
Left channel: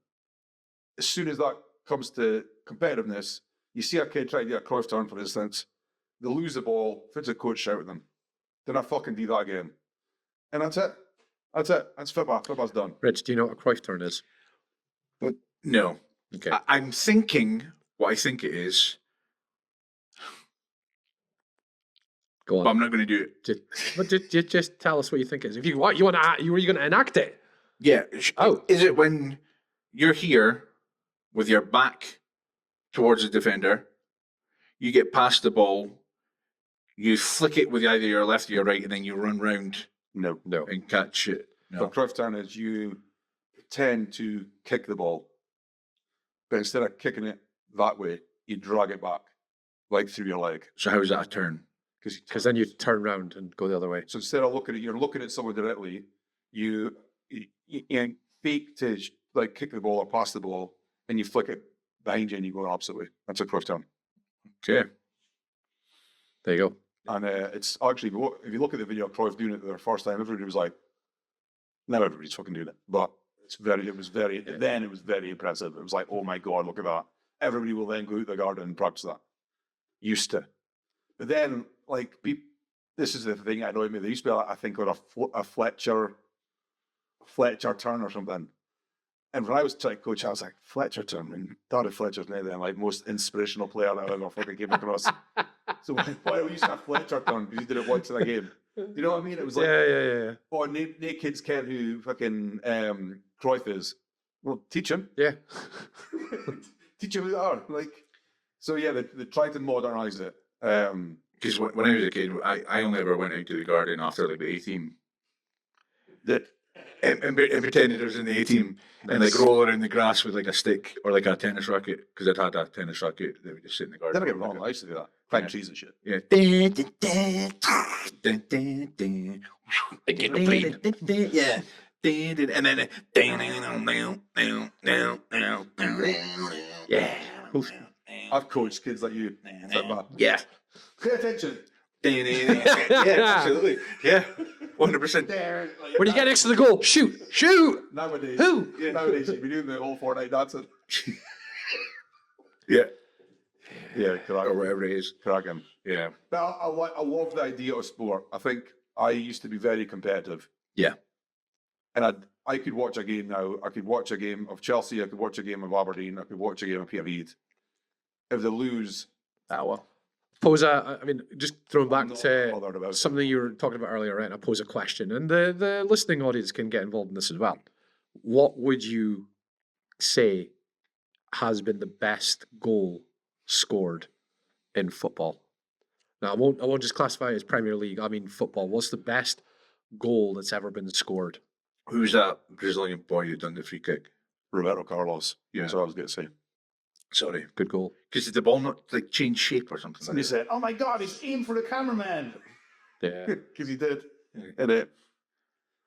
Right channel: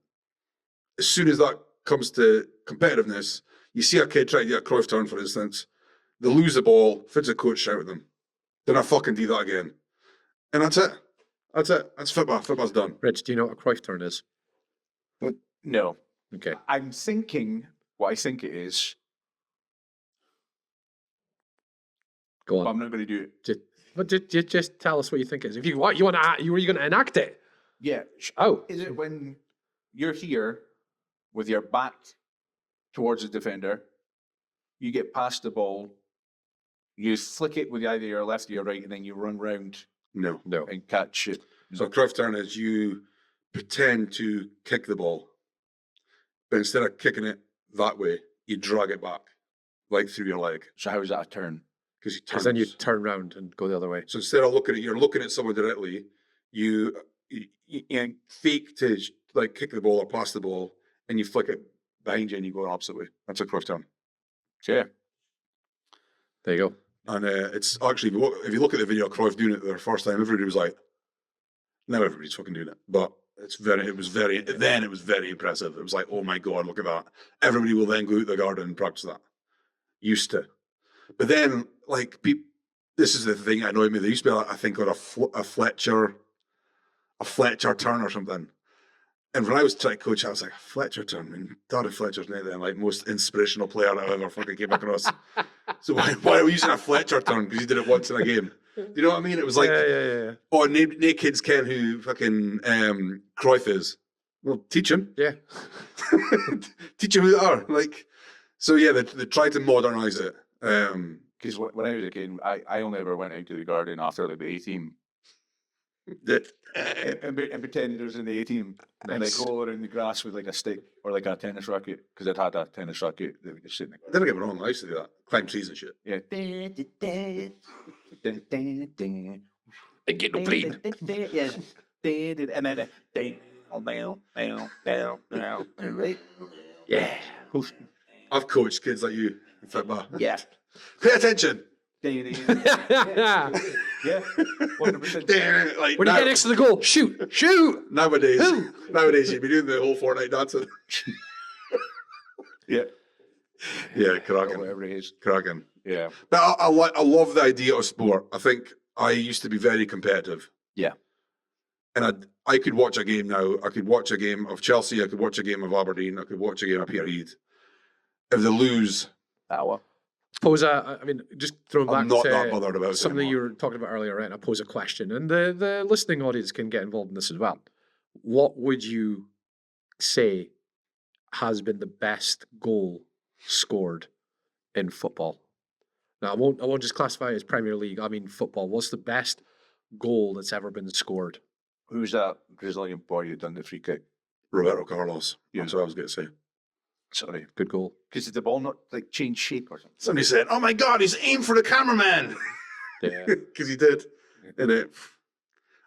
As soon as that comes to competitiveness, you see a kid try to do a Cruyff turn, for instance, they lose the ball, if it's a coach shout at them, then I fucking do that again. And that's it. That's football. Football's done. Rich, do you know what a Cruyff turn is? But no. Okay. I'm thinking what I think it is, Go but on. I'm not going to do it. Just tell us what you think it is. If you want to, were you going to enact it? Yeah. Oh. Is it when you're here with your back towards the defender, you get past the ball, you flick it with either your left or your right, and then you run round No. and catch it? So a Cruyff turn is you pretend to kick the ball, but instead of kicking it that way, you drag it back, like through your leg. So how is that a turn? Because then you turn around and go the other way. So instead of you're looking at someone directly, you fake to like kick the ball or pass the ball, and you flick it behind you and you go the opposite way. That's a Cruyff turn. Okay. There you go. And it's actually, if you look at the video of Cruyff doing it the first time, everybody was like, now everybody's fucking doing it. But it was very impressive. It was like, oh my God, look at that. Everybody will then go out the garden and practice that. Used to. But then, like, this is the thing that annoyed me. There used to be, I think, on a Fletcher turn or something. And when I was trying to coach, I was like, Fletcher turn. And Daddy Fletcher's now the like most inspirational player I've ever fucking came across. So why are we using a Fletcher turn? Because he did it once in a game. Do you know what I mean? It was like, yeah. oh, no kids ken who fucking Cruyff is. Well, teach him. Yeah. Teach him who they are. Like, so yeah, they tried to modernise it. Because when I was a kid, I only ever went out to the garden after like the A team. And pretended I was in the A team and like roll around the grass with like a stick or like a tennis racket because I'd had a tennis racket that would just sit in the garden. Don't get me wrong, I used to do that. Climb trees and shit. Yeah. Get no bleed. Yeah. And then yeah. I've coached kids like you. Football. Yeah. Pay attention. Yeah, absolutely. Yeah, 100%. Like, When you get next to the goal, shoot. Nowadays, you'd be doing the whole Fortnite dancing. Yeah, cracking. Whatever it is. Cracking. Yeah. But I love the idea of sport. I think I used to be very competitive. Yeah. And I could watch a game now. I could watch a game of Chelsea. I could watch a game of Aberdeen. I could watch a game of Peterhead. If they lose, Pose just throwing I'm back not that to bothered about it something anymore. you were talking about earlier, right? I pose a question, and the listening audience can get involved in this as well. What would you say has been the best goal scored in football? Now, I won't just classify it as Premier League. I mean football. What's the best goal that's ever been scored? Who's that Brazilian boy who done the free kick? Roberto Carlos. Yeah. That's what I was going to say. Sorry. Good goal. Because did the ball not like change shape or something? Somebody said, "Oh my God, he's aimed for the cameraman." Yeah. Because he did. And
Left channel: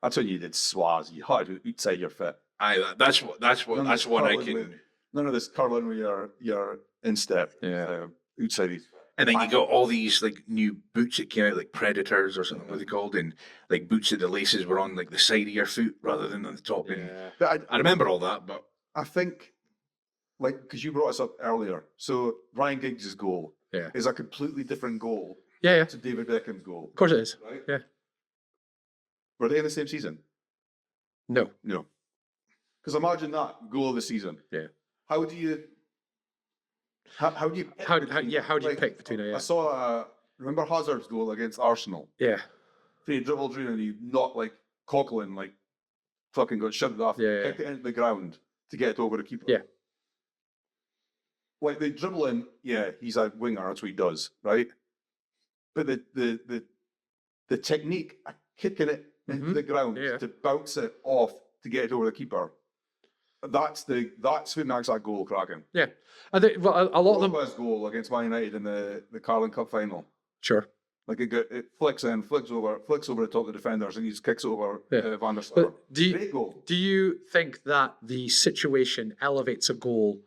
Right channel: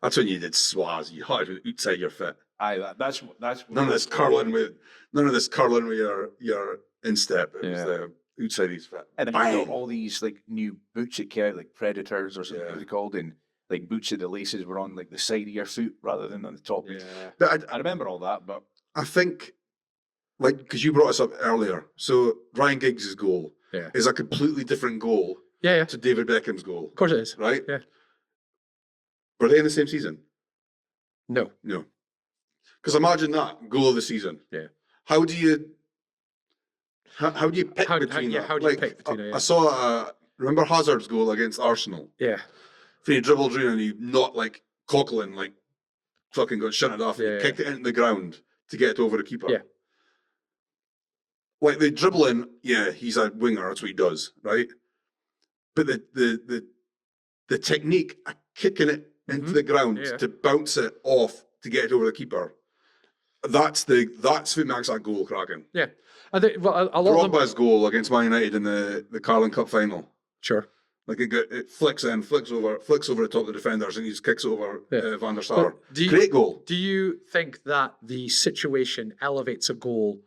that's when you did swaz. You had to outside your foot. Aye, that's what None of this I curling can- with your instep. It Yeah. was outside his foot. And then you Bang. got all these like new boots that came out, like Predators or something Yeah. what they called, and like boots at the laces were on like the side of your foot rather than on the top. Yeah. But I remember all that, but I think, like, because you brought us up earlier, so Ryan Giggs' goal Yeah. is a completely different goal Yeah. to David Beckham's goal, Of course it is. right? Yeah. Were they in the same season? No. No. Because imagine that goal of the season. Yeah. How do you? How do you pick between that? how do you pick between it? Yeah. I saw. Remember Hazard's goal against Arsenal? Yeah. He dribbled through and he not like Coughlin, like fucking got shunted off, Yeah, kicked it into the ground to get it over the keeper. Yeah. Like the dribbling, yeah, he's a winger. That's what he does, right? But the technique, of kicking it into the ground Yeah. to bounce it off to get it over the keeper. That's what makes that goal cracking. Yeah. I think a lot of them. Drogba's goal against Man United in the Carling Cup final. Sure. Like it flicks over the top of the defenders, and he just kicks over Van der Sar. But Great goal. Do you think that the situation elevates a goal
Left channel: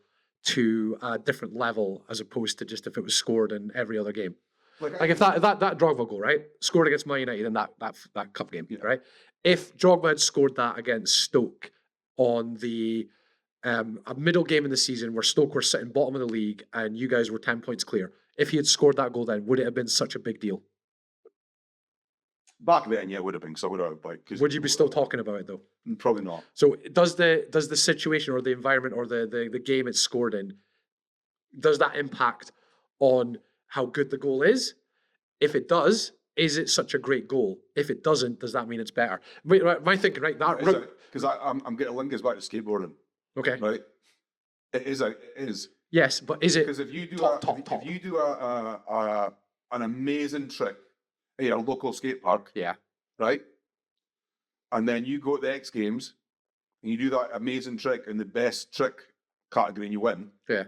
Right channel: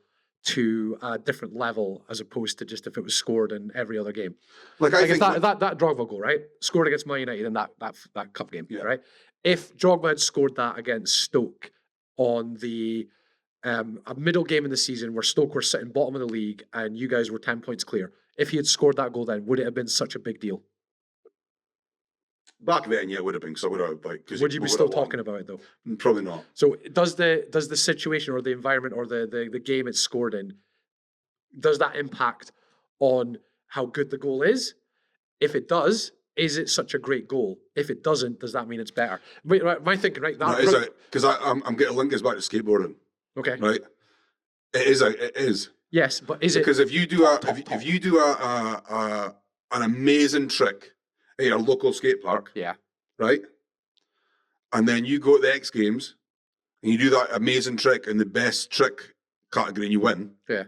to a different level as opposed to just if it was scored in every other game? Like Like if that Drogba goal, right, scored against Man United in that cup game, right? If Drogba had scored that against Stoke on the a middle game in the season where Stoke were sitting bottom of the league and you guys were 10 points clear, if he had scored that goal then, would it have been such a big deal? back then, yeah, it would have been. So I would have like. Would you be still talking about it though? Probably not. So does the situation or the environment or the game it's scored in, does that impact on how good the goal is? If it does, is it such a great goal? If it doesn't, does that mean it's better? Wait, right, my thinking, right? Because I'm getting linked us back to skateboarding, Okay. right? It is. Yes, but is it? Because if you do if you do an amazing trick at your local skate park, Yeah. right, and then you go to the X Games and you do that amazing trick in the best trick category and you win, Yeah.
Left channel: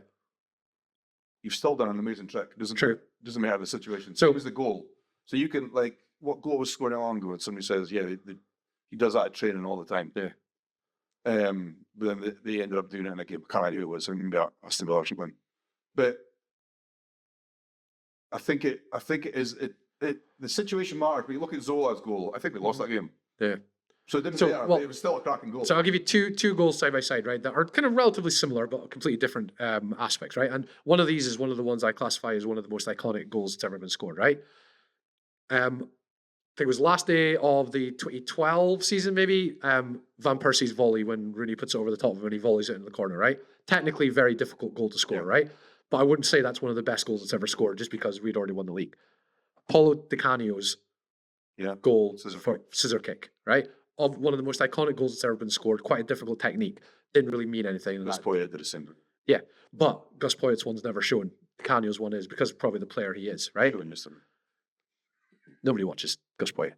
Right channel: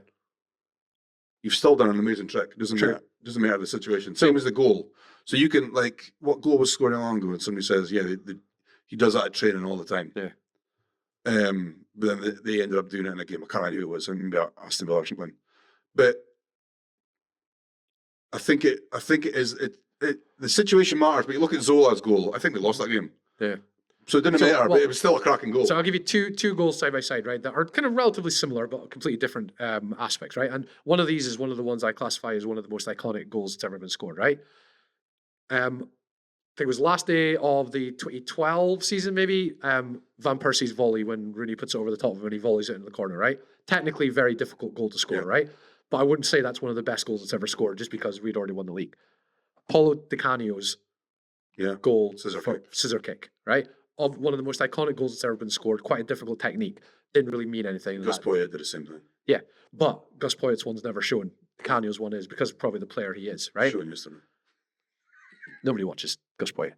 you've still done an amazing trick. It True. Doesn't matter the situation. So- Same as the goal. So you can like, what goal was scored long ago? And somebody says, yeah, he does that at training all the time. Yeah. But then they ended up doing it in a game. I can't remember who it was. I maybe Aston Villa or something. But I think it is the situation matters. But you look at Zola's goal. I think they lost that game. Yeah. So it didn't So, matter. well- But it was still a cracking goal. So I'll give you two goals side by side, right? That are kind of relatively similar, but completely different aspects, right? And one of these is one of the ones I classify as one of the most iconic goals that's ever been scored, right? I think it was last day of the 2012 season, maybe. Van Persie's volley when Rooney puts it over the top of him and he volleys it into the corner, right? Technically, very difficult goal to score, Yeah. right? But I wouldn't say that's one of the best goals that's ever scored, just because we'd already won the league. Paulo Di Canio's goal scissor kick, right? Of one of the most iconic goals that's ever been scored. Quite a difficult technique. Didn't really mean anything. Gus Poyet did the same thing. Yeah, but Gus Poyet's one's never shown. Canio's one is because of probably the player he is, right? Showing yesterday. Nobody watches Gus Poyet.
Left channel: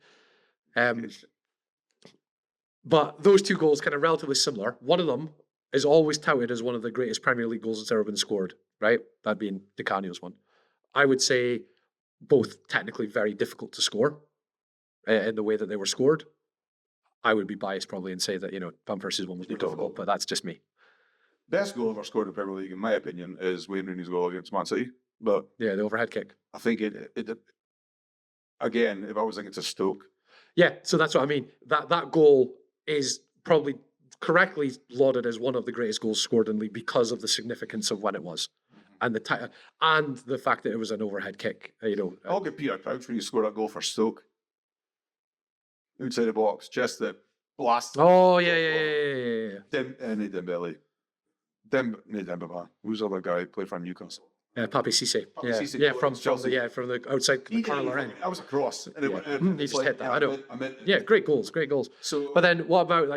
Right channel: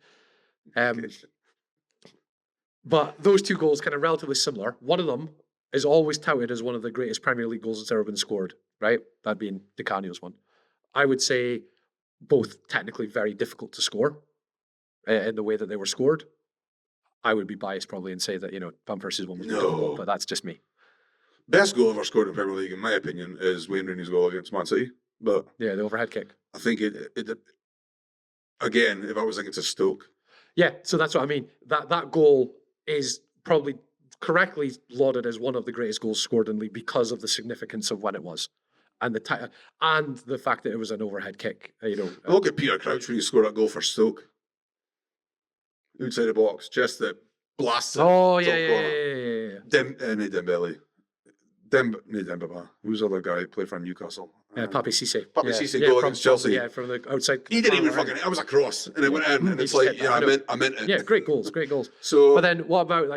But those two goals kind of relatively similar. One of them is always touted as one of the greatest Premier League goals that's ever been scored, right? That being Di Canio's one. I would say both technically very difficult to score in the way that they were scored. I would be biased probably and say that, Van Persie's one was more difficult, but that's just me. Best goal ever scored in Premier League, in my opinion, is Wayne Rooney's goal against Man City. But Yeah, the overhead kick. I think it again, if I was against a Stoke, Yeah, so that's what I mean. That goal is probably correctly lauded as one of the greatest goals scored in the league because of the significance of when it was, and the fact that it was an overhead kick. I look at Peter Crouch when he scored that goal for Stoke. Outside the box, just the blast. Oh top yeah. corner. Not Dembele. Dembaba. Who's the other guy who played for Newcastle? Papi Cisse. Papi Cisse yeah, goal from against Chelsea. from the outside. He didn't even corner, fucking. I was a cross, and it went in. And He it's just like, hit that, I know. I meant it. Yeah, great goals. So, But then what about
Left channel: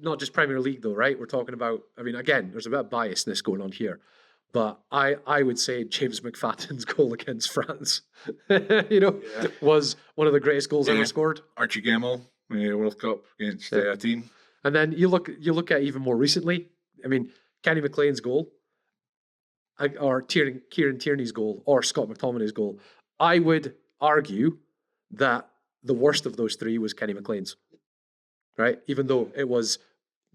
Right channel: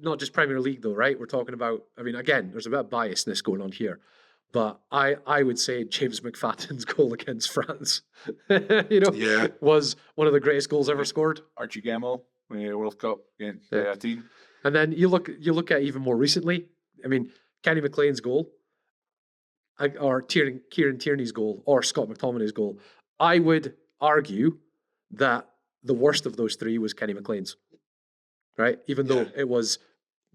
not just Premier League though, right? We're talking about, again, there's a bit of biasness going on here. But I would say James McFadden's goal against France, yeah, was one of the greatest goals ever scored. Archie Gamble, World Cup against Yeah. a team. And then you look at even more recently. Kenny McLean's goal, or Kieran Tierney's goal, or Scott McTominay's goal. I would argue that the worst of those three was Kenny McLean's, right? Even though it was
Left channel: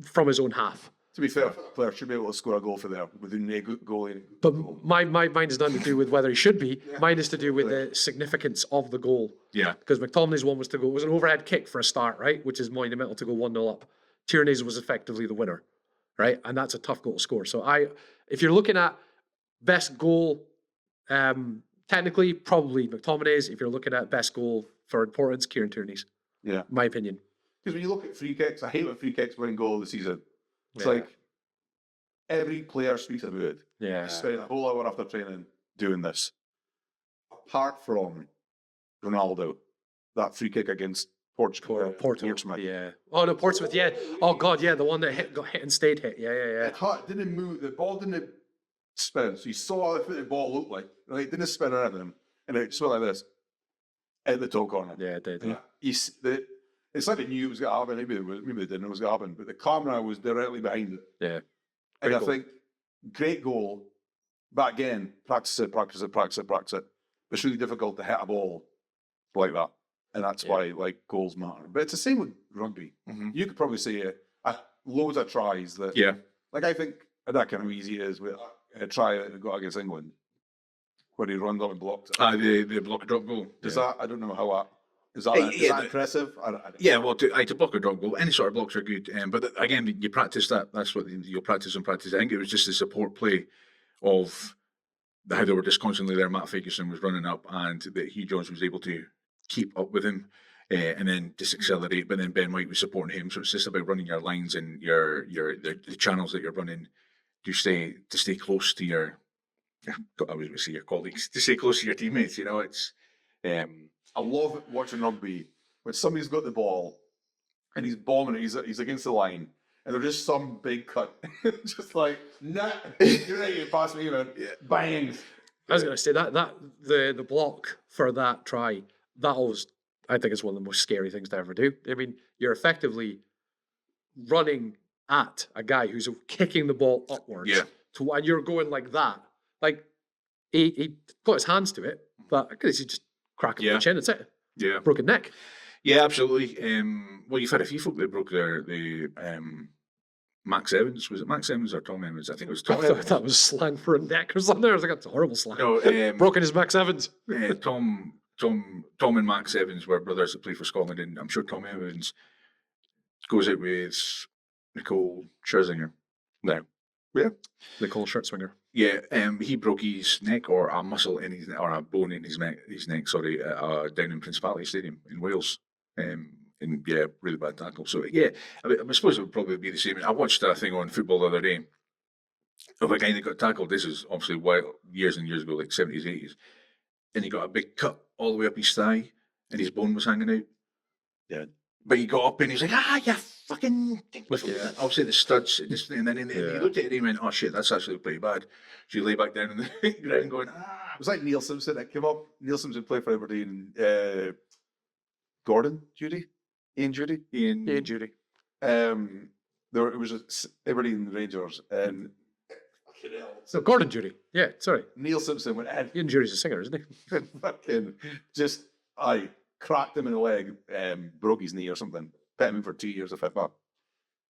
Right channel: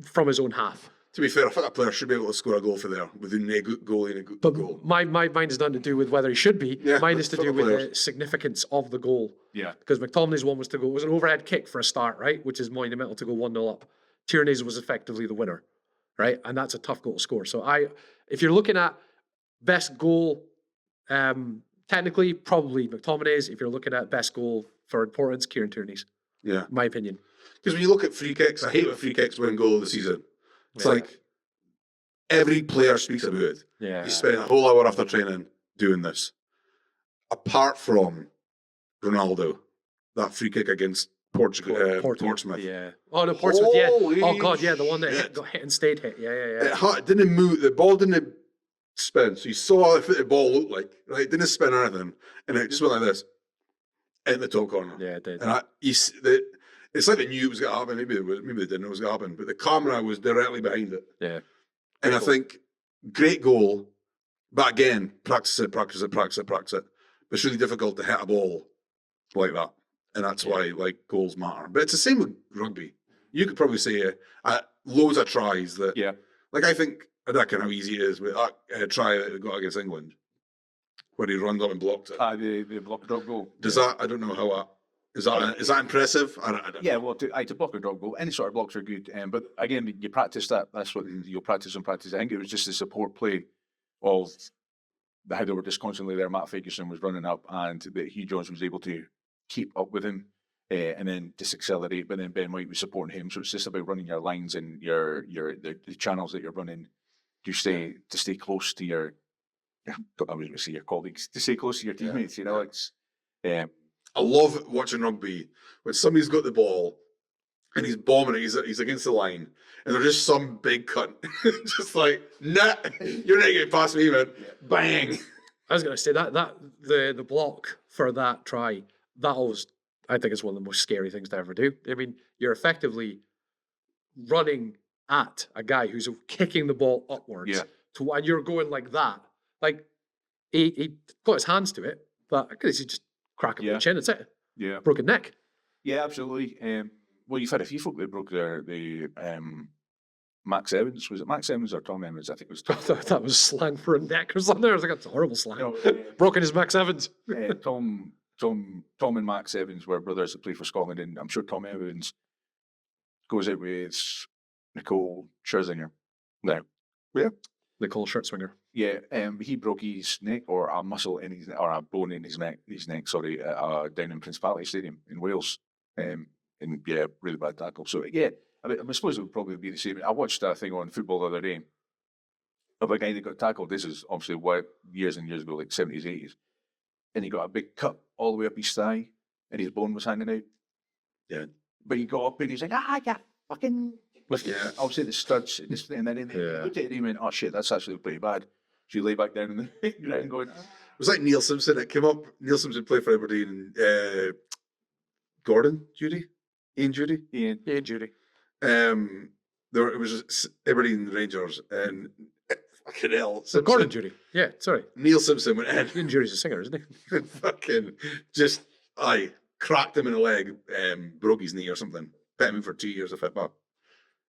from his own half. To be fair, I think a player should be able to score a goal for there within a good goalie and a good But goal. mine is nothing to do with whether he should be. Yeah, Mine is to for do the with players. the significance of the goal. Yeah. Because McTominay's one was to go, it was an overhead kick for a start, right? Which is monumental to go 1-0 up. Tierney's was effectively the winner, right? And that's a tough goal to score. So if you're looking at best goal, technically probably McTominay's. If you're looking at best goal for importance, Kieran Tierney's, Yeah. in my opinion. Because when you look at free kicks, I hate when free kicks win goal of the season. It's Yeah. like every player speaks about it. Yeah. You spend a whole hour after training doing this. Apart from Ronaldo, that free kick against Portsmouth. Yeah. Oh no, Portsmouth. Yeah. Holy Oh god, yeah, the one that shit. got hit and stayed hit. Yeah, It didn't move. The ball didn't spin. So you saw what the ball looked like. Right? It didn't spin or anything. And it just went like this. In the top corner. Yeah, it did. And it's like they knew it was going to happen. Maybe they didn't know it was going to happen. But the camera was directly behind it. Yeah. And I goal. think great goal. But again, practice it. But it's really difficult to hit a ball like that. And that's why goals matter. But it's the same with rugby. Mhm. You could probably say loads of tries that Yeah. I think that kind of how easy it is with a try that we got against England, where he runs up and blocked it. The block and drop goal. Does that? I don't know how that is. That impressive? I don't Yeah, well, to block a drop goal, any sort of blocks are good. But again, you practice that. That's what you'll practice and practice. I think it was just the support play of how they were just constantly there. Matt Ferguson was running up, and that Hugh Jones was able to keep up with him, and then just accelerate. But then Ben White was supporting him, so it's just about running your lines and the channels that you're running to stay close to your. Yeah, I was going to say your colleagues, to stay close to your teammates. You know, it's. I love watching rugby when somebody's got the ball and he's bombing it. He's against the line, and there's just some big cunt, just like, nah, you're not getting past me, man. Bang. I was going to say that the block for that try, that always, I think, is one of the most scary things to ever do. I mean, you're effectively running at a guy who's kicking the ball upwards, Yeah. and you're going like that. Like he got his hands to it, but I could see just crack him on Yeah. the chin. That's it. Yeah. Broken neck. Yeah, absolutely. Well, you've had a few folk that broke the Max Evans. Was it Max Evans or Tom Evans? I think it was I Tom. thought that was slang for a neck or something. I was like, that's a horrible slang. No, Broken his Max Evans. Tom and Max Evans were brothers that played for Scotland, and I'm sure Tom Evans goes out with Nicole Scherzinger. No. Yeah. Nicole Scherzinger. Yeah, he broke his neck or a muscle in his or a bone in his neck. Sorry, down in Principality Stadium in Wales. And yeah, really bad tackle. So yeah, I suppose it would probably be the same. I watched a thing on football the other day of a guy that got tackled. This is obviously years and years ago, like 70s, 80s, and he got a big cut all the way up his thigh, and his bone was hanging out. Yeah, but he got up and he was like, "You fucking." Yeah, obviously the studs, and then he looked at it and he went, "Oh shit, that's actually pretty bad." So you lay back down in the ground going, It was like Neil Simpson that came up. Neil Simpson played for Aberdeen. Ian Judy. Yeah, Judy. It was Aberdeen Rangers and fucking hell. So Gordon Judy. Yeah, sorry. Neil Simpson went in Ian Judy's a singer, isn't he? and fucking just cracked him in the leg, broke his knee or something, put him in for 2 years of FIFA.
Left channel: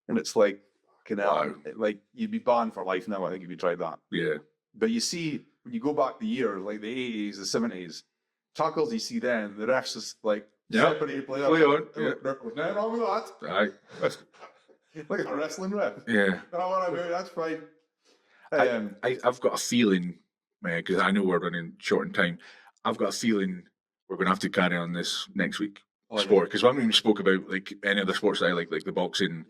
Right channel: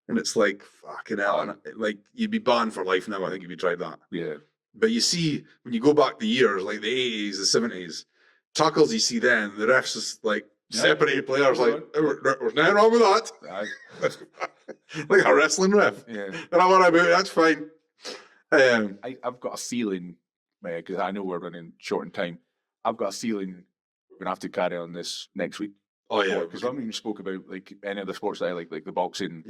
And it's like fucking hell. Like you'd be banned for life now, I think, if you tried that. yeah. But you see, when you go back the years, like the 80s, the 70s, tackles you see then, the refs is like separated players. Like, there's nothing wrong with that. Right. Like a wrestling ref. Yeah. And I'm about it, that's fine. I've got a feeling, because I know we're running short in time, I've got a feeling we're going to have to carry on this next week. Oh, yeah. Because we haven't even spoke about like any other sports that I like the boxing,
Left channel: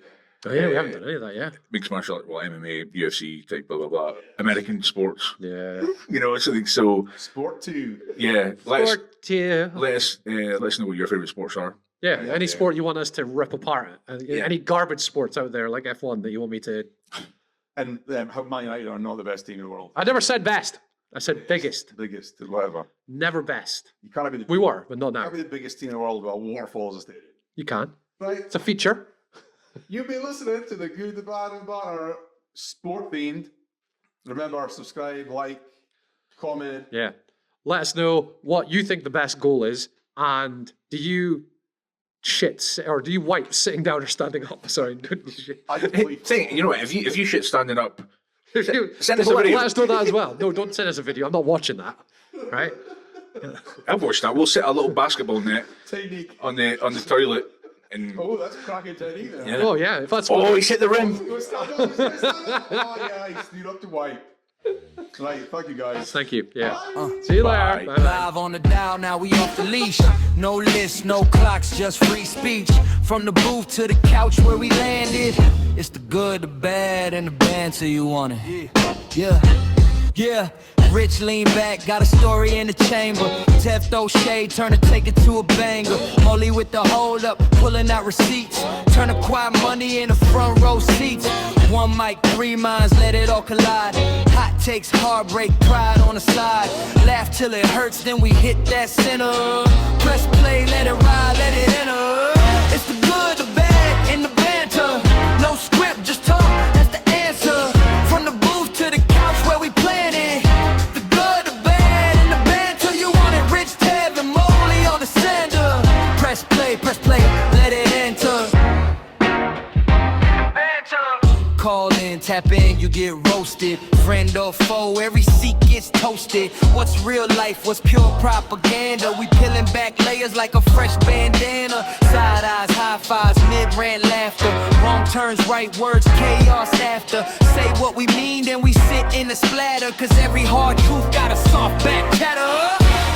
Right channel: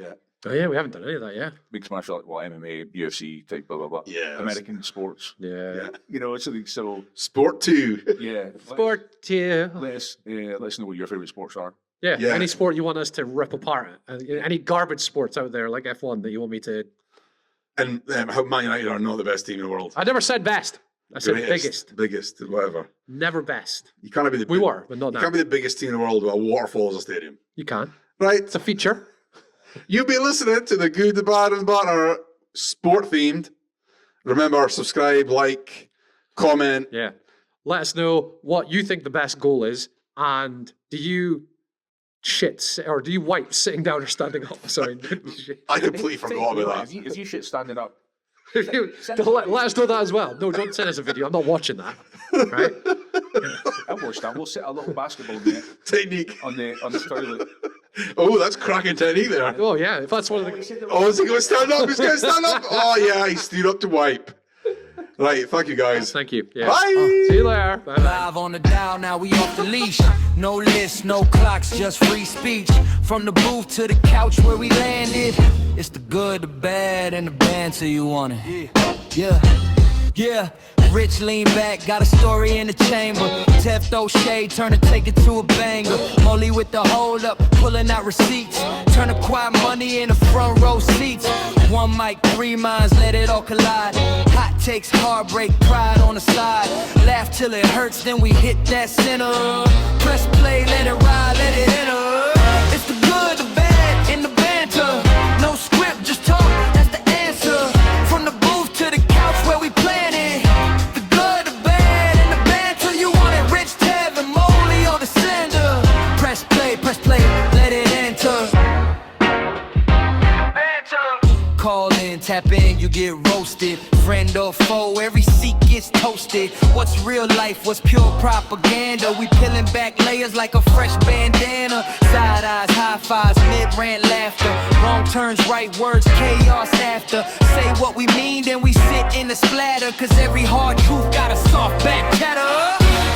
Oh yeah, we haven't done any of that yet. mixed martial art, MMA, UFC type, blah, blah, blah. Yeah. American sports. Yeah. You know, something so, Sport 2. yeah. Sport, yeah. Let us know what your favourite sports are. Yeah, Yeah. any sport you want us to rip apart. Any garbage sports out there, like F1, that you want me to... And how Man United are not the best team in the world. I never said best. I said biggest. Biggest, whatever. Never best. You can't be the We were, but not You now. can't be the biggest team in the world with a waterfall as a stadium. You can. Right? It's a feature. You've been listening to the Good, the Bad, and the Banter sport themed. Remember, subscribe, like, comment. Yeah. Let us know what you think the best goal is, and do you shit, or do you wipe sitting down or standing up? Sorry. I completely forgot. You know what? about If you shit standing up, Let send us a video. us know that as well. No, don't send us a video. I'm not watching that. Right? I've watched that. We'll set a little basketball net that. Technique. on the toilet. And Oh, that's cracking technique there. Oh yeah, if that's what. he's hit the Oh, ring. is he going to stand up? He's going to stand up. Oh, yeah, he stood up to wipe. Right, thank you, guys. Thank you. Yeah. Bye. See you later. Bye bye. Live on the dial, now we off the leash. No list, no clocks, just free speech. From the booth to the couch where we landed. It's the good, the bad, and the banter you wanted. Yeah. Rich lean back, got a story in the chamber. Tev throw shade, turn and take it to a banger. Molly with the hold up, pulling out receipts. Turn the quiet money in the front row seats. One mic, 3 minds, let it all collide. Hot takes, heartbreak, pride on the side. Laugh till it hurts, then we hit that center. Press play, let it ride, let it enter. It's the good, the bad, and the banter. No script, just talk, that's the answer. From the booth to the couch where we planning. The good, the bad, and the banter. You want it, Rich, Tev, and Molly on the sender. Press play, let it enter. Call in, tap in, you get roasted. Friend or foe, every seat gets toasted. What's real life, what's pure propaganda? We peeling back layers like a fresh bandana. Side eyes, high fives, mid-rant laughter. Wrong turns, right words, chaos after. Say what we mean, then we sit in the splatter. Cause every hard truth got a soft back chatter.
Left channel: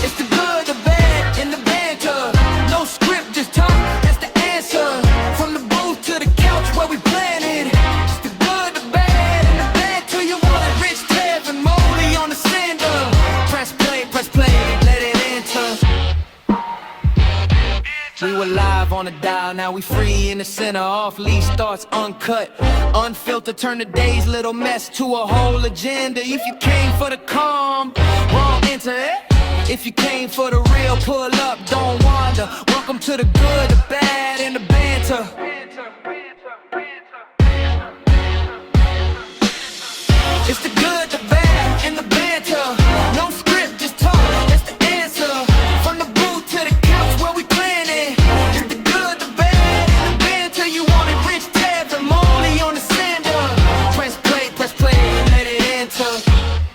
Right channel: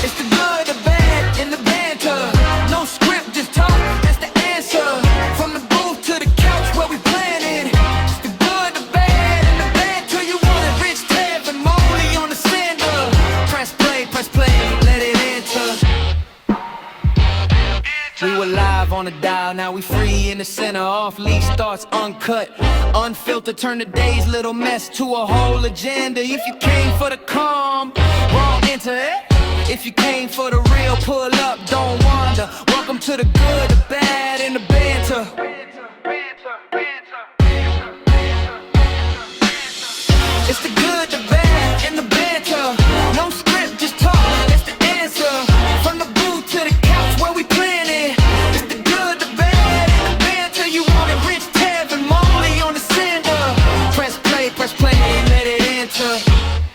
It's the good, the bad, and the banter. No script, just talk, that's the answer. From the booth to the couch where we planted. It's the good, the bad, and the banter. You want it, Rich, Tev, and Molly on the sender. Press play, let it enter. We were live on the dial, now we free in the center. Off leash starts uncut, unfiltered, turn the day's little mess to a whole agenda. If you came for the calm, wrong enter it. If you came for the real, pull up, don't wander. Welcome to the good, the bad, and the banter. It's the good, the bad, and the banter. No script, just talk, that's the answer. From the booth to the couch where we planning. It's the good, the bad, and the banter. You want it, Rich, Tev, and Molly on the sender. Press play, let it enter.